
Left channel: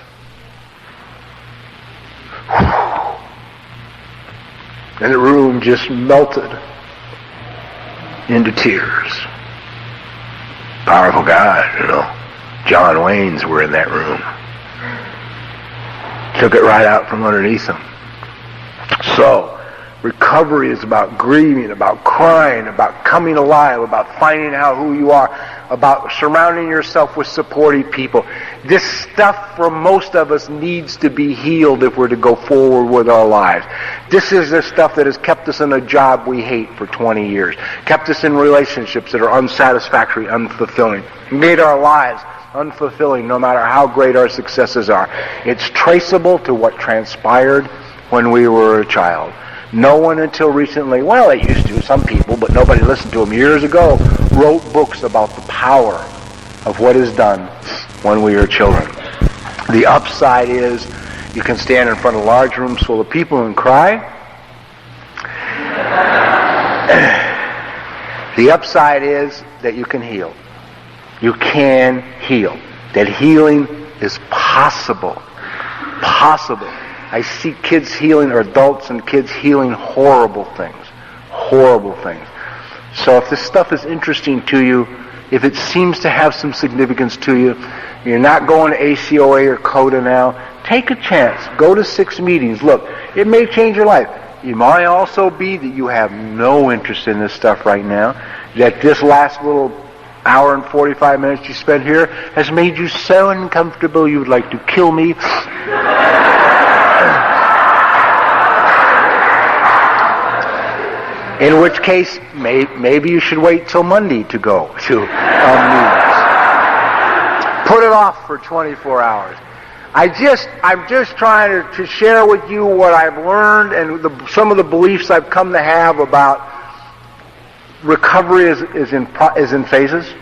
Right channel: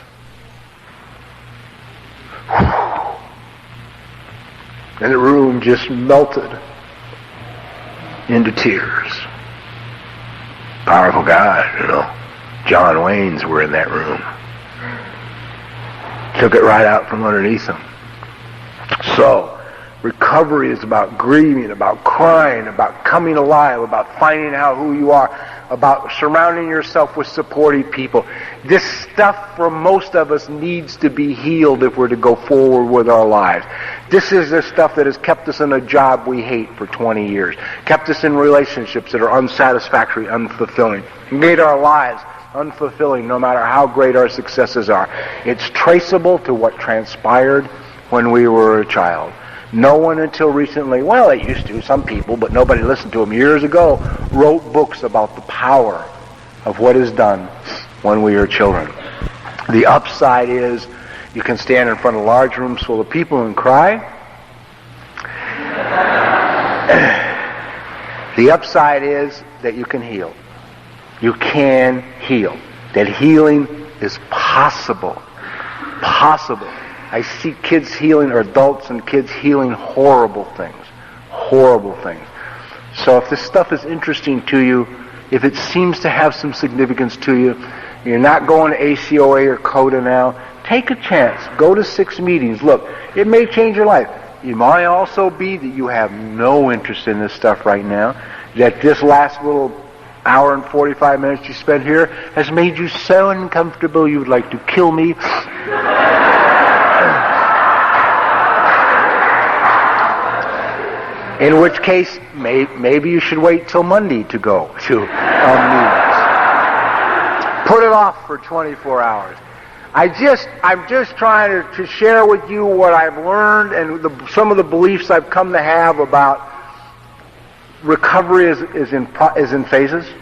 And the room just melted into tears. Powerful guy, you know. John Waynes were in that room. Took it right out from underneath him. So, recovery is about grieving, about crying, about coming alive, about finding out who you are, about surrounding yourself with supportive people. This stuff for most of us needs to be healed if we're to go forward with our lives. This is the stuff that has kept us in a job we hate for 20 years, kept us in relationships that are unsatisfactory, unfulfilling, made our lives unfulfilling no matter how great our successes are. It's traceable to what transpired when we were a child. No one until recently, well, they used to, some people, but nobody listened to them years ago, wrote books about the power of what is done when we are children. The upside is you can stand in front of large rooms full of people and cry. The upside is that you can heal. You can heal. That healing is possible. Possible. I see kids healing, or adults and kids healing horrible things. Horrible things. So if this stuff is interesting to you, if it seems to have some significance to you, you're not going to ACOA or CODA now, take a chance. Go to 6 meetings. Look, it may change your life. It might also be that you have no interest in this stuff right now, that this last little hour and 45 minutes you spent here has made you so uncomfortable you would like to kill me. In which case, maybe you should wait till Monday to go to meetings. Put it off for 24 hours. I'm just trying to share with you what I've learned and some of the beliefs I've come to have about recovery is in phases,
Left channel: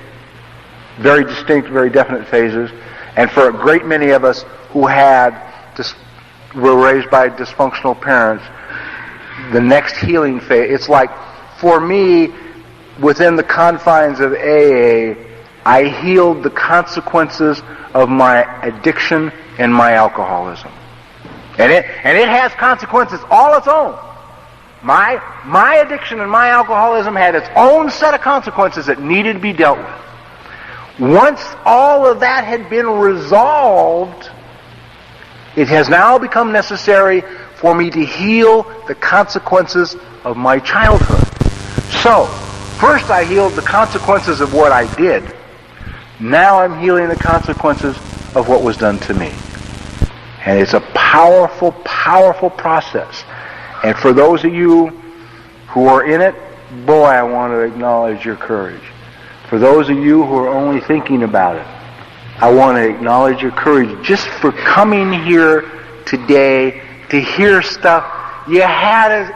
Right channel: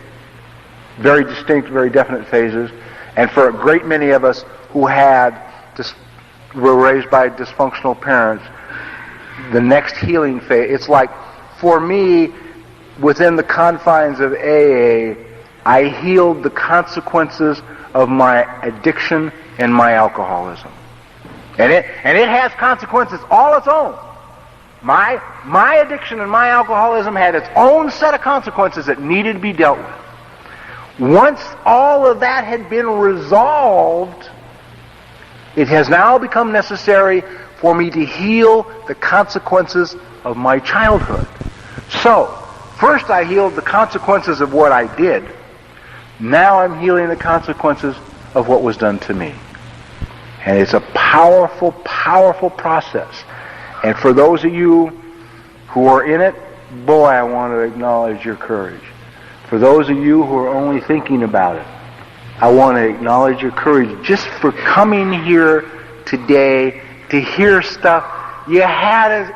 very distinct, very definite phases. And for a great many of us who were raised by dysfunctional parents, the next healing phase, it's like, for me, within the confines of AA, I healed the consequences of my addiction and my alcoholism. And it has consequences all its own. My addiction and my alcoholism had its own set of consequences that needed to be dealt with. Once all of that had been resolved, it has now become necessary for me to heal the consequences of my childhood. So, first I healed the consequences of what I did. Now I'm healing the consequences of what was done to me. And it's a powerful, powerful process. And for those of you who are in it, boy, I want to acknowledge your courage. For those of you who are only thinking about it, I want to acknowledge your courage just for coming here today to hear stuff you had as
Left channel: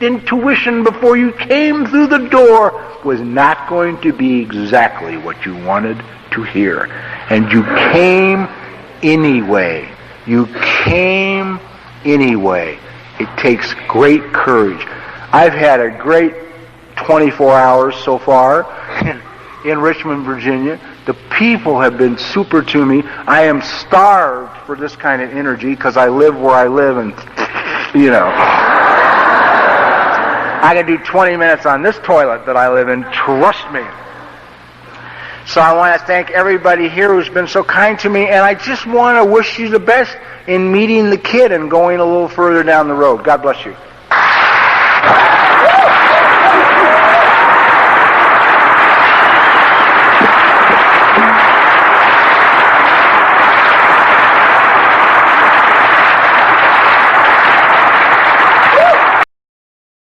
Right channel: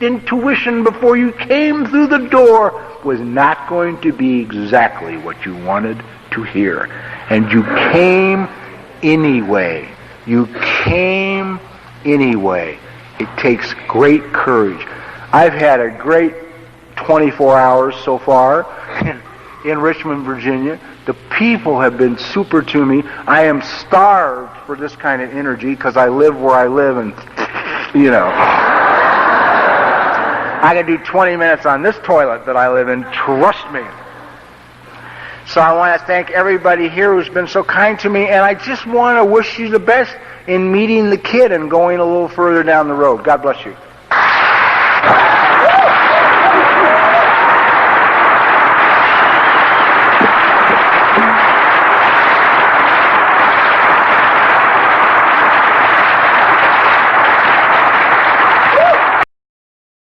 intuition before you came through the door was not going to be exactly what you wanted to hear. And you came anyway. You came anyway. It takes great courage. I've had a great 24 hours so far in Richmond, Virginia. The people have been super to me. I am starved for this kind of energy because I live where I live, and, I can do 20 minutes on this toilet that I live in, trust me. So I want to thank everybody here who's been so kind to me, and I just want to wish you the best in meeting the kid and going a little further down the road. God bless you.